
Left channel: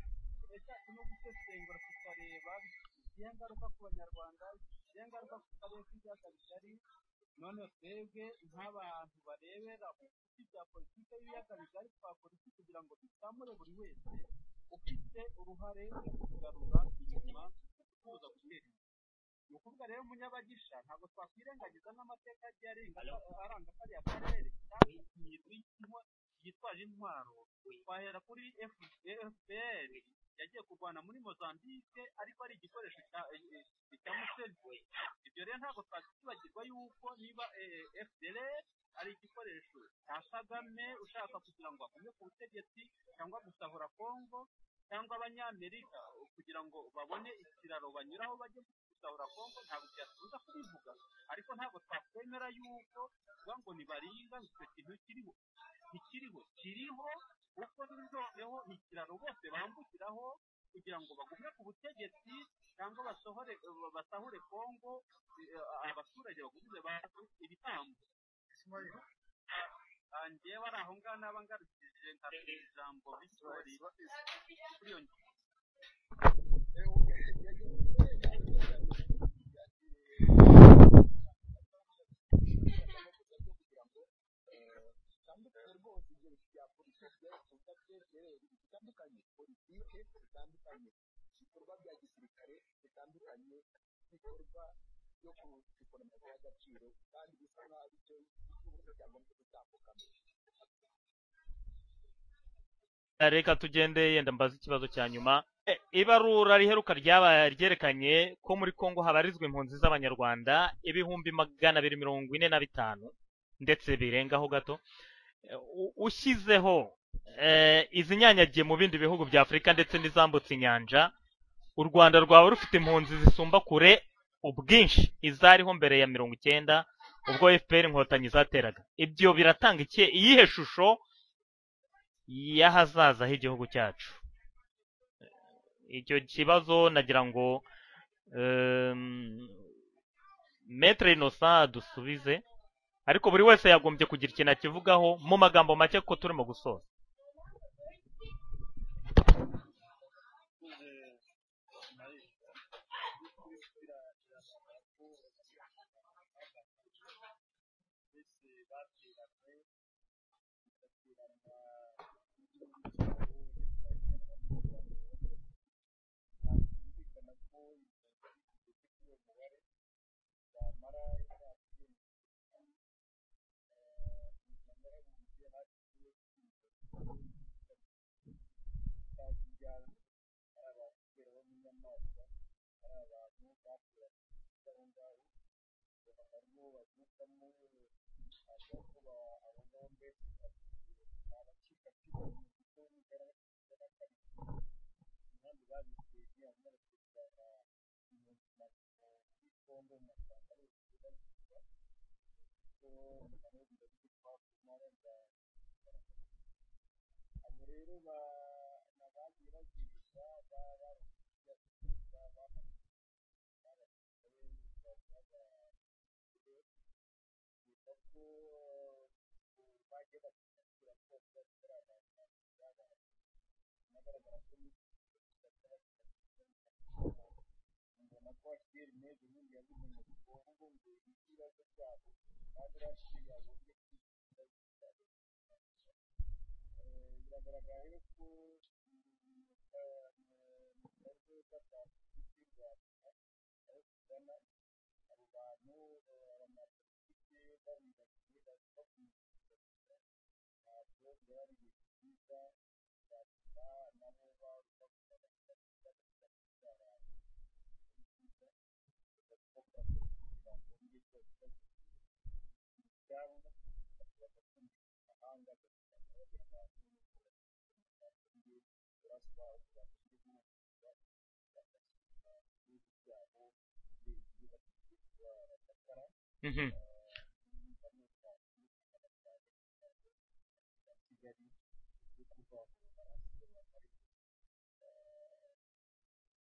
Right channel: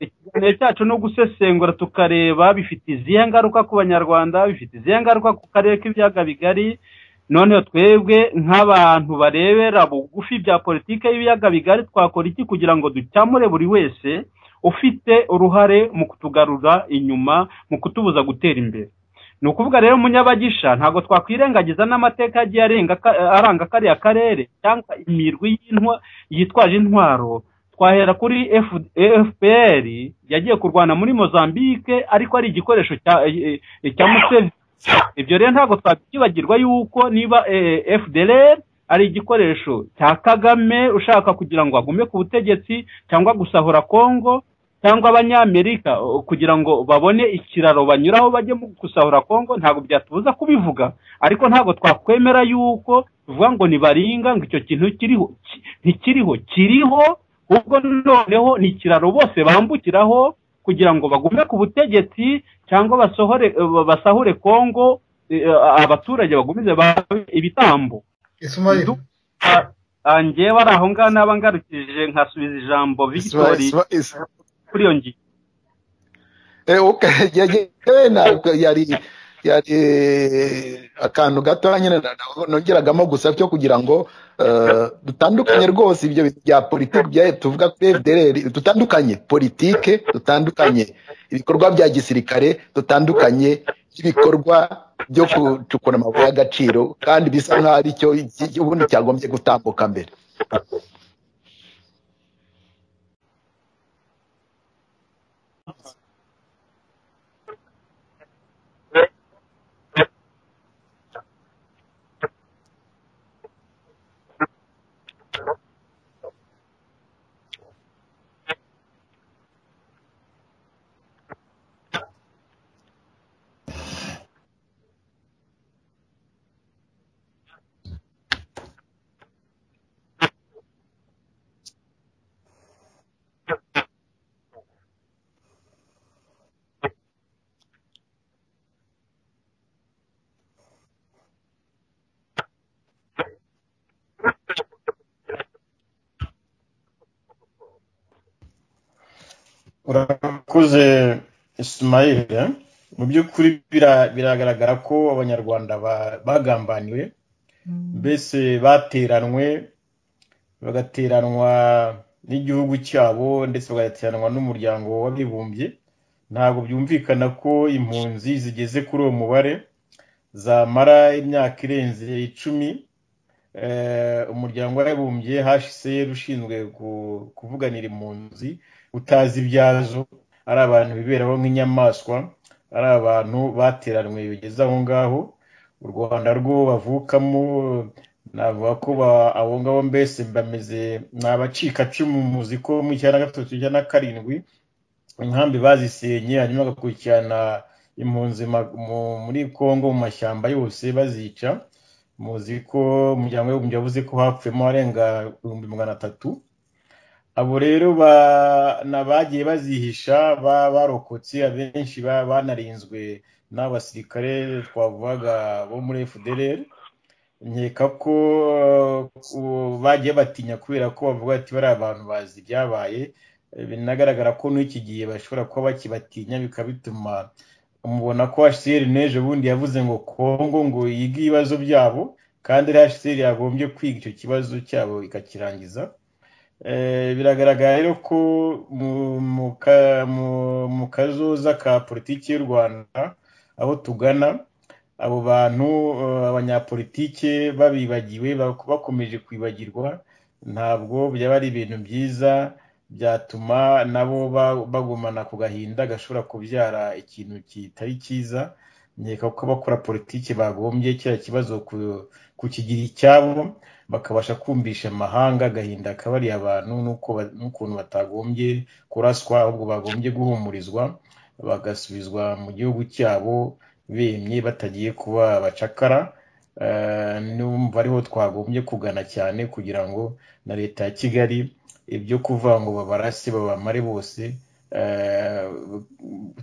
ikiganiro cyacu no gusesengura tukareba bifite izihe ngaruka ku banyarwanda bifite izihe ngaruka ku karere k'ibiyaga bigari noneho twebwe nk'abantu barebera bugufi bya politike y'ibiyaga bigari twakora iki kugira ngo ducyamure buri wese ufite uruhare mu kutugarura inyuma mu kutubuza gutera imbere ni ukuvuga rero munyabagisha ntabwo twakwirengagiza n'amateka yagiye aranga kariya karere cyangwa imirwi yitwaje intwaro twahera kuri FPR yagiye kurwana muri Mozambique ariko ari igikoresho cya Museveni ibyo rero ntabwo twakibagirwa yuko niba FDLR ari igikoresho cya Kagame ushaka kugira ngo agume ku butegetsi cyangwa gusahura Kongo cyangwa abanyamerika kugira ngo babone ikiraro banyuraho bajye mu gusahura Kongo ntabwo byatubuza kubivuga ariko ntabwo twakwemera yuko tuvuga ngo ni baringa ngo icyo kintu kiriho ubwo noneho ni ikiraro bose bambukiraho kugira ngo bagume ku butegetsi cyangwa basahure Kongo abaturage bagumize ibitambo njyewe ari aho ngaho naba ngarukije nkasubiza ijambo Victory kuri iyo ngingo yari akantu gato nyine nongeragamo gusa cyo kugira ngo dutandukanye rwose ibyo bintu bya politiki tuvuga kuri FDLR dutandukanye politike dutandukanye ibikorwa bya gisirikare dutandukanye ibikorwa byo gucukura amabuye y'agaciro kandi bisa nk'aho ari cyo ubundi cyagombye gutambuka mbere reka tugende yenda mbaza ikibazo cya nyuma ibarura riheruka ryerekanye ko muri Kongo habarizwa impunzi z'abanyarwanda 245 ndetse birengaho gato ushyizeho izi nyanyagiye mu bindi bihugu bya Afurika ndetse n'izambutse inyanja u Rwanda rwaba rufite impunzi zisumba kure ubwinshi izariho mbere ya 1990 ubwo FPR inkotanyi zateraga ibyo biratanga iyihe shusho y'ahazaza h'igihugu cyacu icyo kibazo nagira ngo Maître Innocent dusubize ariko buri wese yagombye kugira ikintu akivugaho mu magambo make ko turimo gusoza urakoze Ismail mu by'ukuri biragaragara ko abanyarwanda bagambaniwe mbese bagateranwa n'igihugu cyabo ndetse bagateranwa n'umuryango w'abibumbye ntabwo byumvikana ko impunzi zigeze kuri uwo mubare zamara imyaka irenze 10 umuryango w'abibumbye HCR ushinzwe kuvuganira impunzi utazi ibyazo ari abantu biberaho nk'inyamaswa ari abantu bateranwe bigeze aho ngaho u Rwanda rwo bavukamo navuga ko abo ngabo mbese bameze ni abacikacumu muzi ko mu cyana gatatu cyana karindwi inkambi bazisenye hanyuma bagakurikirana impunzi muri Kongo mu mashyamba yose bazica muzi ko umuryango w'abibumbye yavuze ko hapfuyemo arenga 300,000 abo rero bagiye bazihisha barokotse abenshi banarinzwe n'abasirikare twavugaga bo muri FDLR nkeka ko bagiye batinya kubera ko bavuga ati bari abantu bazi byabaye binagaragara ko n'iki gihe bashobora kuba bakibatinya bikabituma umubona ko HCR neje bundi yavuze ngo Kongo ngo yiga ibibazo byabo kandi HCR yagombye kwiga icyo kibazo cyabo ikakirangiza biragaragara rero ko mu kazoza ka politiki y'u Rwanda aho tugana abo bantu abanyapolitike babibagiwe bakomeje kwibagirwa ntabwo byaba ari ibintu byiza byatuma nabo bagumana ku gahinda gashobora kubyara ikintu kitari cyiza nkeka ko bakora politiki bagombye kiriya kibazo kukigira icyabo bakabasha kumvisha amahanga agahinda kabari abantu n'ukuntu batagombye kuraswa ahubwo bagombye guhumurizwa bagasubizwa mu gihugu cyabo bemye batagiye kuba abacakara numva ariho twagombye kugana cyane kugira ngo na leta ya Kigali ibyo kuvuga ngo babarase babamare bose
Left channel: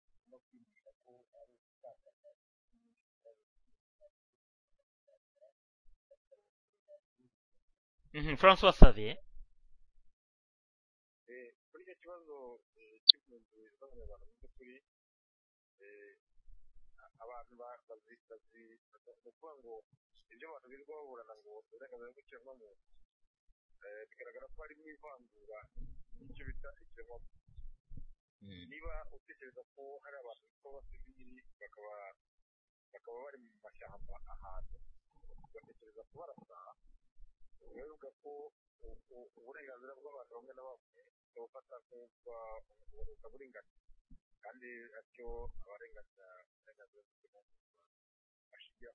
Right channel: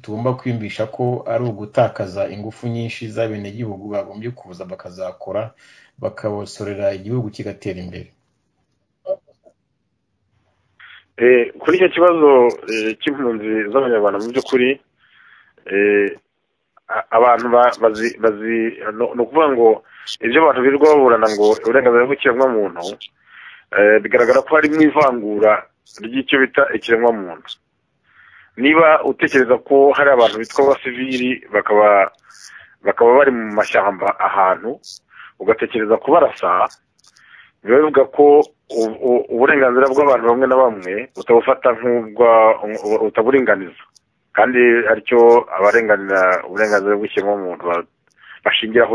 tugomba kwiyumvisha ko ari ugutakaza ingufu nyinshi z'abenegihugu bagombye kuza bakazakora bakabosorera igihugu kigatera imbere. François Xavier kuri icyo kibazo cy'impunzi z'abanyarwanda mu by'ukuri abantu ni ukuvuga ngo ibyo abantu birirwa baburana ngo uburenganzira bw'ikiremwamuntu bigaragara ko harimo ivangura ry'icyo bita ikiremwamuntu. Niba utekereza ko hari abantu bitwa abasivili bakaba bari mu mashyamba ahantu ugatekereza ko barasa biba bivuga ko uburenganzira bw'abantu bamwe na bamwe utabufata utaburinganiza kandi aricyo abarenganira uburenganzira bw'ikiremwamuntu bashingiraho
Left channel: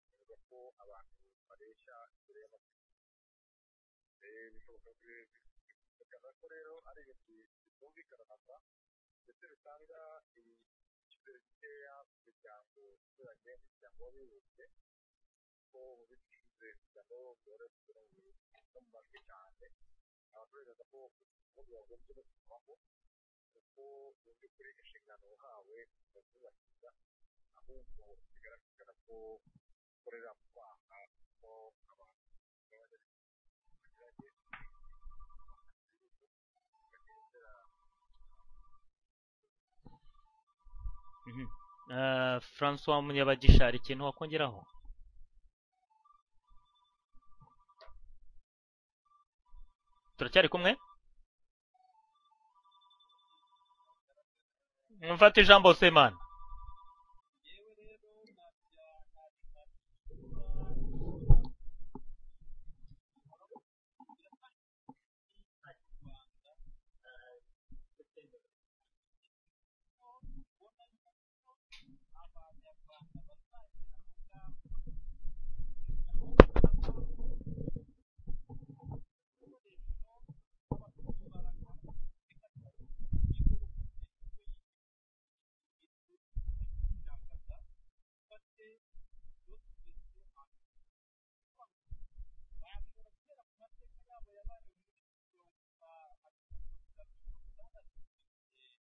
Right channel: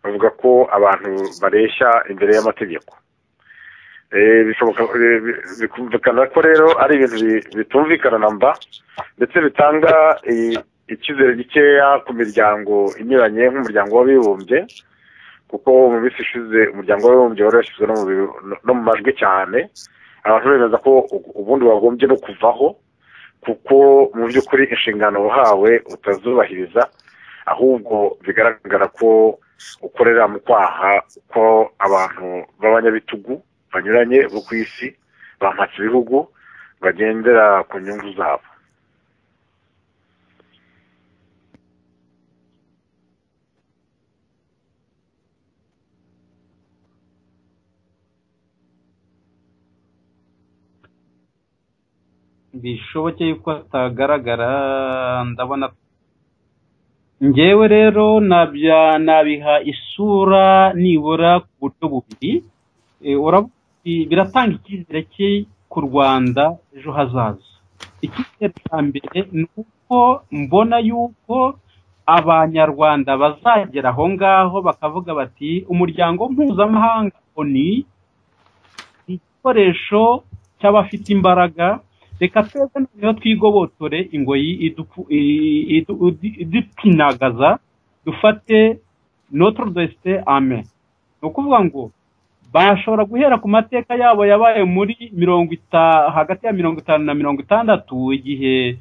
bavuga ko abantu bareshya imbere y'amategeko. Bikumvikana ko rero ari ibintu bitumvikana na mba ndetse bitanga icyizere gikeya ku miryango inyuranye nk'umuryango w'abibumbye kuko mu minsi ishize umuryango w'abibumbye wari washyizwe no mu majwi cyane abantu bemeza ko ubundi wagombye no kuvaho kuko mu by'ukuri inshingano wahawe utazubahiriza ahubwo bigaragara ko ukorera mu kwaha ko abantu b'abanyabitugu banyuranye bo ku isi bampatse ibihugu bagendera ku nyungu zabo. François Munyabagisha hari ikintu wakongeraho? Turacyari kumwe? Bishoboke yuko atagaragara. Mfate ijambo Semana. Njyewe rero nabiha isura nibura ku buryo bubiri. Biratanga icyizere cye ku Rwanda ejo hazaza. Icyizere cya mbere ni uko mbona yuko abanyarwanda bazagera aho ngaho bakavuga bati umuryango mpuzamahanga ni igikoresho cy'abafite imbaraga, reka twese noneho twigobotore ingoyi idupinagaza dufate notre destin amen. Ni ukuvuga ngo bashobora guhera ku mateka yabo yabaye muri hagati ya 50 na 60 igihe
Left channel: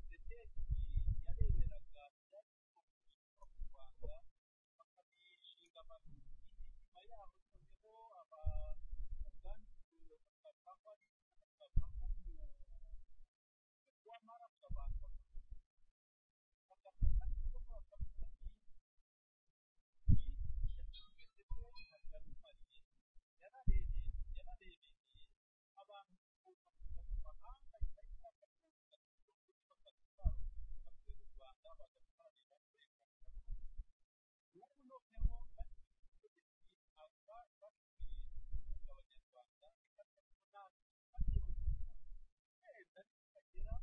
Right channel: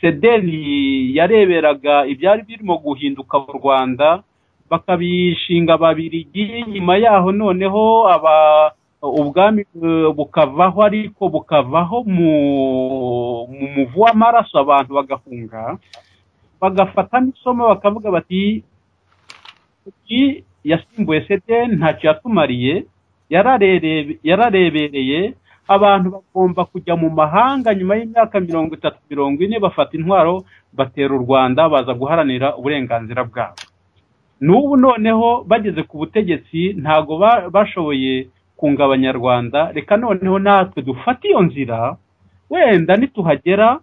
Sedeli yareberaga ibyari birimo guhinduka mu Rwanda bakabishinga Ababiligi, nyuma yaho noneho ubwami bukavaho ariko bukavaho mu muvu w'amaraso abantu bagahunga bagafata n'isomo bakavuga bati yasimbuye Sedeli ntacyo yatumariye, yararebereye abantu bagomba kujya mu mahanga nyuma y'imyaka 30-40 bafata intwaro batera u Rwanda baza guharanira uburenganzira bwabo. N'ubu noneho bageze ku butegetsi ntago bashoboye kunga abanyarwanda, reka noneho natwe dufata iyo nzira wenda nituhagera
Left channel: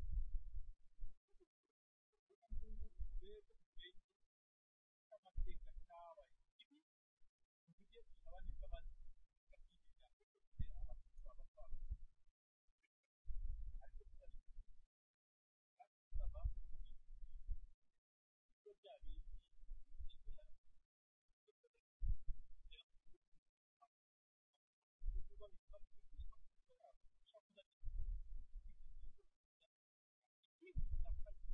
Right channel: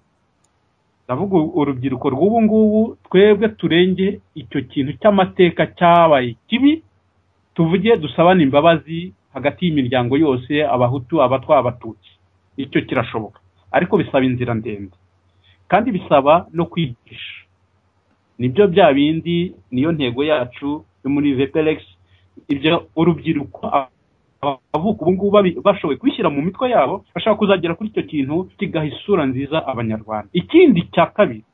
ndavuga urubyiruko rw'ubu ngubu twebwe turenge icyo kintu cy'amateka cyabaye kibi tuvuge dusabana imbabazi hagati y'imiryango yose, abahutu, abatwa, abatutsi. Icyo kirashoboka, ariko bisaba inzira ndende kandi bisaba no kwigisha. Nibyo bya bindi, niyo ntego yacu yo muri VPLX, ibyo urubyiruko avuka ubu ngubu bashoboye kwishyira mu mitwe yabo, bashaka kuzagera kuri icyo kintu kigaha isura nziza abanyarwanda. Ikindi cya kabiri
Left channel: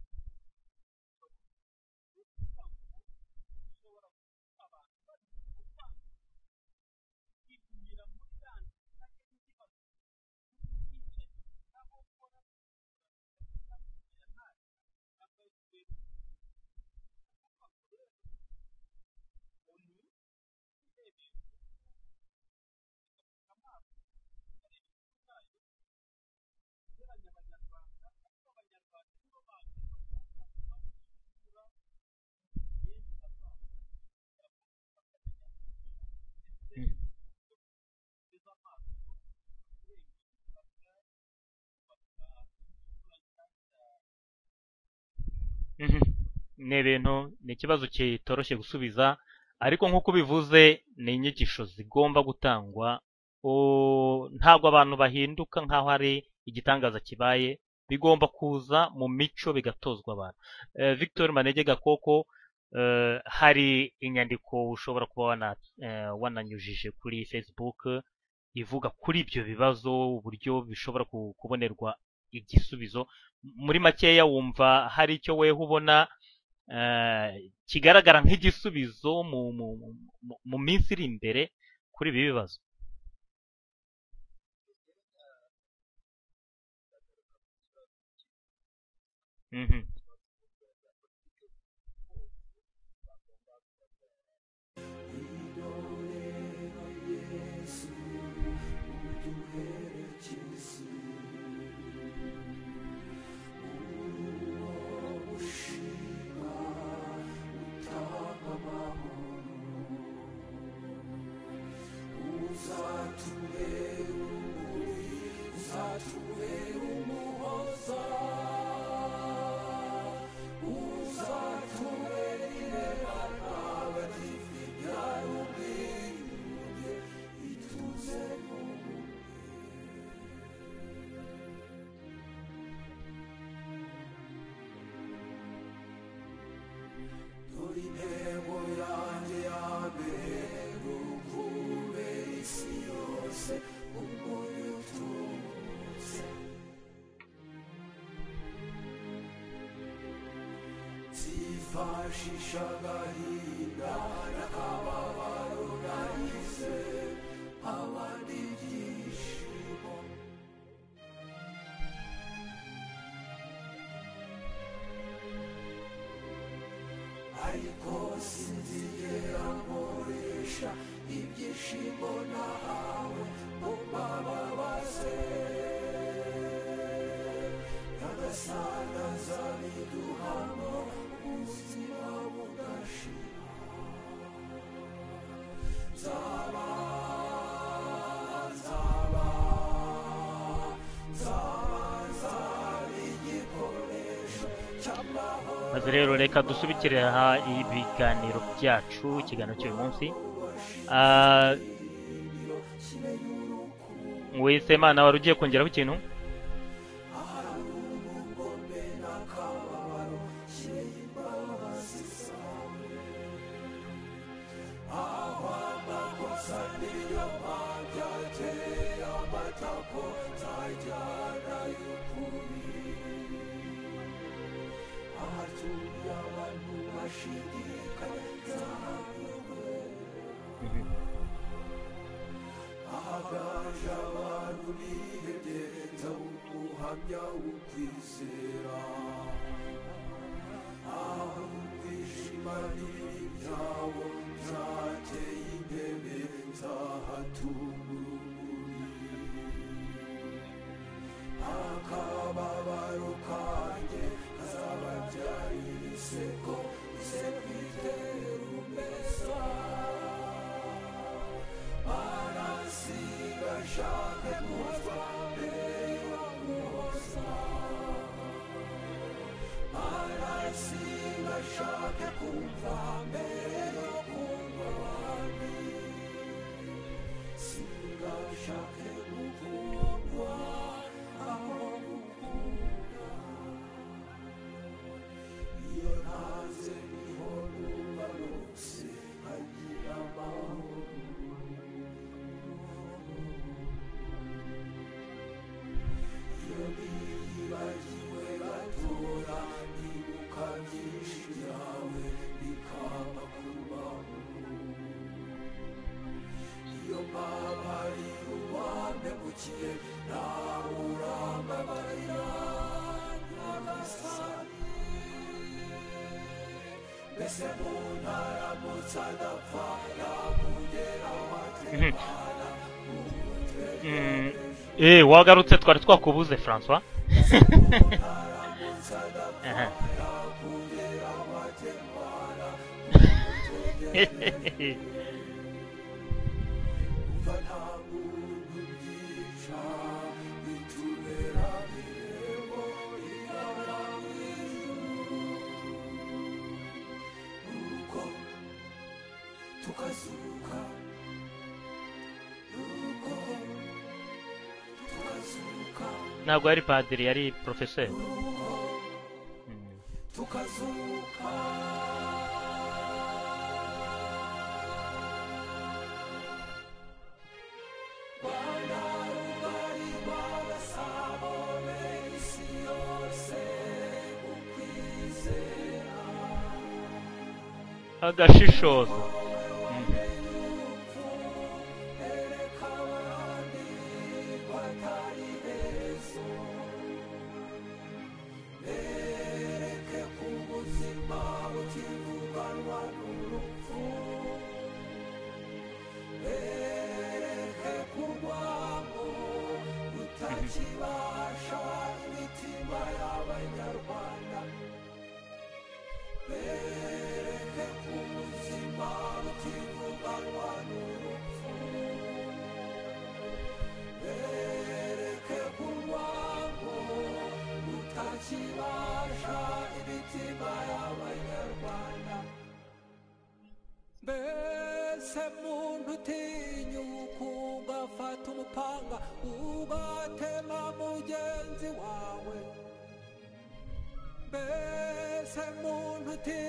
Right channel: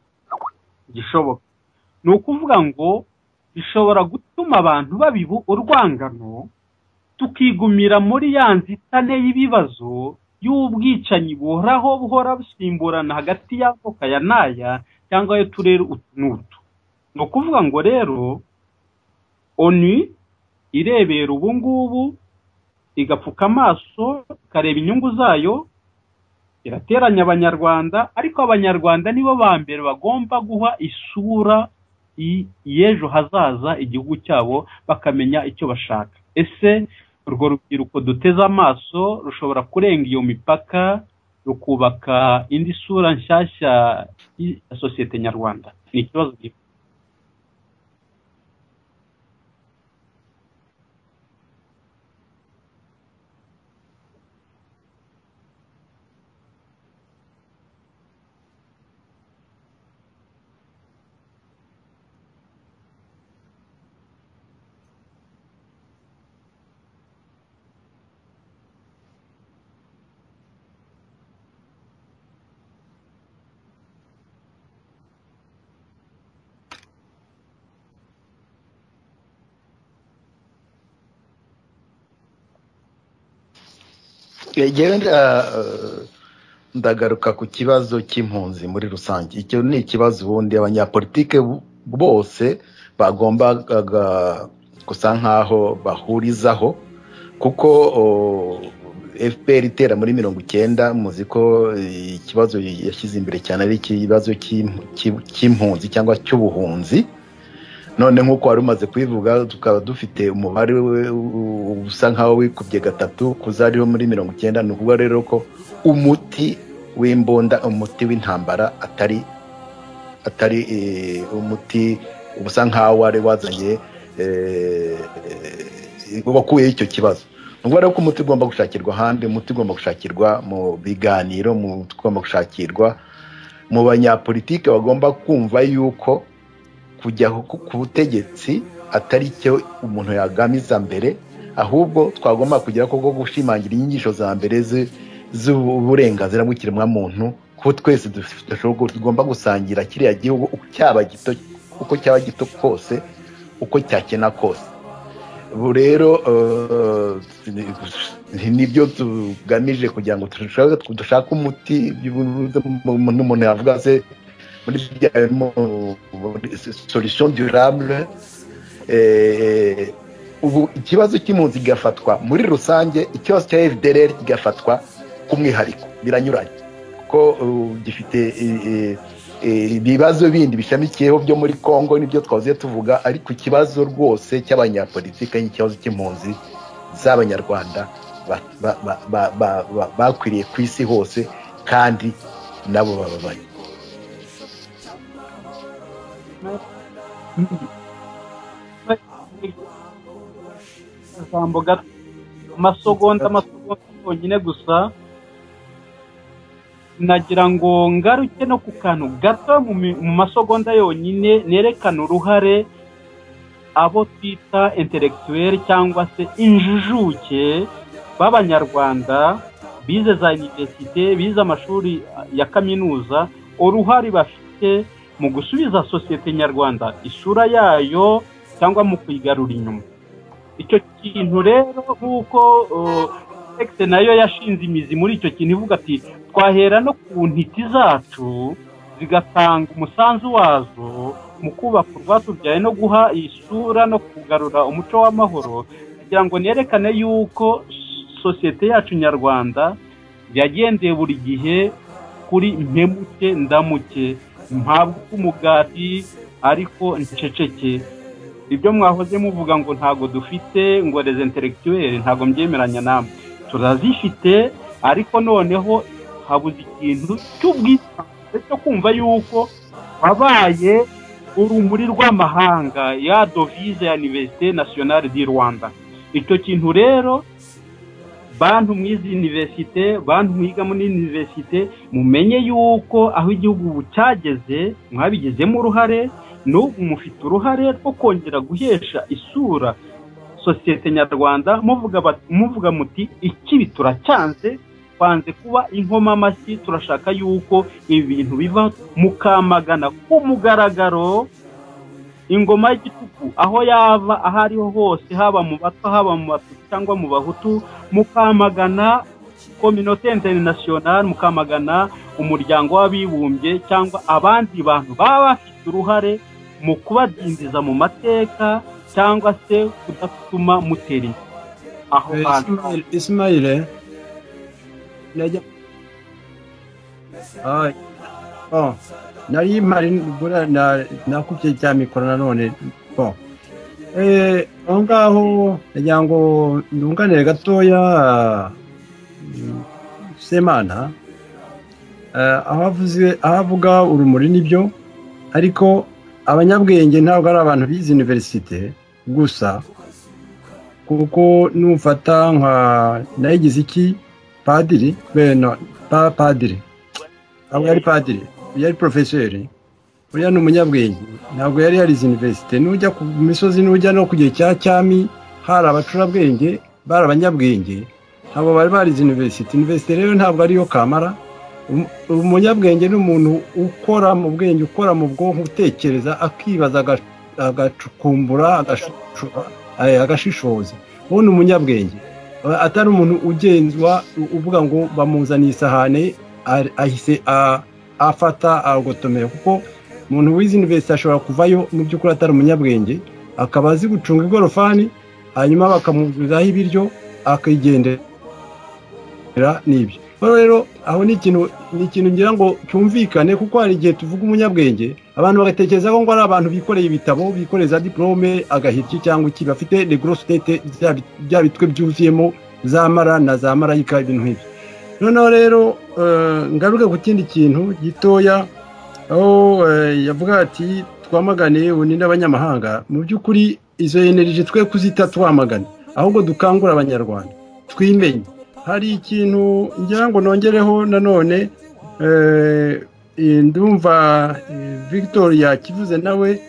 gishoboka ni ukuvuga ngo bishobora gutuma abantu babiba urwangano, tukigumira muri ya nzitane y'ibibazo y'ubwicanyi buhora busimburana hagati y'amoko aya n'aya cyangwa ayo turere utu n'utu. Ni ukuvuga ngo rero ONU irebera ubu ngubu, igapfuka amaso, ikareba inyungu zayo, irateranya abanyarwanda, ariko abanyarwanda nibo ba mbere bagomba guha isura y'ejo hazaza igihugu cyabo, bakamenya icyo bashaka. Ese urwo rubyiruko duteze amaso rushobora kurenga iyo mipaka, rukubaka indi sura nshyashya ya sosiyete nyarwanda? Ni ikibazo kitoroshye gusubiza, ariko nk'uko bivuze ni inyigisho zigomba gutangwa. Ntabwo abantu bahinduka nk'aho ari igitangaza kibaye, bigomba kuza mu mico bigatozwa abantu. Victor Manege Gakoko, hari inyandiko ushobora kuba wananyujije kuri Facebook ivuga kuri ibyo bibazo, uburyo bishobora kubonerwa igisubizo. Muri makeya wumva hari icyo weho ubona kigaragara nk'igisubizo mu minsi iri imbere kuri ibi bibazo? Ndagaruka ku kibazo cy'impunzi muri rusange. Icyo ni ikibazo ubundi abanyapolitike bose bagombaga gusa nkaho bahurizaho, kuko FPR itera muri 90, muzi ko ikibazo yashyize imbere cyane ari ikibazo cy'impunzi cyangwa cy'ubuhunzi. None nk'uko wari umaze kubivuga, tukaba dufite umubare usa nkaho wikubye gatatu kuzariho muri 90. Ni ukuvuga rero ko umuti w'imbunda, umuti w'intambara atari umuti ubusa nkaho wari wazanye wakuyeho icyo kibazo. Ni ukuvuga rero ko umuti ugomba gushakirwa ahandi, umuti ugomba gushakirwa mu biganiro, umuti ugomba gushakirwa mu banyapolitike bagomba kumva yuko kujya ku butegetsi atari cyo umuntu yagamiza mbere, ahubwo twagomba kugira ko gushimangira inyigisho za mbere z'uburenganzira bw'ikiremwamuntu, ko twese tugomba gusangira kiriya gihugu, uko cyaba gito kose, uko cyakena kose. Ubu rero nibyo tugamije kugira ngo dushake umuti. Umuntu yavuga se muri solution durable. Ubu ikibazo cy'impunzi kigafatwa muri rusange, ikibazo cya FDLR kigafatwa k'umwihariko, biranyuranye kuko gifite ibibazo bindi bishamikiyeho byo muri Congo nibyo twavuze tuvuga, ariko ikibazo rwose cy'abanyapolitike n'ikibazo cy'impunzi z'abanyarwanda bakwiriye ku isi hose, kandi nabo bababaye. Rero reka dusubikire aha ibiganiro byacu, ikiganiro cy'uyu munsi. Amasegonda yonyine gusa. Wese wari ugiye kongeraho ikintu? Nagira ngo ngaruke no ku kantu gato mu masegonda yonyine, nerekana uruhare abo twita intellectuel cyangwa se injujuke b'abanyarwanda bize za universite, bize amashuri ya kaminuza, uruhare bafite mu gusubiza sosiyete nyarwanda isura yayo cyangwa mu kuyigarura inyuma. Icyo kintu rero nk'uko Texte nayo yashinze imizi muri icyo kintu, ivuga ati twahera no ku ntiti zacu zigatanga umusanzu wazo mu kubaka urwatubyaye no guha isura no kugarura umuco w'amahoro, kugira ngo nerekane yuko sosiyete yacu nyarwanda yagendeye buri gihe kuri mpemuke ndamuke, mpabwa umugati ariko nceceke. Ibyo mwahoze muvuga ngo ntago dufite ngo les intellectuels, ntago mbyemeranya namwe, turazifite, ariko noneho habuze ikintu cy'ubwisanzure cyo kumva yuko wabaye urumuri rw'amahanga ya devise ya Université Nationale du Rwanda. icyo kintu rero bantu mwizi universite, bantu mwiga muri universite, mumenye yuko aho igihugu cyageze mwabigezemo uruhare, n'ubu mufite uruhare rwo kongera guhesha isura sosiyete nyarwanda, muvuga muti ikibi turacyanze, twanze kuba inkoma amashyi, turashaka yuko ibi bintu biva, mukamagana ku mugaragaro ingoma y'igitugu aho yava, aho ariho hose, haba mu bato, haba mu batu cyangwa mu bahutu, mukamagana communauté internationale, mukamagana umuryango w'abibumbye cyangwa abandi bantu baba bafite uruhare mu kubadindiza mu mateka cyangwa se kudatuma mutera aho hantu. Ismail, wagarutse twari twakubuze François. nari mpari nakubye cya mikoro nanone. Aho ngaho kugira ngo ndunganire gatoya Semana, aho avuga urumuri nibyo, ariko abanyabwenge ntabwo ari abantu bize universite gusa, kuko nufata nka nayigize iki padiri, yari padiri, yari profeseri, uriya ni umunyabwenge, ntabwo yari yarize universite. Nujya ku misozi, nujya no ku gihe cya cyami, hari abacurabwenge, bari abanyabwenge, ntabwo bari barize universite. Universite rero ntabwo ariyo kamara. Umunyabwenge ni umuntu ukora mu bwenge, ukora mu bwonko, utekereza, akibaza, agacukumbura, agashishoza. uwo ni umunyabwenge, atari umuntu ugenzwa uvuga ngo bamuzaniye isahane ahise afata agotomera, kuko umuntu wize university ashobora kuvayo mu by'ukuri atari umunyabwenge, akaba azi gucunga igorofani, hanyuma bakamuzurizaho ibiryo akigendera n'ibyo. Rero aho ni ikintu ngira ngo cyumvikane, kuko hari igihe tuvuga umunyabwenge abantu bagatekereza ko ngo ari abantu bikoreye ibitabo, bikoreza diplome, agahitki cyangwa iki, bafite les grosses têtes bya bitwe byuzuyemo za mara na za marayika, ibintu nk'ibyo. Noneho rero ngaruke ku kindi kintu gitoya, aho yavuga ati twamagane ubundi n'abanyamahanga. Mu by'ukuri izo energy twe kuzita twamagane, ahubwo dukangura abanyarwanda twimenye. Hari ikintu ngira ngo nongereho nanone, ndumva Victoria kivuze nawe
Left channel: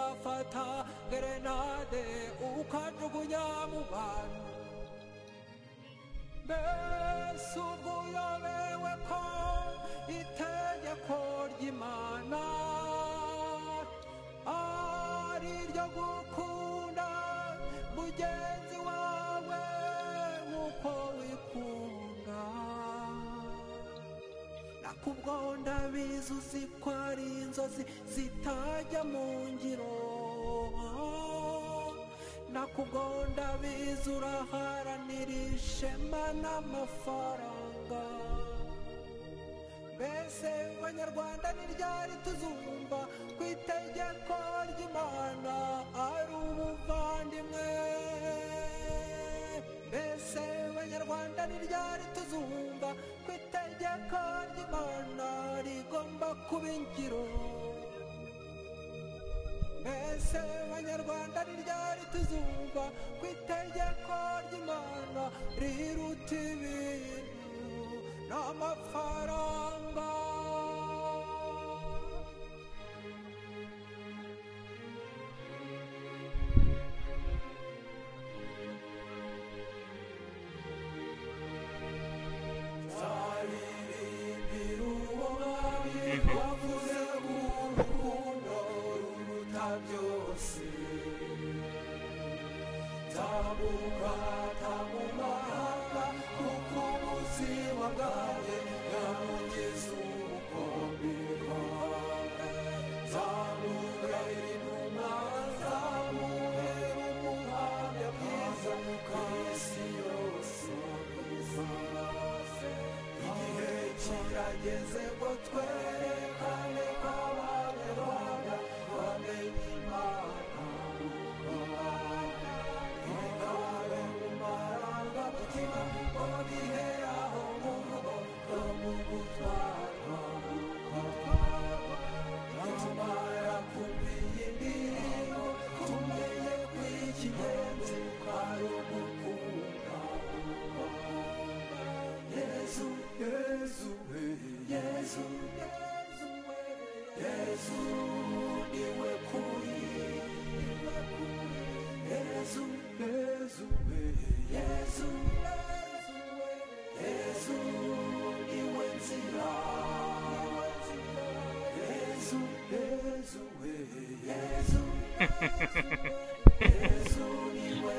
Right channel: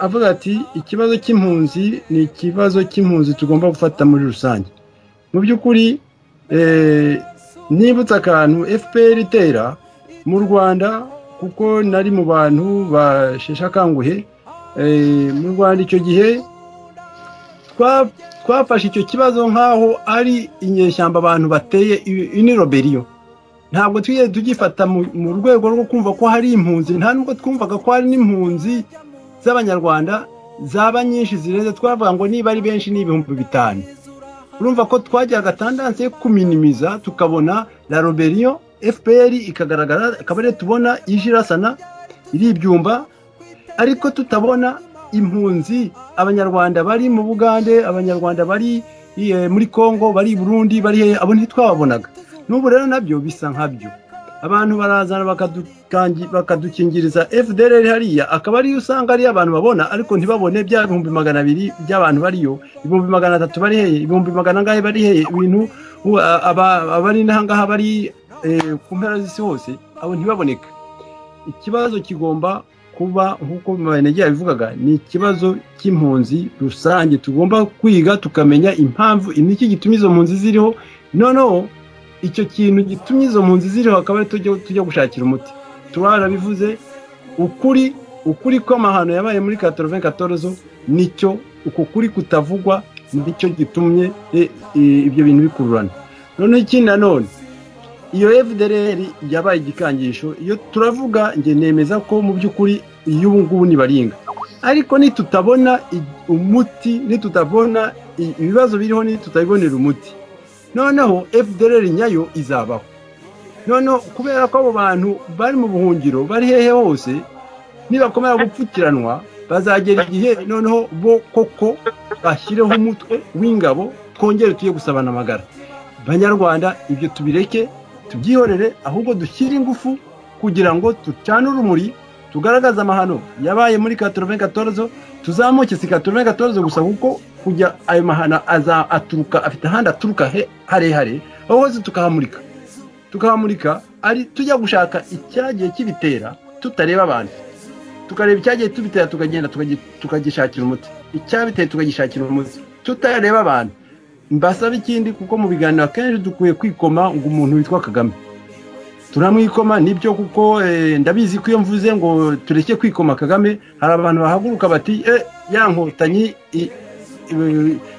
avuga ati ikibazo cy'impunzi ni ikibazo cy'impunzi tugomba gufata muri rusange. Mu by'ukuri nibutsa akantu FPR itera mu Rwanda, kuko nari mu bantu bashesha kanguhe mu Rwanda icyo gihe, twafashe icyo kibazo nk'aho ari inyeshyamba abantu bateye iniroberiyo. Ntabwo twiye tugifata mu rwego rwo kumva ko hari impunzi, nta nubwo twumvaga ko hari n'impunzi z'abanyarwanda zaba nyinshi zirenze. Twavuga ngo niba ari benshi ni 5,000. Urumva ko twajyaga tendanse yo kuminimiza, tukabona la roberiyo FPR ikagaragara, akabare tubona ijirasana iri ibyumba, ariko tutabona impunzi abanyarwanda bari mu Bugande, abanyarwanda bari muri Kongo, bari Burundi, bari abo ntitwababonaga. N'ubu rero nabyo bisa nkabyo, abantu barazana bakadukingiriza FDLR hariya, akaba ari usanga ari abantu babona, ariko ntibabone bya 200,000 by'abantu bariyo, 300 bari heye, 100 ngahe bari heye, ibintu abari nahangaha bari ku mpera z'isi hose, abo ntibaboneka. Ikibazo kigomba kuba nkuko Mbanege yabivugaga, ni ikibazo cy'impunzi rusange, tugomba kwiga tukamenya impamvu iniki gituma izo mpunzi ziriho. Noneho icyo kintu gitumye izo mpunzi ziriho akaba tujya gushakira umuti. Twarabivuze, ukuri kw'amahano yabaye muri 94 nicyo, uko kuri kutavugwa nicyo gitumye ibyo bintu bikururana. Noneho ikindi nanone, iyo FDLR yabaye igikangisho, iyo turavuga nge nemeza ko mu by'ukuri y'ubu ngubu ni baringa, ariko nitutabona umuti, nitutabona ibibazo biriho, nitutabibonera umuti, noneho FDLR nyayo izabaho. Noneho kubera ko abo bantu bari mu buhungiro, bari hehe hose, nibakomera gupfukiranwa, bazagera igihe noneho bo koko bashyireho umutwe w'ingabo, twongere tuye gusabana amagara. Banyarwanda, ibyo tubireke, tubyihorere, ahubwo dushyire ingufu kugira ngo tucane urumuri, tugaragaza amahano yabaye muri 94 tuzamuke si 94 gusa kuko kujya ayo mahano aturuka afite ahandi aturuka harehare aho tukahamurika ari tujya gushaka icyagiye kibitera tutareba abantu tukareba icyagiye tubitera tukagenda tukagishakira umuti icyabiteye tukagishakira umuti tutareba abantu mbasaba ikindi kuko mu biganiro akenshi dukwiye kwikoma ngo umuntu witwa Kagame turamwikoma nibyo kuko ndabizi ko iyo mvuze ngo tureke kwikoma Kagame hari abantu bahaguruka bati yankotanyi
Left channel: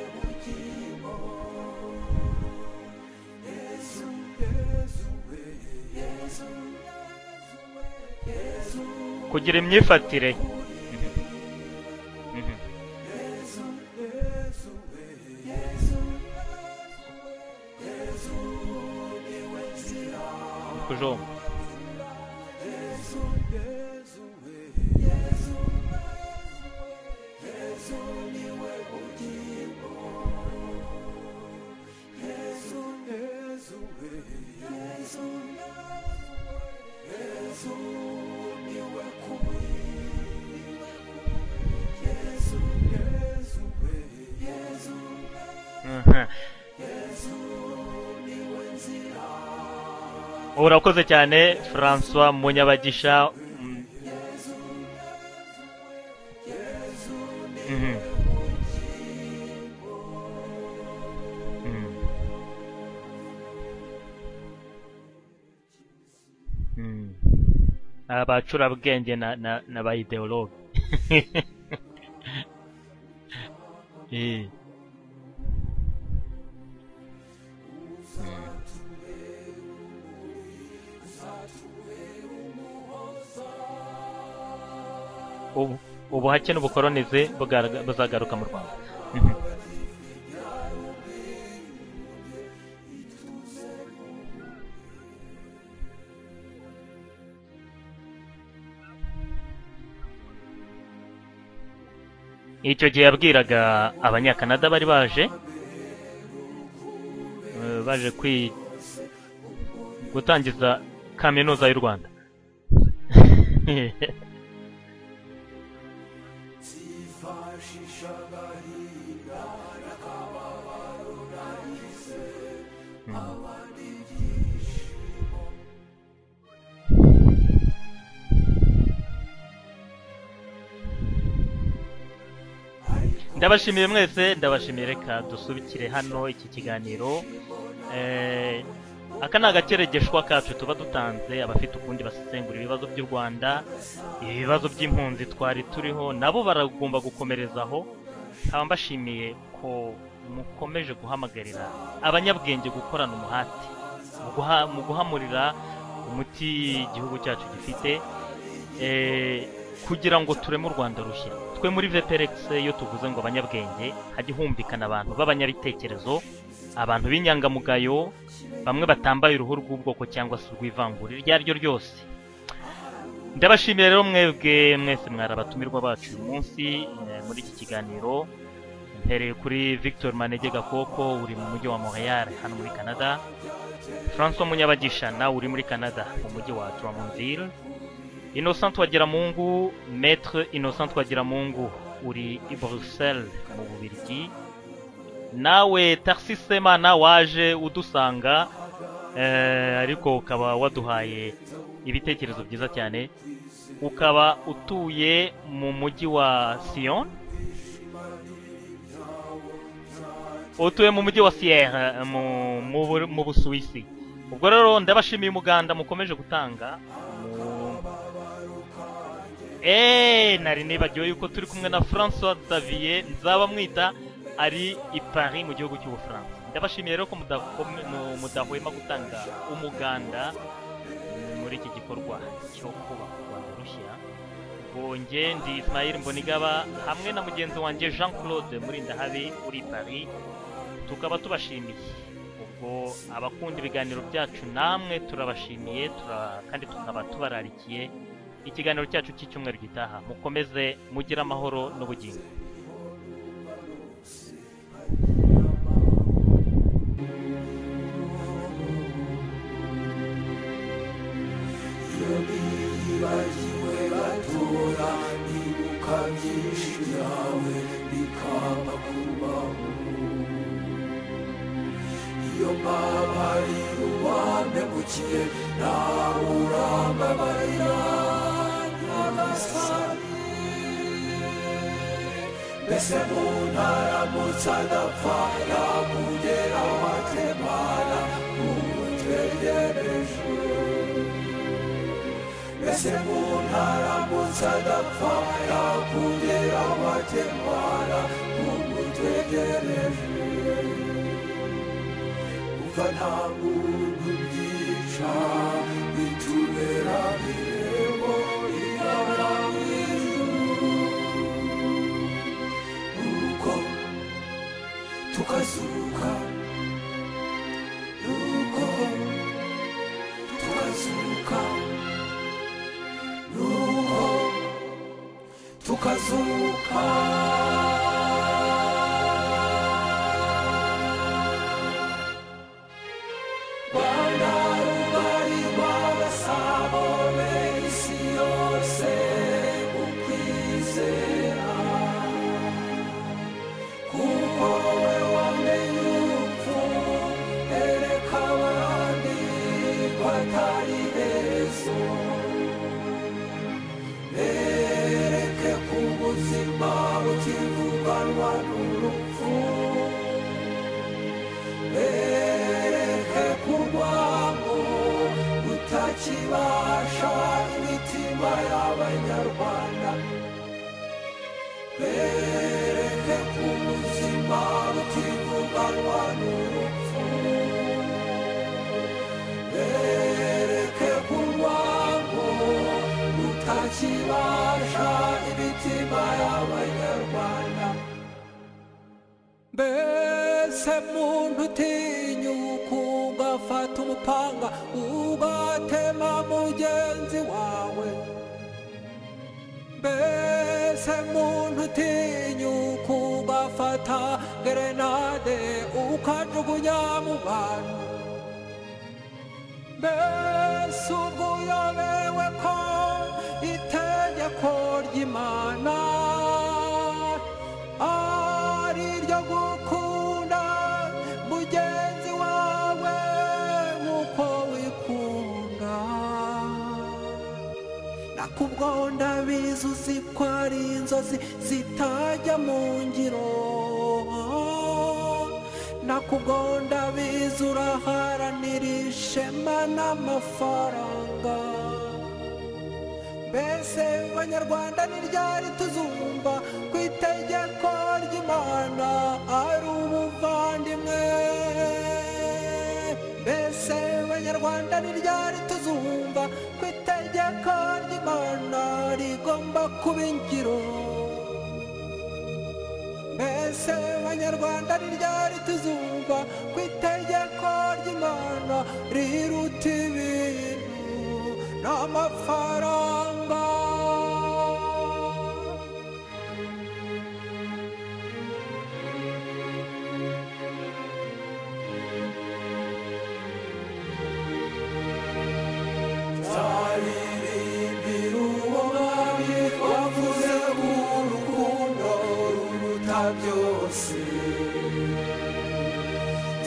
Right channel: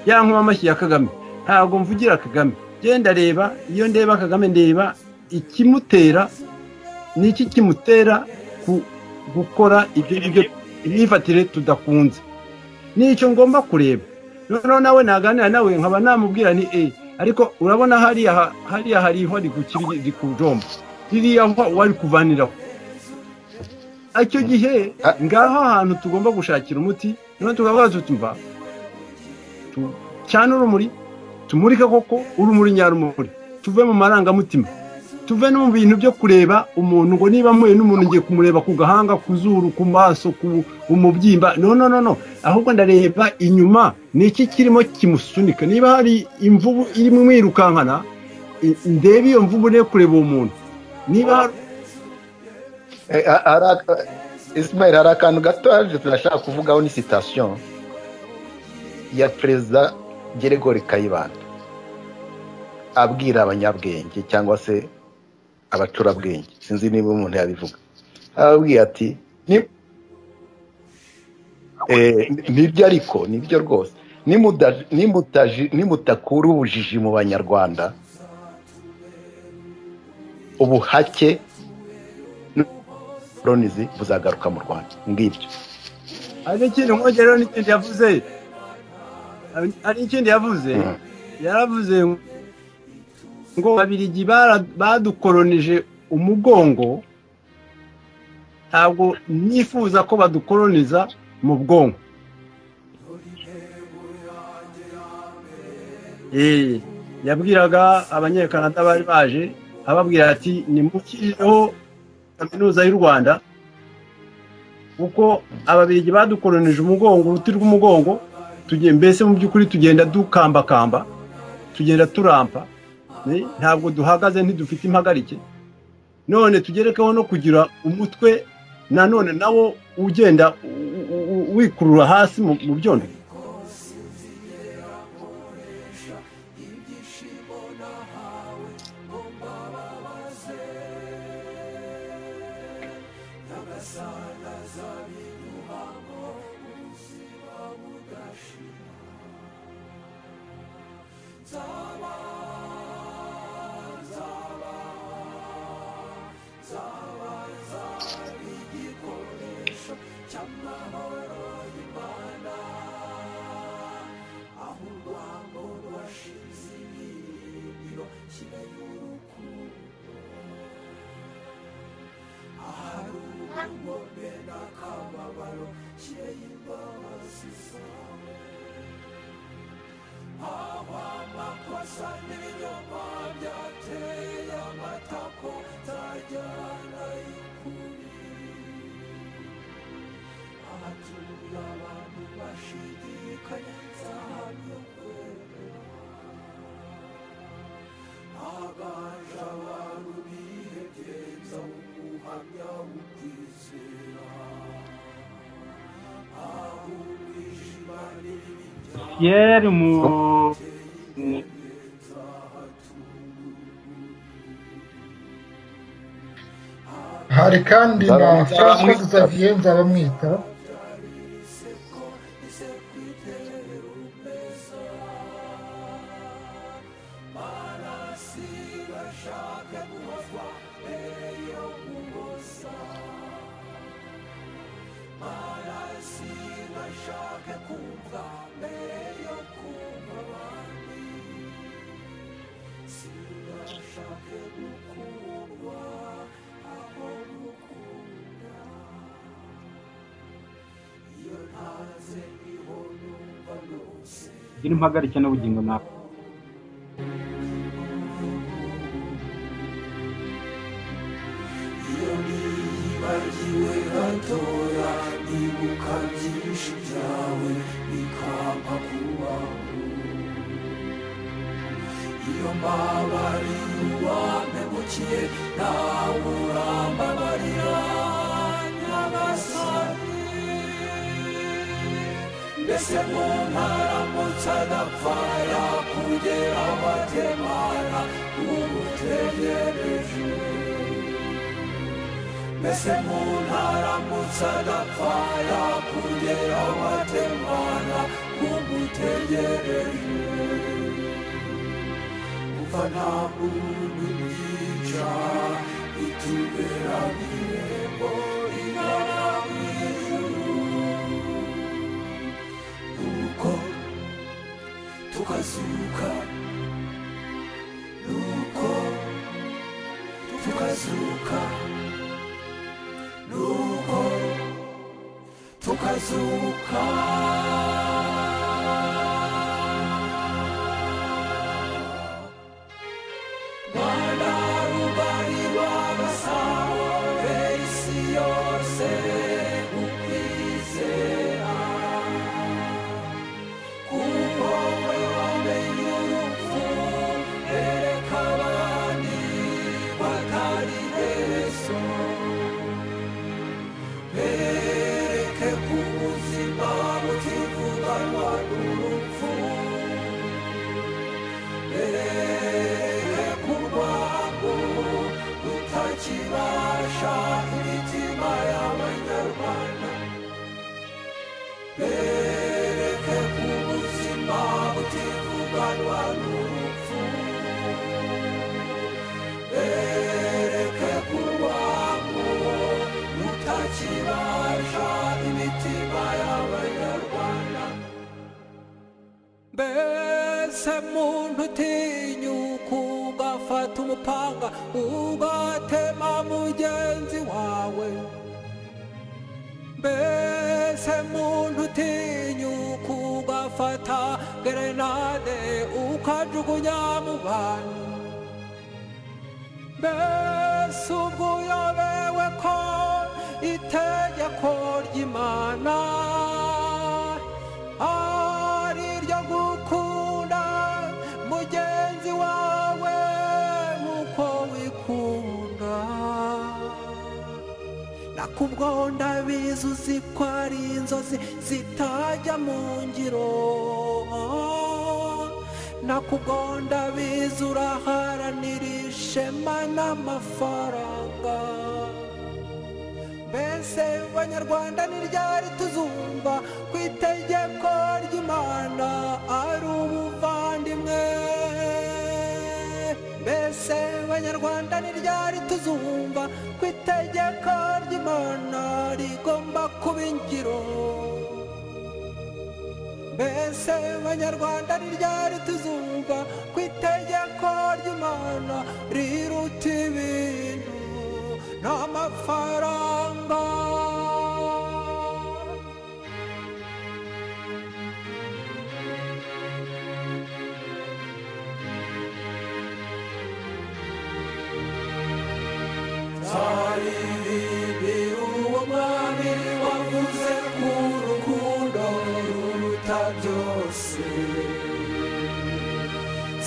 yankoma amashyi ya Kagame ntabwo mvugira Kagame genda reba iyo ndeba Kagame ndeba ikimutera niki kimutera gukora imyifatire tudakunze nicyo ngomba kureba noneho nawe naganira nawe nkaba namubwira ni ariko urabona hariya hariho ari kujomba hiriya wari kuvaniraho icyo gihe ngaho ahantu tugomba gushakira umuti none tukavuga tutumva cyane urumuri tumurika koko urumuri nyarumuri tuve mu marangamutima tuve no mu bintu byo kureba umuntu ngo niba muye n'umuntu ngiye kumureba ku gahanga ku zuru ku maso ku umubyimba no ahubwo ndareba inyuma niki kirimo kimusunika niba hari imvubu iri mu mwirukankana ndebe iyo mvubu ne kureba umuntu urakoze cyane François Munyabagisha Ismail hari akantu gato aje turashaka kuvugaho ni citation ya Perezida Gregory Kayibanda abwira abanyabwenge cyangwa se abacurabwenge sinzi niba umuntu yabivuga abacurabwenge na ba ideologue nibyo ariko nibyo rwose nimutakura ubujiji mu banyarwanda ubuhake n'ubukolonizi buzagaruka mu Rwanda ngibyo ubuhake n'ubukolonizi buzagaruka mu Rwanda ari ikindi yaravuze ngo Ababiligi badukolonije umugongo ntabwo nifuza ko badukoloniza mu bwonko icyo gihe yabwiraga abanyakanada bari baje yabwiraga abanyakanada bari baje ababwira ati ni kaminuza y'u Rwanda kuko Ababiligi badukolonije umugongo uruti rw'umugongo tugiye mbese mu by'ukuri tugenda dukambakamba tugenda turampa ntabwo duhagaze ntidufite impagarike none tugerekeho no kugira umutwe nanone nawo ugenda wikurura hasi mu byondo ndabashimiye mwese ndabashimiye reka dusubikire hano iki kiganiro aka ni agakeregeshwa kacu tuba dutanze abafite ukundi basesengura ibibazo by'u Rwanda ibibazo by'impunzi twari turiho nabo baragomba gukomerezaho nkaba mbashimiye ko mukomeje guhamagarira abanyabwenge gukorana umuhati mu guhamurira umuti igihugu cyacu gifite kugira ngo tureme u Rwanda rushya twe muri VPRX iyo tuvuze ngo abanyabwenge hajye humvikana abantu b'abanyabitekerezo abantu b'inyangamugayo bamwe batambaye uruhu rw'ubwoko cyangwa se urw'ivangura iryo ari ryo ryose ndabashimiye rero mwebwe mwese mwari abatumirwa bacu uyu munsi muri iki kiganiro mpereye kuri Victor Manege Gakoko uri mu mujyi wa Montreal hano muri Canada François Munyabagisha nawe uri muri Canada mu mujyi wa Drummondville Innocent Twagiramungu Maître Innocent Twagiramungu uri i Bruxelles mu Bubiligi nawe Tarsis Semana waje udusanga ariko ukaba waduhaye ibitekerezo byiza cyane ukaba utuye mu mujyi wa Sion utuye mu mujyi wa Sierre mu Busuwisi ubwo rero ndabashimiye umuganda mukomeje gutanga hari kandi na François Xavier Nzabamwita nari nibagiwe yuko turi kumwe na François Xavier Nzabamwita ari i Paris mu gihugu cy'Ubufaransa ndabashimiye rero ko mudahwema gutanga umuganda muri iki gikorwa cyo kurushyira bonge ndi Ismail Mbonigaba hamwe na mugenzi wanjye Jean Claude Murindahabi uri Paris tukaba tubashimiye ubwo abakunda ibiganiro byacu namwe turabashimiye kandi tukaba tubararikiye ikiganiro cyacu cy'icyumweru gitaha mukomeze mugire amahoro n'ubugingo gira impagarike n'ubugingo nawe Bagiwe gatoya nibuka byinshi byawe bikampa kubaho iyo mbabarira uwampemukiye nawe urambabarira nyagasani mbese umuntu aramutse adapfa yakugera aho atemana umutegereje mbese umuntu aramutse adapfa yakugera aho atemana umutegereje umva nta muntu byica bitubera irembo rigana mu ijuru nuko tukazuka nuko tukazuka nuko tukazuka Rwanda rugari rw'abasahore isi yose mu kwizera kuko wowe wamenye urupfu bereka abandi ko atari iherezo bereke ko ubuzima butivuganwa n'urupfu bereke ko urwango rutakibasha imitima y'abanyarwanda bereke ko ubuzima butivuganwa n'urupfu bereke ko urwango rutakibasha imitima y'abanyarwanda mbese muntu utinyuka ugafata umupanga ugatema mugenzi wawe mbese muntu utinyuka ugafata gerenade ukajugunya mu bantu mbese ubwo uyobewe ko itegeko ry'Imana ari iryo gukunda mugenzi wawe nk'uko wikunda nakubwo ndabizi uzi ko ari inzozi zitajya mu ngiro nakubwo ndabizi uraharanira ishema n'amafaranga mbese banyarwanda ni ryari tuzumva ku itegeko ry'Imana ari ubuvandimwe mbese banyarwanda ni ryari tuzumva ku itegeko ry'Imana rigomba kuba ingiro mbese banyarwanda ni ryari tuzumva ku itegeko ry'Imana riruta ibintu n'amafaranga zaririmbira uwo mwami wavuze urukundo ruruta byose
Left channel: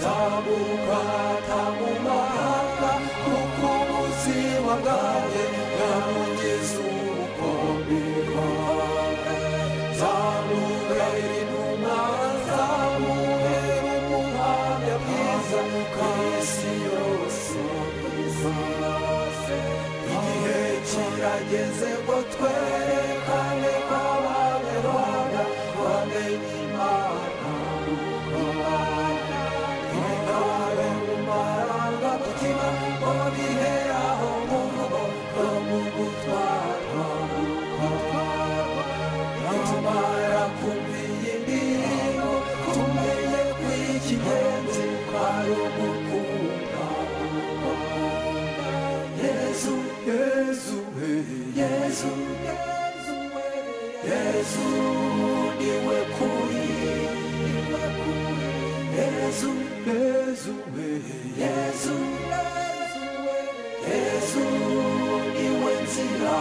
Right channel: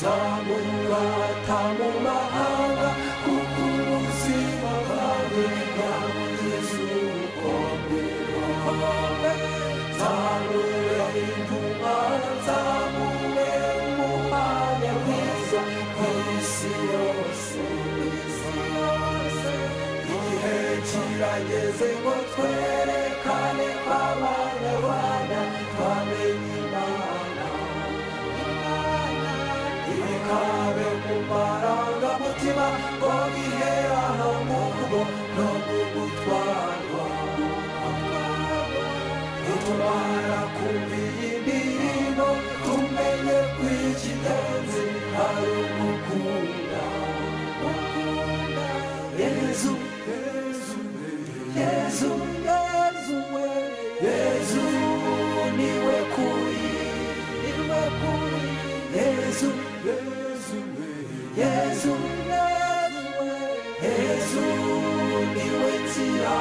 zamurata mu mahanga kuko ubuzima bwawe bwamugeze ubukombe bwawe zamure inuma zamure ubuhamya bwiza ku isi yose igihe kirageze ngo twerekane abanyarwanda bamenye Imana ibikabe mu marangamutima ngo giheraho mu rugo no mu gutwarwa nitumara kumva iyi ndirimbo tumenye ko ikigenzi ari umukunda Yezu Yezu Yezu Yezu Yezu niwe kuri Yezu Yezu Yezu Yezu niwe nzira